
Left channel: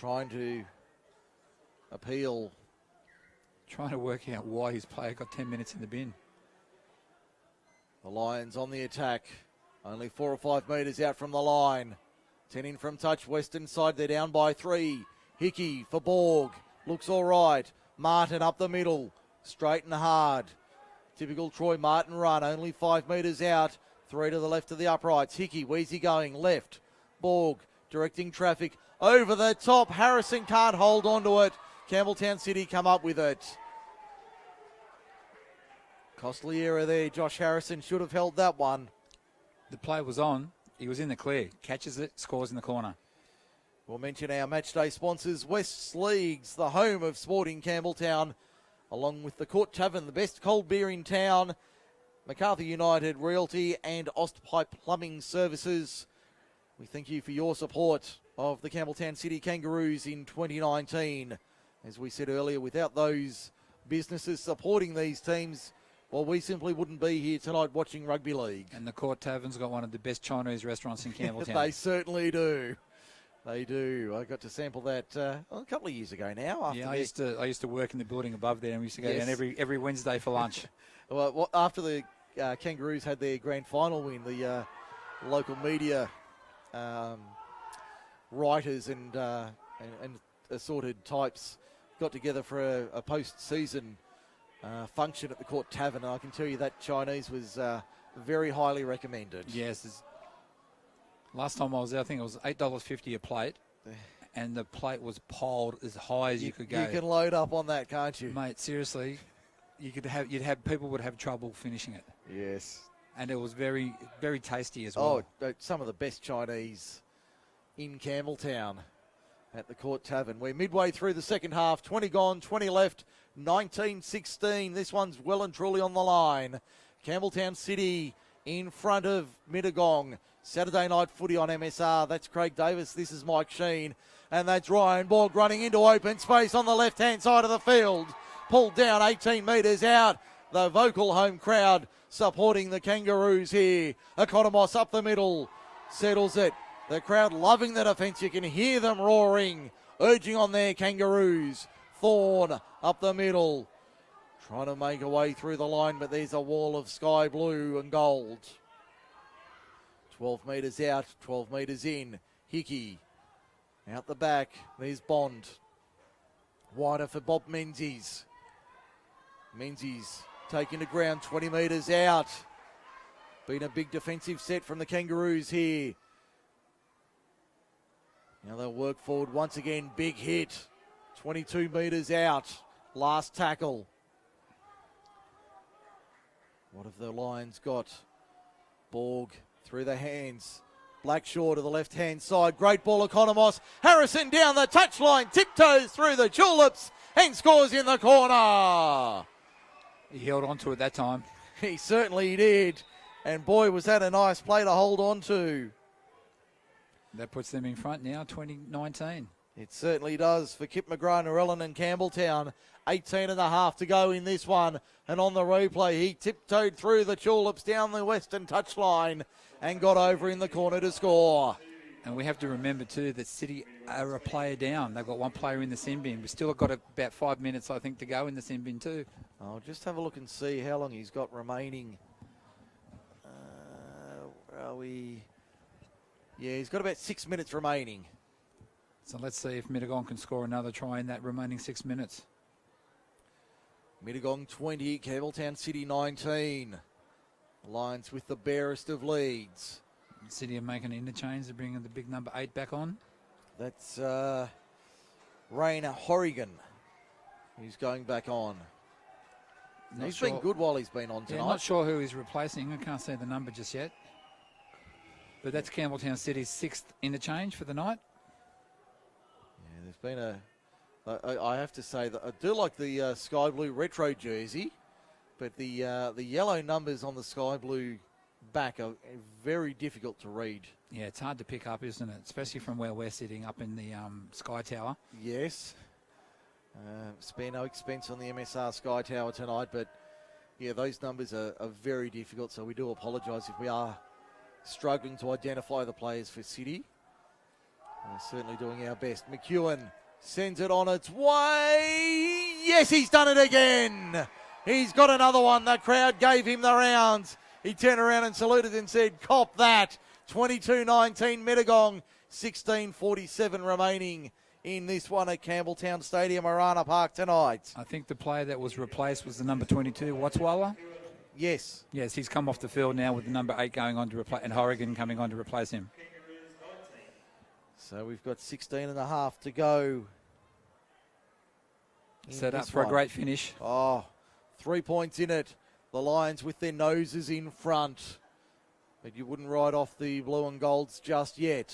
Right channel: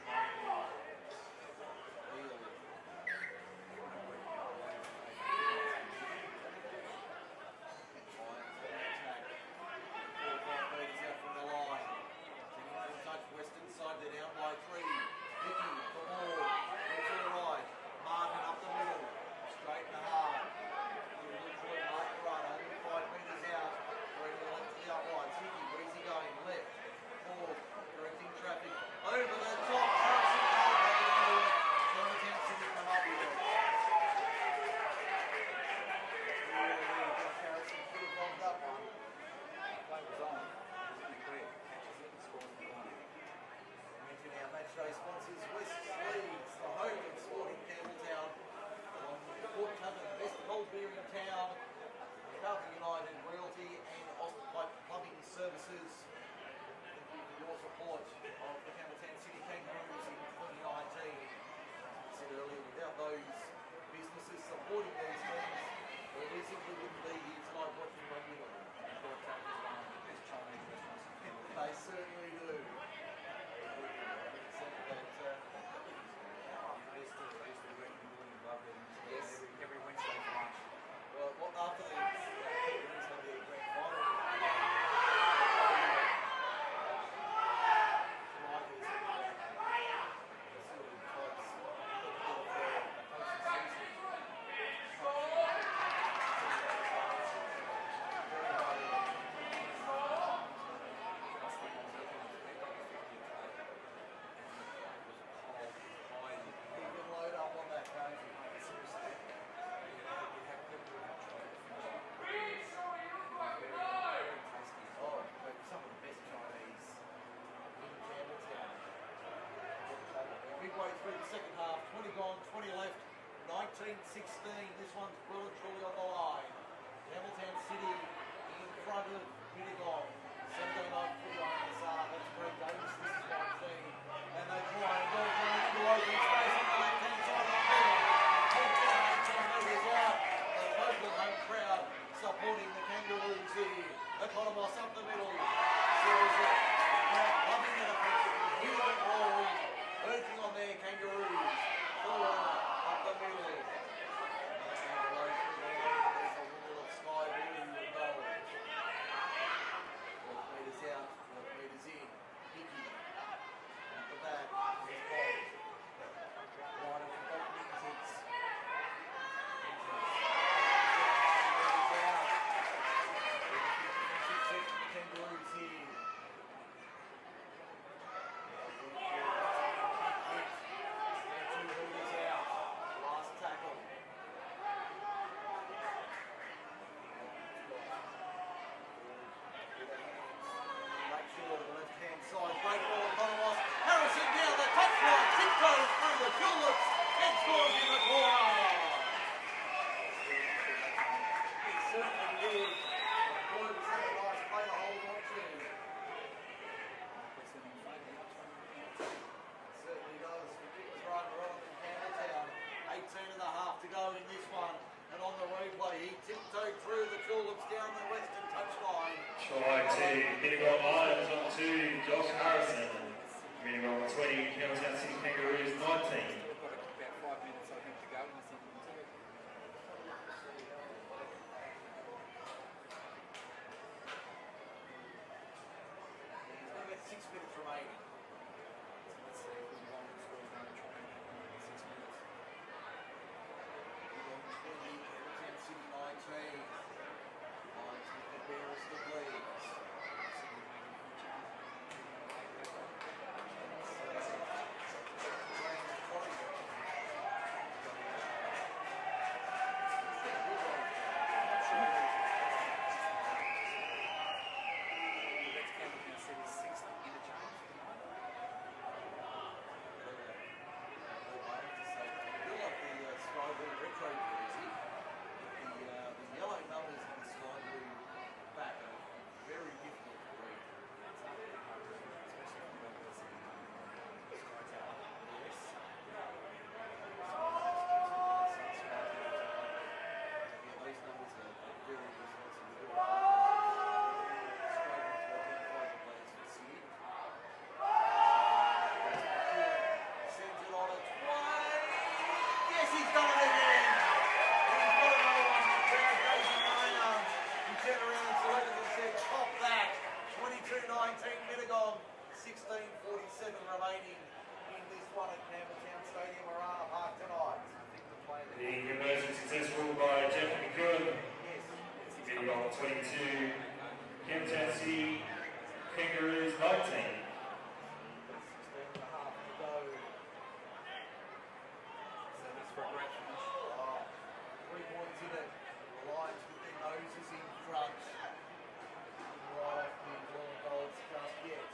trying to appeal. Trying to work out why his player got 10 minutes in the bin. The Lions on the attack. Only 4 or 5 metres out from the line. 10 in from touch, western side, they're down by 3. Hickey for Borg, looks all right. Martin up the middle, straight and hard. Typical Troy Martin run, only 5 metres out. 3 to the left of the uprights. Hickey, where's he going? Left. Borg directing traffic over the top. Harrison can't hold on to it. Campbelltown City come up with it. Costly error there. Josh Harrison should have held that one. The play was on. He was in the clear. Catches it, scores in the corner. We'll mention our matchday sponsors, West's Leagues, the home of sport in Campbelltown, along with the Court Tavern, the best cold beer in town, MacArthur United Realty and Ostpipe Plumbing Services. We thank you for your support of the Campbelltown City Kangaroos in 2019. As we said earlier, without those businesses supporting these teams, well, we simply wouldn't be here tonight watching rugby league. And the Court Tavern's got one of the best Chinese restaurants in Campbelltown. They certainly do. They do. I got to sample that a couple of years ago now. Yeah, I used to work in the building above there, and we used to go down every Wednesday for lunch. Well, after the Kangaroos had their grand final win, the local media writers and assorted types got together for a post-season function at the Court Tavern. Now, I can tell you that Chinese was very highly recommended. Yes. Last time I was there, I think it was $8.50 a plate, and the plate was piled as high as you could go. You can load up on that, can't you? Mate, seriously, people would have trouble finishing it. Yes. And it was very, very tasty as well. Oh, some of the best Chinese in Campbelltown at the Court Tavern. We're midway through the second half, 20 gone, 20 left, 19-16. This one's well and truly on the line. Campbelltown City in front of Mittagong. Saturday night footy on MSR. That's Craig Davis. This is Mike Sheen. And that's Ryan Borg running into open space on the left-hand side of the field. Pulled down 18 metres out. The vocal home crowd supporting the Kangaroos here. Economos up the middle. Settles it. The crowd loving the defence. You can hear them roaring. Urging on their Kangaroos. Thorne up the middle. Trying to make a way through the line, but there's a wall of sky blue and gold. 12 metres out, 12 metres in. Hickey out the back. There's Bond. Wider for Bob Menzies. Menzies taking the ground, 20 metres out. Been a big defensive set from the Kangaroos here. Now they'll work forward once again. Big hit. 22 metres out. Last tackle. What have the Lions got? Borg through the hands. Blackshaw to the left-hand side. Great ball, Economos. Harrison down the touchline. Tiptoes through the tulips and scores in the corner. He held on to it that time. He certainly did. And boy, was that a nice play to hold on to. That puts them in front now, 2019. It certainly does for Kip McGrath, Narellan and Campbelltown. 18 and a half to go in this one. And on the replay, he tiptoed through the tulips down the western touchline and got over in the corner to score. And we have to remember too that City are a player down. They've got one player in the sin bin. We've still got about 5 minutes, I think, to go in the sin bin too. I'll just have a look and see how long he's got remaining. Yeah, he's got about 6 minutes remaining. So let's see if Mittagong can score another try in that remaining 6 minutes. Mittagong 20, Campbelltown City 19. Lions with the barest of leads. City are making an interchange. They're bringing the big number 8 back on. That's Rainer Horrigan, who's going back on. He's been good while he's been on tonight. I'm not sure who he's replacing. I can't see the number just yet. But that's Campbelltown City's 6th interchange for the night. There's been I have to say that I do like the sky blue retro jersey, but the yellow numbers on the sky blue back are very difficult to read. Yeah, it's hard to pick up, isn't it? Especially from where we're sitting up in the Sky Tower. Yes. No expense on the MSR Sky Tower tonight, but yeah, those numbers are very difficult, so we do apologise if we are struggling to identify the players for City. We're certainly doing our best. McEwen sends it on its way. Yes, he's done it again. He's got another one. That crowd gave him the rounds. He turned around and saluted and said, "Cop that." 22-19 Mittagong, 16:47 remaining in this one at Campbelltown Stadium, Arana Park tonight. I think the player that was replaced was the number 22, Watswala. Yes. Yes, he's come off the field now with the number 8 going on to replace, and Horrigan coming on to replace him. So we've got 16 and a half to go. Set up for a great finish. Oh, 3 points in it. The Lions with their noses in front. But you wouldn't write off the blue and golds just yet.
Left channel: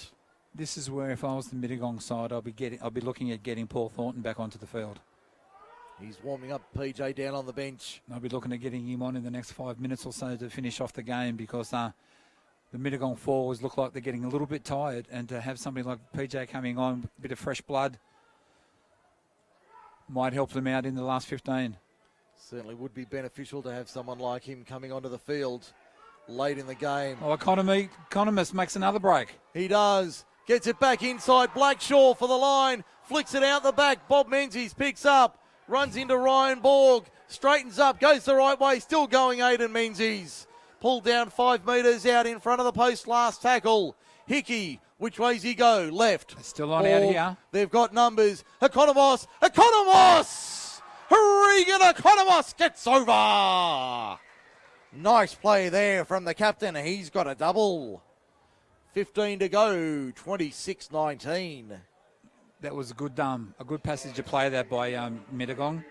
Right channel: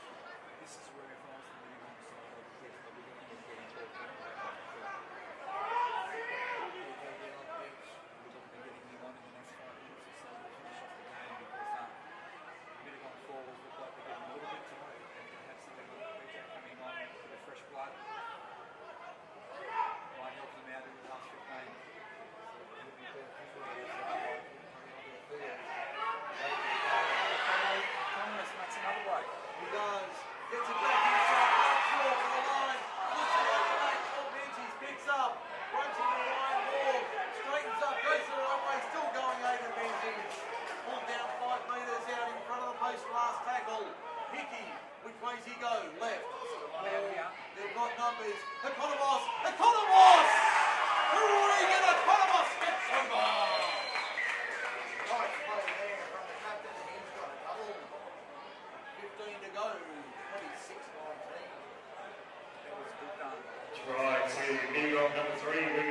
This is where, if I was the Mittagong side, I'll be looking at getting Paul Thornton back onto the field. He's warming up PJ down on the bench. I'll be looking at getting him on in the next 5 minutes or so to finish off the game, because the Mittagong forwards look like they're getting a little bit tired, and to have somebody like PJ coming on, a bit of fresh blood, Might help them out in the last 15. Certainly would be beneficial to have someone like him coming onto the field late in the game. Oh, Economist makes another break. He does. Gets it back inside. Blackshaw for the line. Flicks it out the back. Bob Menzies picks up. Runs into Ryan Borg. Straightens up. Goes the right way. Still going, Aidan Menzies. Pulled down 5 metres out in front of the post. Last tackle. Hickey. Which way's he go? Left. Still on out here. They've got numbers. Economos. Regan Economos gets over. Nice play there from the captain. He's got a double. 15 to go. 26-19. That was a good passage of play there by Mittagong.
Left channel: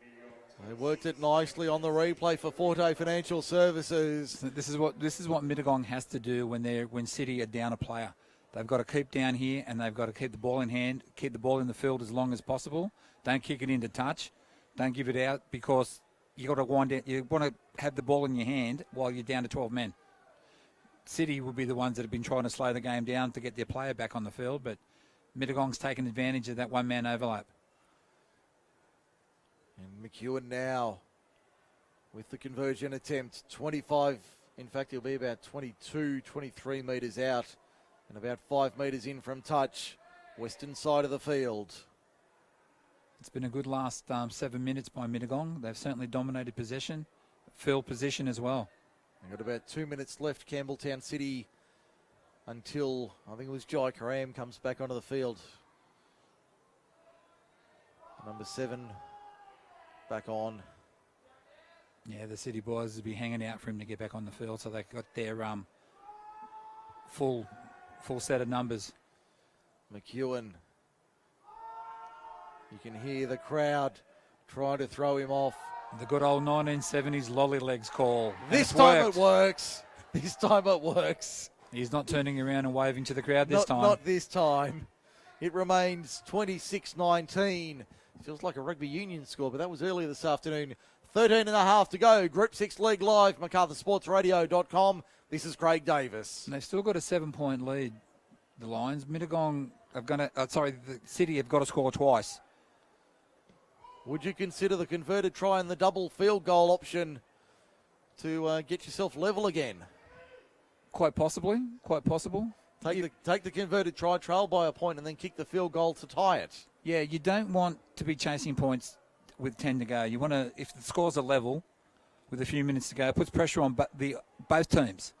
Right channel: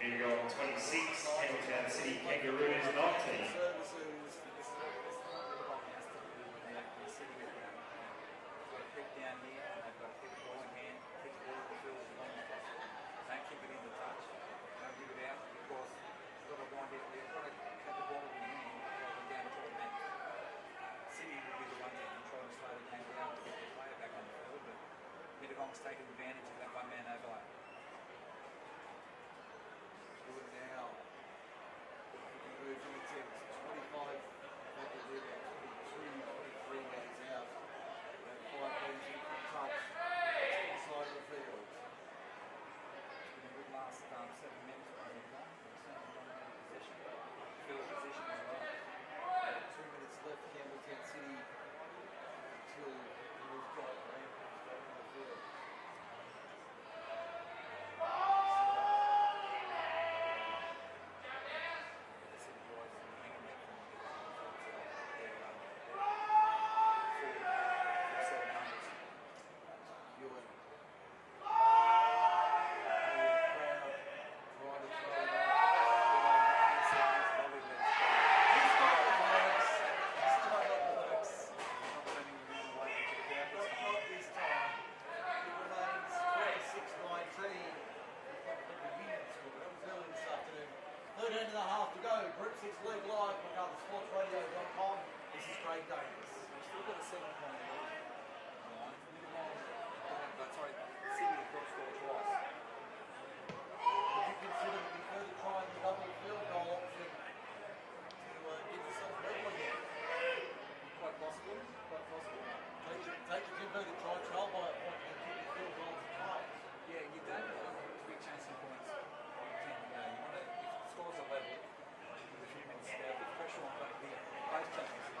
He worked it nicely on the replay for Forte Financial Services. This is what Mittagong has to do when City are down a player. They've got to keep down here and they've got to keep the ball in hand, keep the ball in the field as long as possible. Don't kick it into touch. Don't give it out because you got to wind down. You want to have the ball in your hand while you're down to 12 men. City will be the ones that have been trying to slow the game down to get their player back on the field, but Mittagong's taken advantage of that one-man overlap. And McEwen now with the conversion attempt. 25, in fact, he'll be about 22, 23 metres out and about 5 metres in from touch. Western side of the field. It's been a good last 7 minutes by Mittagong. They've certainly dominated possession, field position as well. With about 2 minutes left, Campbelltown City until, I think it was Jai Karam comes back onto the field. Number 7 back on. Yeah, the City boys will be hanging out for him to get back on the field, so they've got their full set of numbers. McEwen. You can hear the crowd trying to throw him off. The good old 1970s lolly legs call. This time it works. This time it works. He's not turning around and waving to the crowd this time. Not this time. It remains 26-19. Feels like a rugby union score, but that was earlier this afternoon. 13 and a half to go. Group 6 League Live, MacArthurSportsRadio.com. This is Craig Davis. And they've still got a 7-point lead. The Lions, Mittagong are going to, the City have got to score twice. Would you consider the converted try and the double field goal option to get yourself level again? Quite possibly. Take the converted try, trail by a point, and then kick the field goal to tie it. Yeah, you don't want to be chasing points with 10 to go. You want to, if the scores are level with a few minutes to go, it puts pressure on both teams.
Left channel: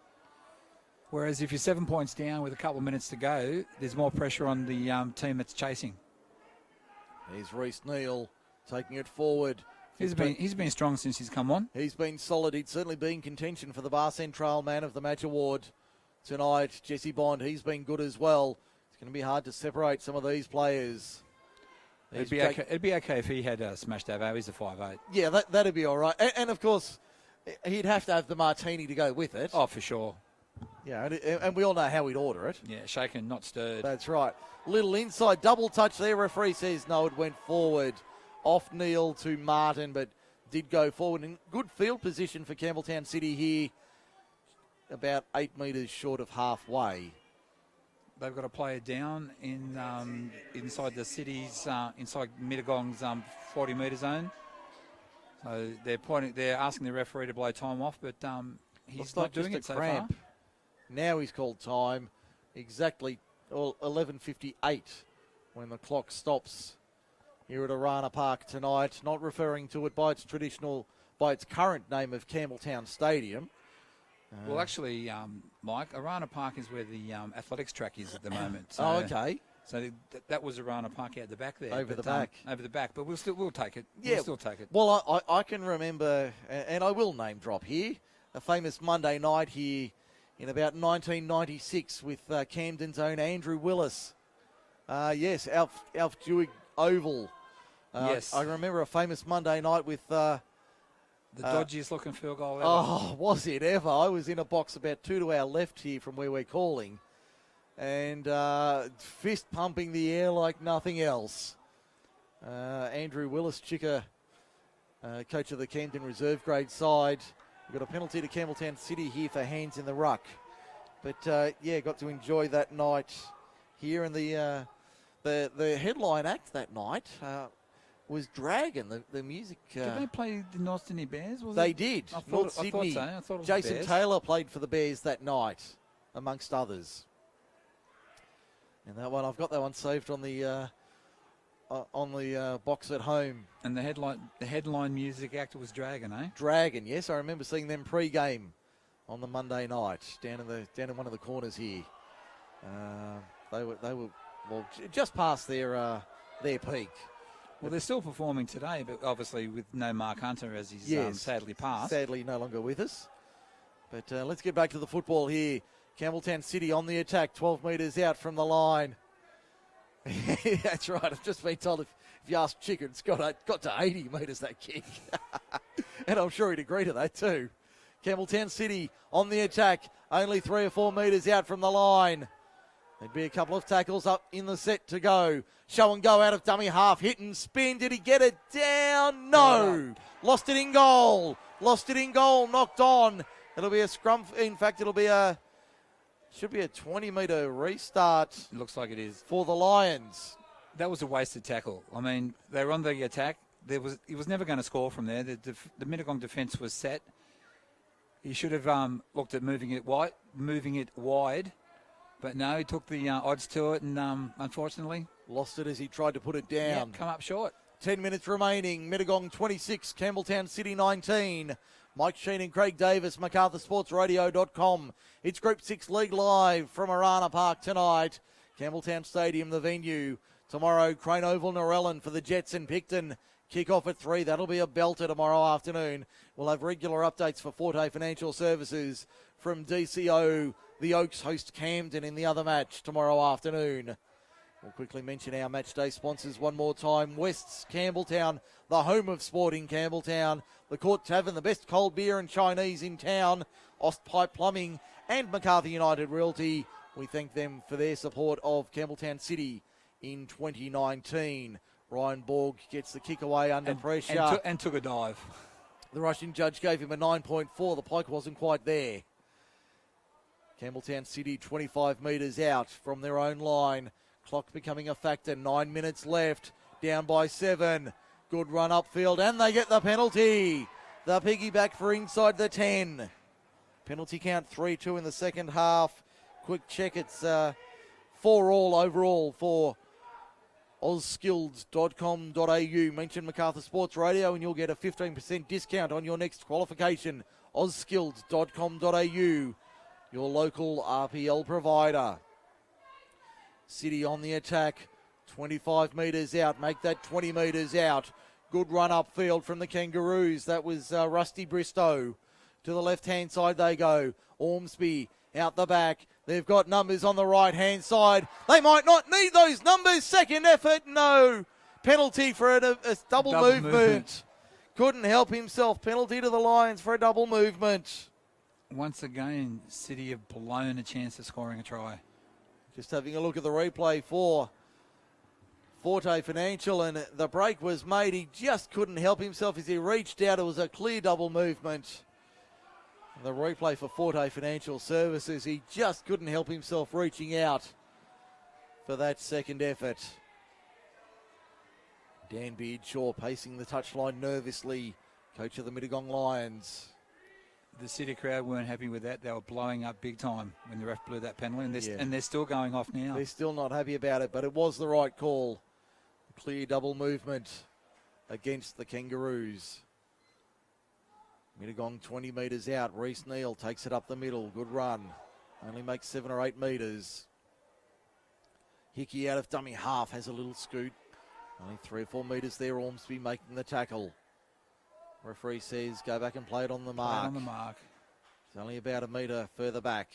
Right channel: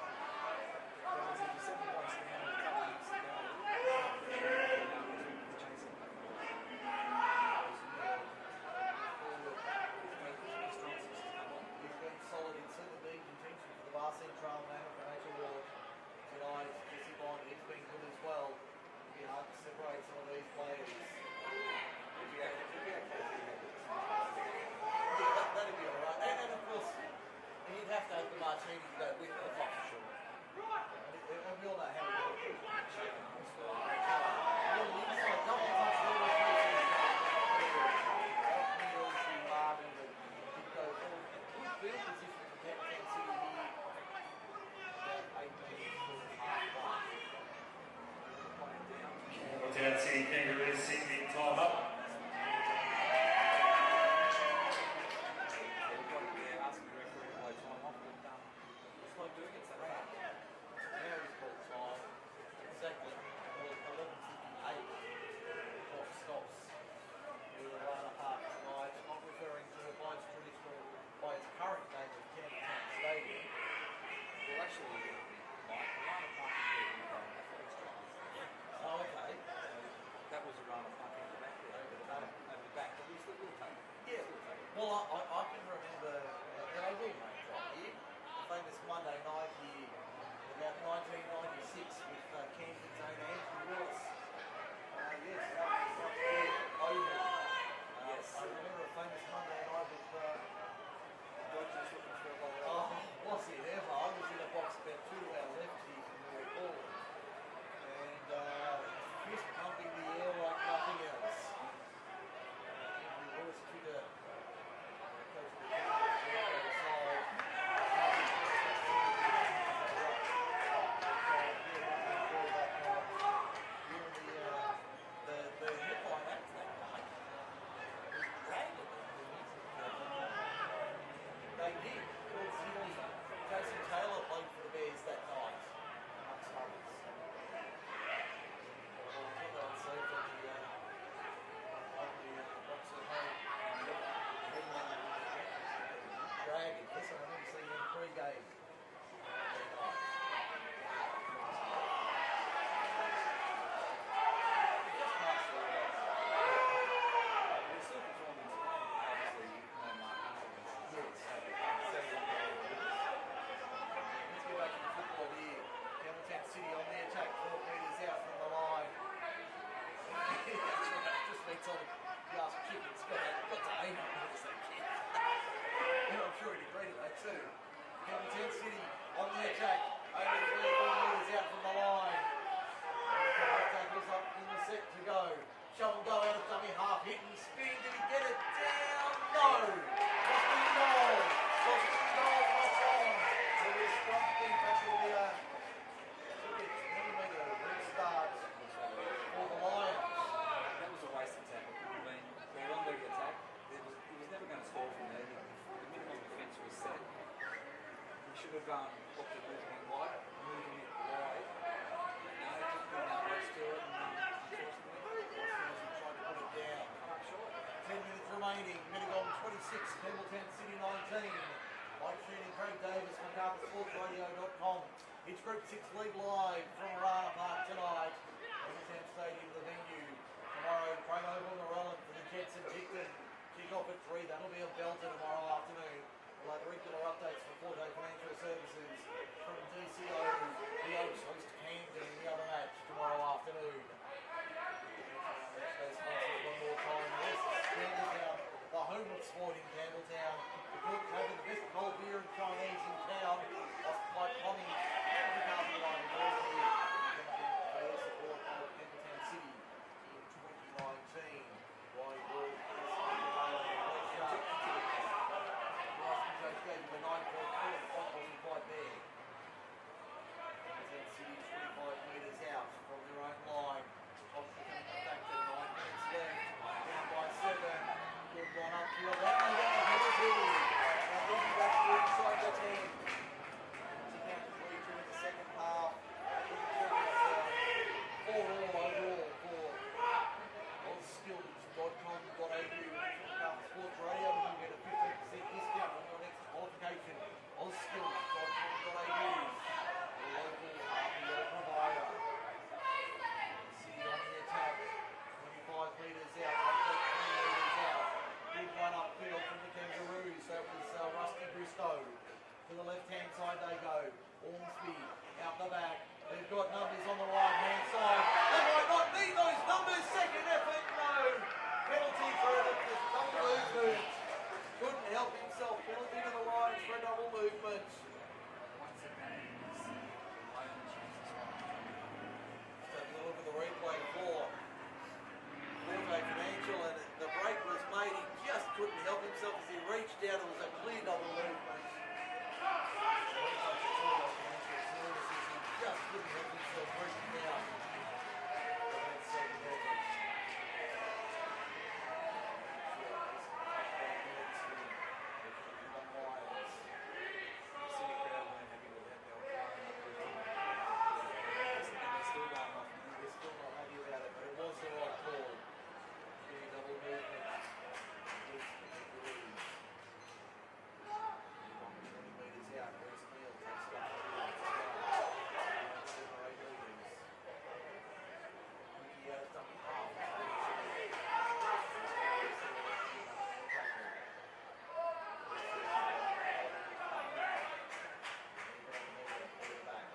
Whereas if you're 7 points down with a couple of minutes to go, there's more pressure on the team that's chasing. There's Reece Neal taking it forward. He's been strong since he's come on. He's been solid. He'd certainly be in contention for the Bar Central Man of the Match award tonight. Jesse Bond, he's been good as well. It's going to be hard to separate some of these players. It'd be okay if he had smashed Avo. He's a 5'8". Yeah, that'd be all right. And of course, he'd have to have the martini to go with it. Oh, for sure. Yeah, and we all know how he'd order it. Yeah, shaken, not stirred. That's right. Little inside double touch there. Referee says no, it went forward. Off Neal to Martin, but did go forward. In good field position for Campbelltown City here. About 8 metres short of halfway. They've got to play it down inside the city's, inside Mittagong's 40-metre zone. They're asking the referee to blow time off, but he's not doing it so far. Now he's called time. Exactly 11:58 when the clock stops here at Arana Park tonight. Not referring to it by its current name of Campbelltown Stadium. Well, actually, Mike, Arana Park is where the athletics track is at the moment. So, okay. So that was Arana Park out the back there. Over the back, but we'll take it. Yeah, we'll still take it. Well, I can remember, and I will name drop here, a famous Monday night here in about 1996 with Camden's own Andrew Willis. Yes, Alf Jewett Oval. Yes. I remember a famous Monday night with... the dodgiest looking field goal ever. Oh, was it ever? I was in a box about 2 to our left here from where we're calling. And fist pumping the air like nothing else. Andrew Willis, Chicker, coach of the Camden Reserve Grade side. Got a penalty to Campbelltown City here for hands in the ruck. But got to enjoy that night here in the The headline act that night was Dragon, the music. Did they play the North Sydney Bears? They did. North Sydney. So. I thought it was Jason Bears. Taylor played for the Bears that night, amongst others. And that one, I've got that one saved on the box at home. And the headline music act was Dragon, eh? Dragon, yes, I remember seeing them pre-game on the Monday night down in one of the corners here. They were just past their peak. Well, they're still performing today, but obviously with no Mark Hunter as he's sadly passed. Sadly no longer with us. But let's get back to the football here. Campbelltown City on the attack, 12 metres out from the line. That's right, I've just been told if you ask Chicken, it's got to 80 metres, that kick. And I'm sure he'd agree to that too. Campbelltown City on the attack, only 3 or 4 metres out from the line. There'll be a couple of tackles up in the set to go. Show and go out of dummy half, hit and spin. Did he get it down? No. Lost it in goal. Knocked on. It'll be a scrum. In fact, should be a 20-metre restart. Looks like it is. For the Lions. That was a wasted tackle. I mean, they were on the attack. He was never going to score from there. The Mittagong defence was set. He should have looked at moving it wide. But no, he took the odds to it and unfortunately lost it as he tried to put it down. Yeah, come up short. 10 minutes remaining. Mittagong 26, Campbelltown City 19. Mike Sheen and Craig Davis, MacArthurSportsRadio.com. It's Group 6 League Live from Arana Park tonight. Campbelltown Stadium, the venue. Tomorrow, Crane Oval, Narellan for the Jets and Picton. Kick-off at 3. That'll be a belter tomorrow afternoon. We'll have regular updates for Forte Financial Services from DCO. The Oaks host Camden in the other match tomorrow afternoon. We'll quickly mention our match day sponsors one more time. West's Campbelltown, the home of sport in Campbelltown. The Court Tavern, the best cold beer and Chinese in town. Ostpipe Plumbing and MacArthur United Realty. We thank them for their support of Campbelltown City in 2019. Ryan Borg gets the kick away under pressure. And took a dive. The Russian judge gave him a 9.4. The pike wasn't quite there. Campbelltown City 25 metres out from their own line. Clock becoming a factor. 9 minutes left. Down by 7. Good run upfield and they get the penalty. The piggyback for inside the 10. Penalty count 3-2 in the second half. Quick check, it's 4-all overall for ozskills.com.au. Mention MacArthur Sports Radio and you'll get a 15% discount on your next qualification. ozskills.com.au, your local RPL provider. City on the attack, 25 metres out, make that 20 metres out. Good run upfield from the Kangaroos. That was Rusty Bristow. To the left-hand side they go. Ormsby out the back. They've got numbers on the right-hand side. They might not need those numbers. Second effort, no. Penalty for a double movement. Couldn't help himself. Penalty to the Lions for a double movement. Once again, City have blown a chance of scoring a try. Just having a look at the replay for Forte Financial, and the break was made. He just couldn't help himself as he reached out. It was a clear double movement. The replay for Forte Financial Services, he just couldn't help himself reaching out for that second effort. Dan Beardshaw pacing the touchline nervously, coach of the Mittagong Lions. The City crowd weren't happy with that. They were blowing up big time when the ref blew that penalty, and they're still going off now. They're still not happy about it, but it was the right call. Clear double movement against the Kangaroos. Mittagong 20 metres out. Reece Neal takes it up the middle. Good run. Only makes 7 or 8 metres. Hickey out of dummy half has a little scoop. Only 3 or 4 metres there. Ormsby making the tackle. Referee says go back and play it on the mark. It's only about a metre further back.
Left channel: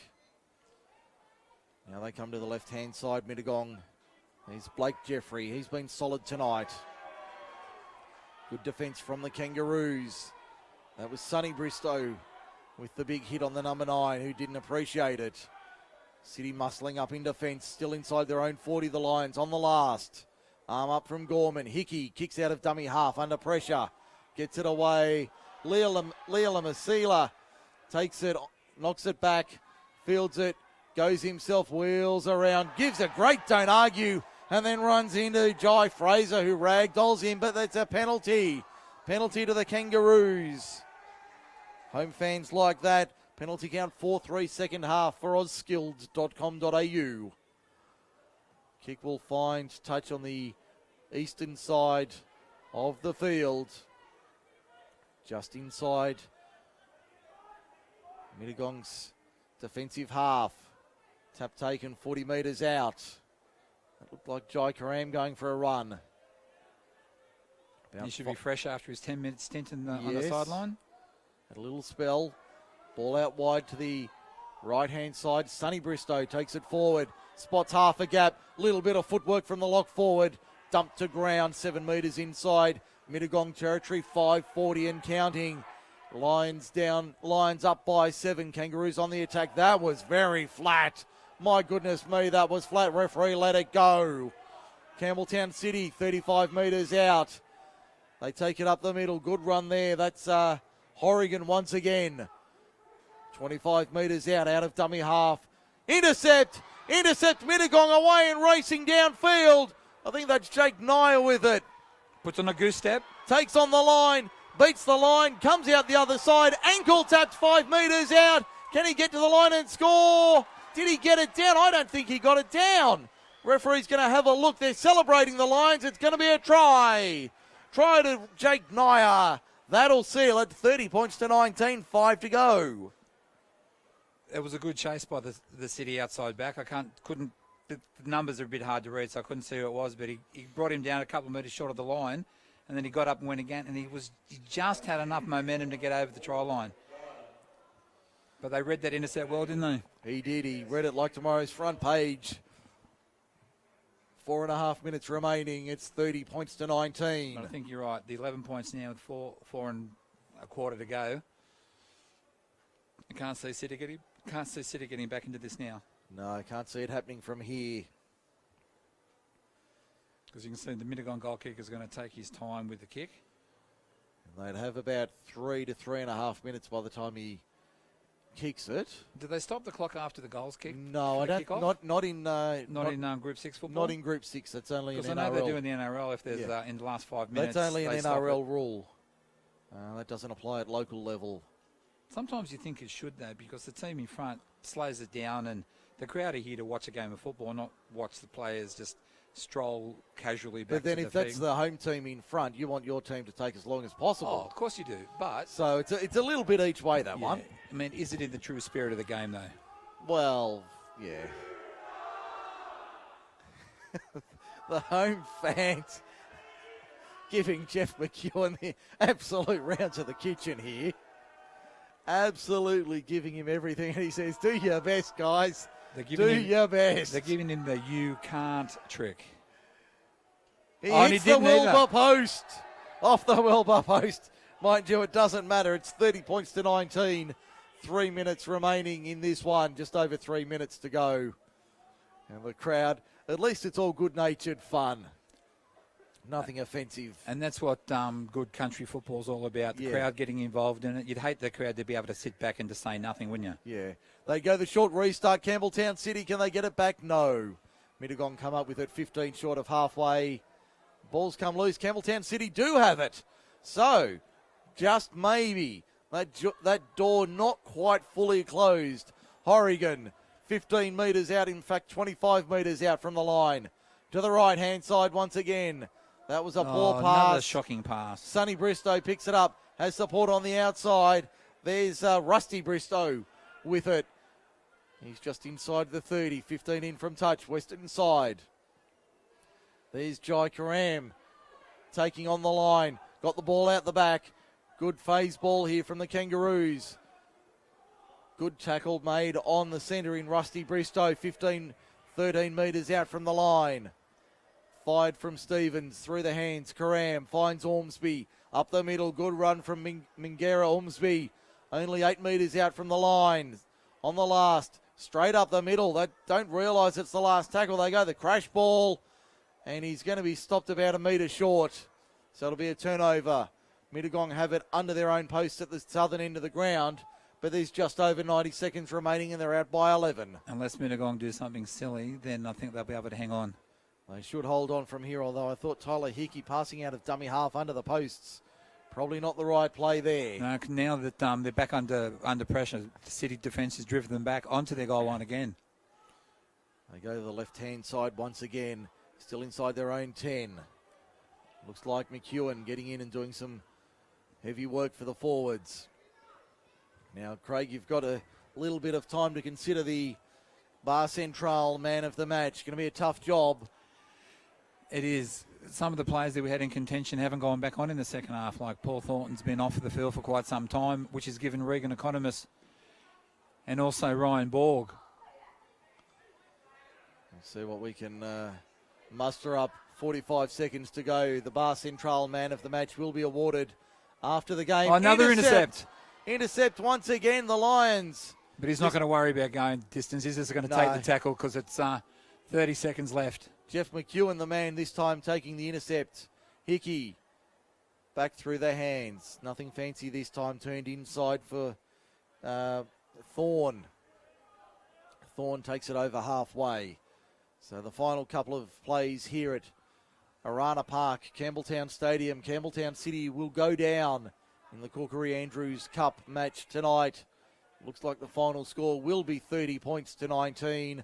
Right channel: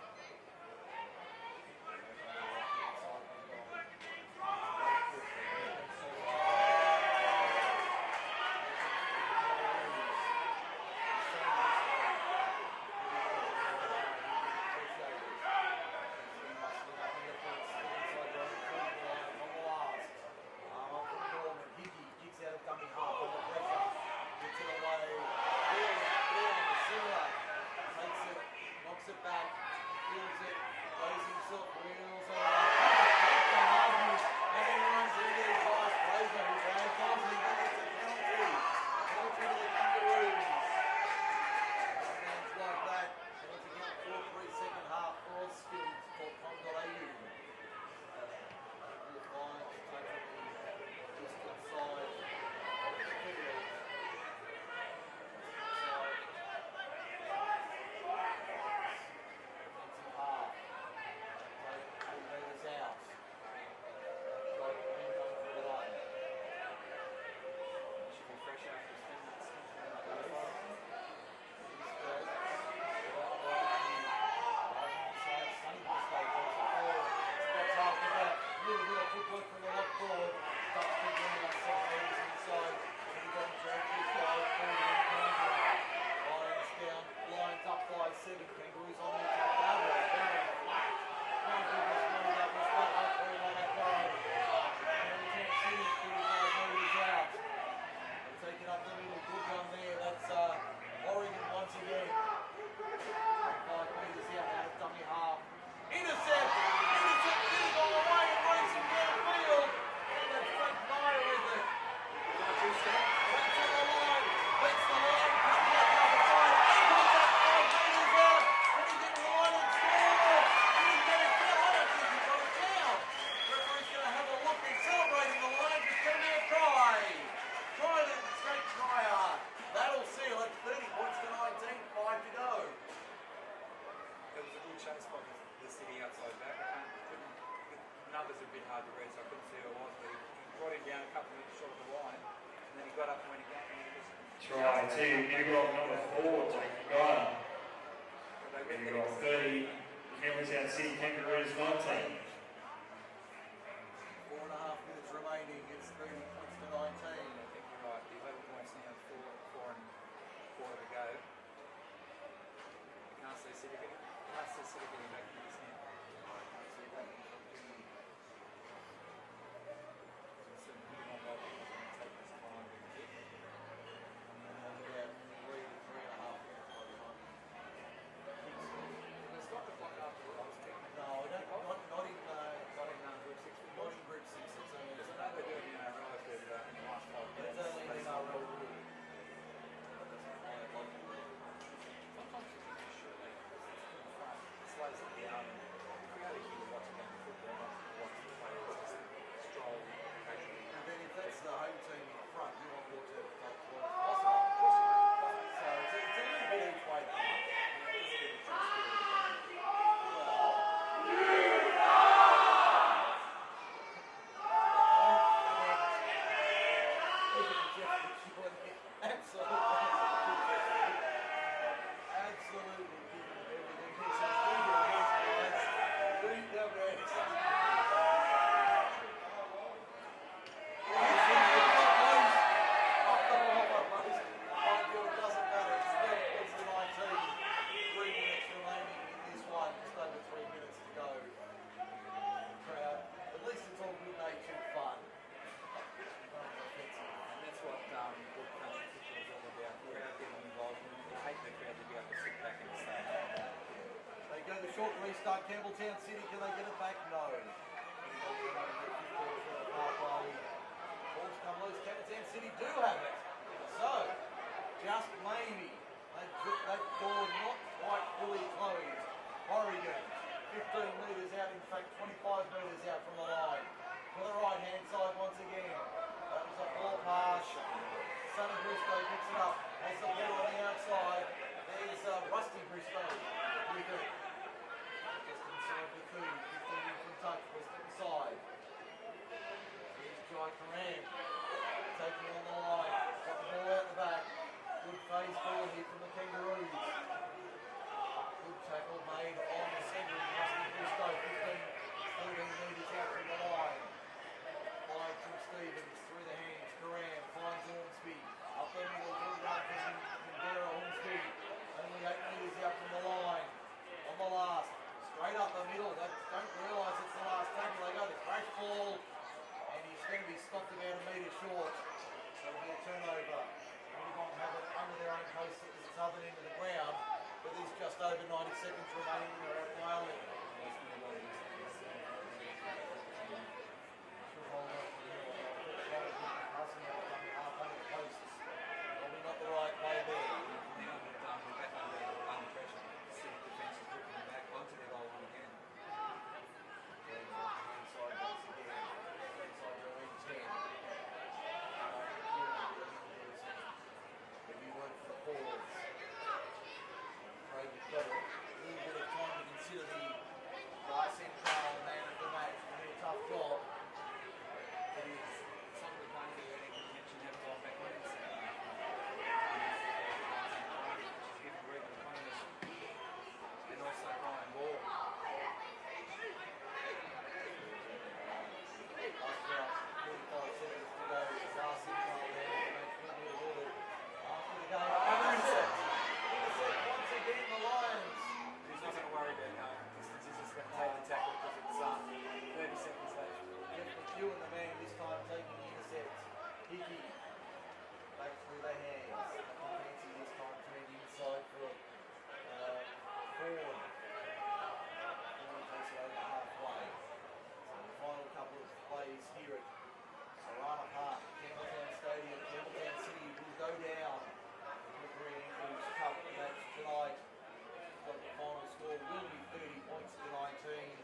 Now they come to the left-hand side. Mittagong. Here's Blake Jeffrey. He's been solid tonight. Good defence from the Kangaroos. That was Sonny Bristow with the big hit on the number 9, who didn't appreciate it. City muscling up in defence, still inside their own 40, the Lions on the last. Arm up from Gorman. Hickey kicks out of dummy half under pressure. Gets it away. Leela Masila takes it, knocks it back, fields it, goes himself, wheels around, gives a great don't argue and then runs into Jai Fraser, who ragdolls him, but that's a penalty. Penalty to the Kangaroos. Home fans like that. Penalty count 4-3 second half for ausskilled.com.au. Kick will find touch on the eastern side of the field. Just inside Mittagong's defensive half. Tap taken 40 metres out. Looked like Jai Karam going for a run. He should be fresh after his 10-minute stint on the sideline. A little spell. Ball out wide to the right-hand side. Sonny Bristow takes it forward. Spots half a gap. Little bit of footwork from the lock forward. Dumped to ground, 7 metres inside Mittagong territory, 5:40 and counting. Lions down, Lions up by 7. Kangaroos on the attack. That was very flat. My goodness me, that was flat. Referee let it go. Campbelltown City, 35 metres out. They take it up the middle. Good run there. That's Horrigan once again. 25 metres out of dummy half. Intercept Mittagong away and racing downfield. I think that's Jake Nyer with it. Puts on a goose step. Takes on the line, beats the line, comes out the other side, ankle tapped 5 metres out. Can he get to the line and score? Did he get it down? I don't think he got it down. Referee's going to have a look. They're celebrating the Lions. It's going to be a try. Try to Jake Nyer. That'll seal it. 30 points to 19, 5 to go. It was a good chase by the City outside back. The numbers are a bit hard to read, so I couldn't see who it was, but he brought him down a couple of metres short of the line, and then he got up and went again, and he just had enough momentum to get over the try line. But they read that intercept well, didn't they? He did. He read it like tomorrow's front page. 4.5 minutes remaining. It's 30 points to 19. I think you're right. The 11 points now with four and a quarter to go. You can't see City getting back into this now. No, I can't see it happening from here. As you can see, the Mittagong goal kicker is going to take his time with the kick. And they'd have about 3 to 3.5 minutes by the time he kicks it. Did they stop the clock after the goals kick? No, I don't. Not in Group 6 football. Not in Group 6. It's only in NRL. Because I know they do in the NRL if there's in the last 5 minutes. That's only an NRL rule. That doesn't apply at local level. Sometimes you think it should though, because the team in front slows it down, and the crowd are here to watch a game of football, not watch the players just stroll casually back. But then to if the that's team. the home team in front, you want your team to take as long as possible. Oh, of course you do, but so it's a little bit each way, that one. I mean, is it in the true spirit of the game though? Well, yeah. The home fans giving Jeff McEwen the absolute round to the kitchen here. Absolutely giving him everything. And he says, do your best, guys. Do your best. They're giving him the you can't trick. He hits the Wilbur post. Off the Wilbur post. Mind you, it doesn't matter. It's 30 points to 19. 3 minutes remaining in this one. Just over 3 minutes to go. And the crowd, at least it's all good-natured fun. Nothing offensive. And that's what good country football's all about, the crowd getting involved in it. You'd hate the crowd to be able to sit back and just say nothing, wouldn't you? Yeah. They go the short restart. Campbelltown City, can they get it back? No. Mittagong come up with it 15 short of halfway. Balls come loose. Campbelltown City do have it. So, just maybe, that door not quite fully closed. Horrigan, 15 metres out, in fact 25 metres out from the line. To the right-hand side once again. That was a poor pass. Another shocking pass. Sonny Bristow picks it up. Has support on the outside. There's Rusty Bristow with it. He's just inside the 30. 15 in from touch. Western side. There's Jai Karam taking on the line. Got the ball out the back. Good phase ball here from the Kangaroos. Good tackle made on the centre in Rusty Bristow. 13 metres out from the line. Fired from Stevens, through the hands, Karam finds Ormsby, up the middle, good run from Mingera. Ormsby, only 8 metres out from the line, on the last, straight up the middle. They don't realise it's the last tackle, they go the crash ball, and he's going to be stopped about a metre short, so it'll be a turnover. Mittagong have it under their own post at the southern end of the ground, but there's just over 90 seconds remaining and they're out by 11. Unless Mittagong do something silly, then I think they'll be able to hang on. They should hold on from here, although I thought Tyler Hickey passing out of dummy half under the posts. Probably not the right play there. No, now that they're back under pressure, the City defence has driven them back onto their goal line again. They go to the left-hand side once again, still inside their own 10. Looks like McEwen getting in and doing some heavy work for the forwards. Now, Craig, you've got a little bit of time to consider the Bar Central man of the match. Going to be a tough job. It is. Some of the players that we had in contention haven't gone back on in the second half, like Paul Thornton's been off the field for quite some time, which has given Regan Economist and also Ryan Borg. Let's see what we can muster up. 45 seconds to go. The Bar Central man of the match will be awarded after the game. Oh, another intercept. Intercept once again, the Lions. But he's not going to worry about going distance. He's just going to take the tackle because it's 30 seconds left. Jeff McEwen, the man this time taking the intercept. Hickey back through the hands. Nothing fancy this time, turned inside for Thorne. Thorne takes it over halfway. So the final couple of plays here at Arana Park, Campbelltown Stadium. Campbelltown City will go down in the Corkery-Andrews Cup match tonight. Looks like the final score will be 30 points to 19.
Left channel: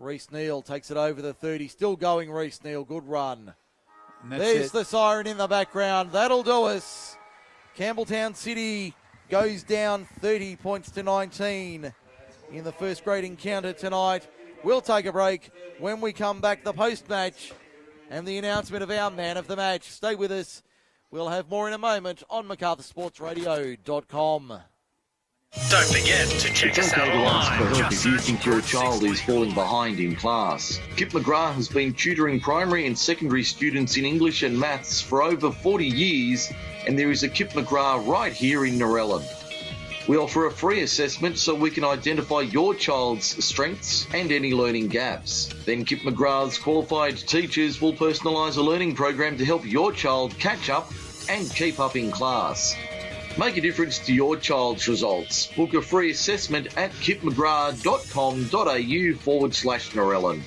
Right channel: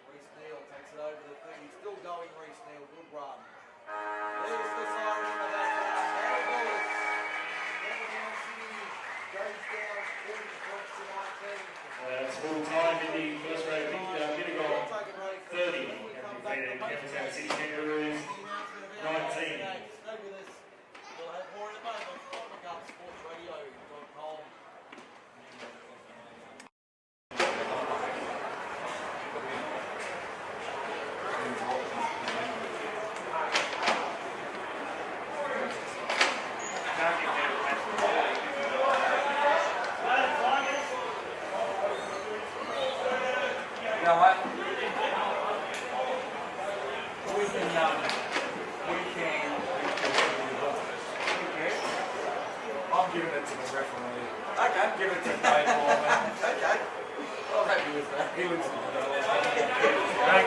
Reece Neal takes it over the 30. Still going, Reece Neal. Good run. There's the siren in the background. That'll do us. Campbelltown City goes down 30 points to 19 in the first grade encounter tonight. We'll take a break. When we come back, the post-match and the announcement of our man of the match. Stay with us. We'll have more in a moment on MacArthurSportsRadio.com. Don't forget to check us out online. If you think your child is falling behind in class. Kip McGrath has been tutoring primary and secondary students in English and maths for over 40 years, and there is a Kip McGrath right here in Narellan. We offer a free assessment so we can identify your child's strengths and any learning gaps. Then Kip McGrath's qualified teachers will personalise a learning program to help your child catch up and keep up in class. Make a difference to your child's results. Book a free assessment at kipmcgrath.com.au/Narellan.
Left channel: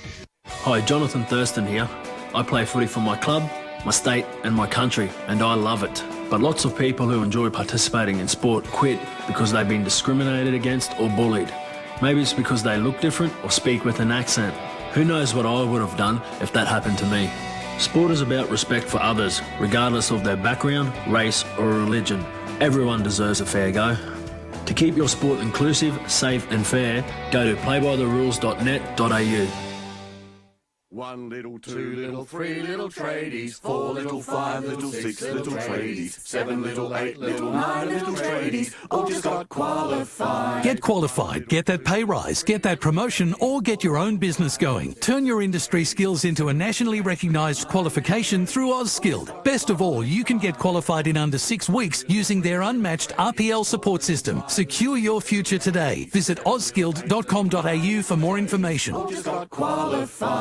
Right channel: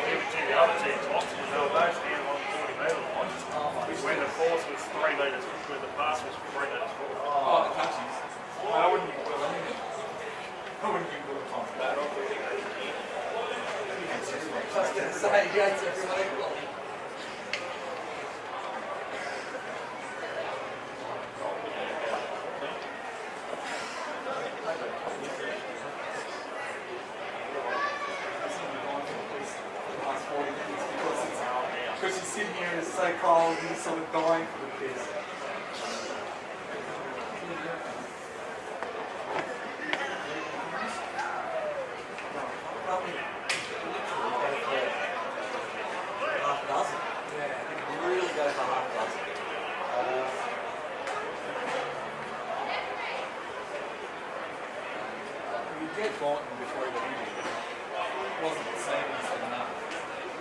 Hi, Jonathan Thurston here. I play footy for my club, my state and my country, and I love it. But lots of people who enjoy participating in sport quit because they've been discriminated against or bullied. Maybe it's because they look different or speak with an accent. Who knows what I would have done if that happened to me. Sport is about respect for others, regardless of their background, race or religion. Everyone deserves a fair go. To keep your sport inclusive, safe and fair, go to playbytherules.net.au. 4 little 5 little 6 little tradies, 7 little 8 little 9 little tradies, all just got qualified. Get qualified, get that pay rise, get that promotion, or get your own business going. Turn your industry skills into a nationally recognised qualification through AusSkilled. Best of all, you can get qualified in under 6 weeks using their unmatched RPL support system. Secure your future today. Visit auskilled.com.au for more information.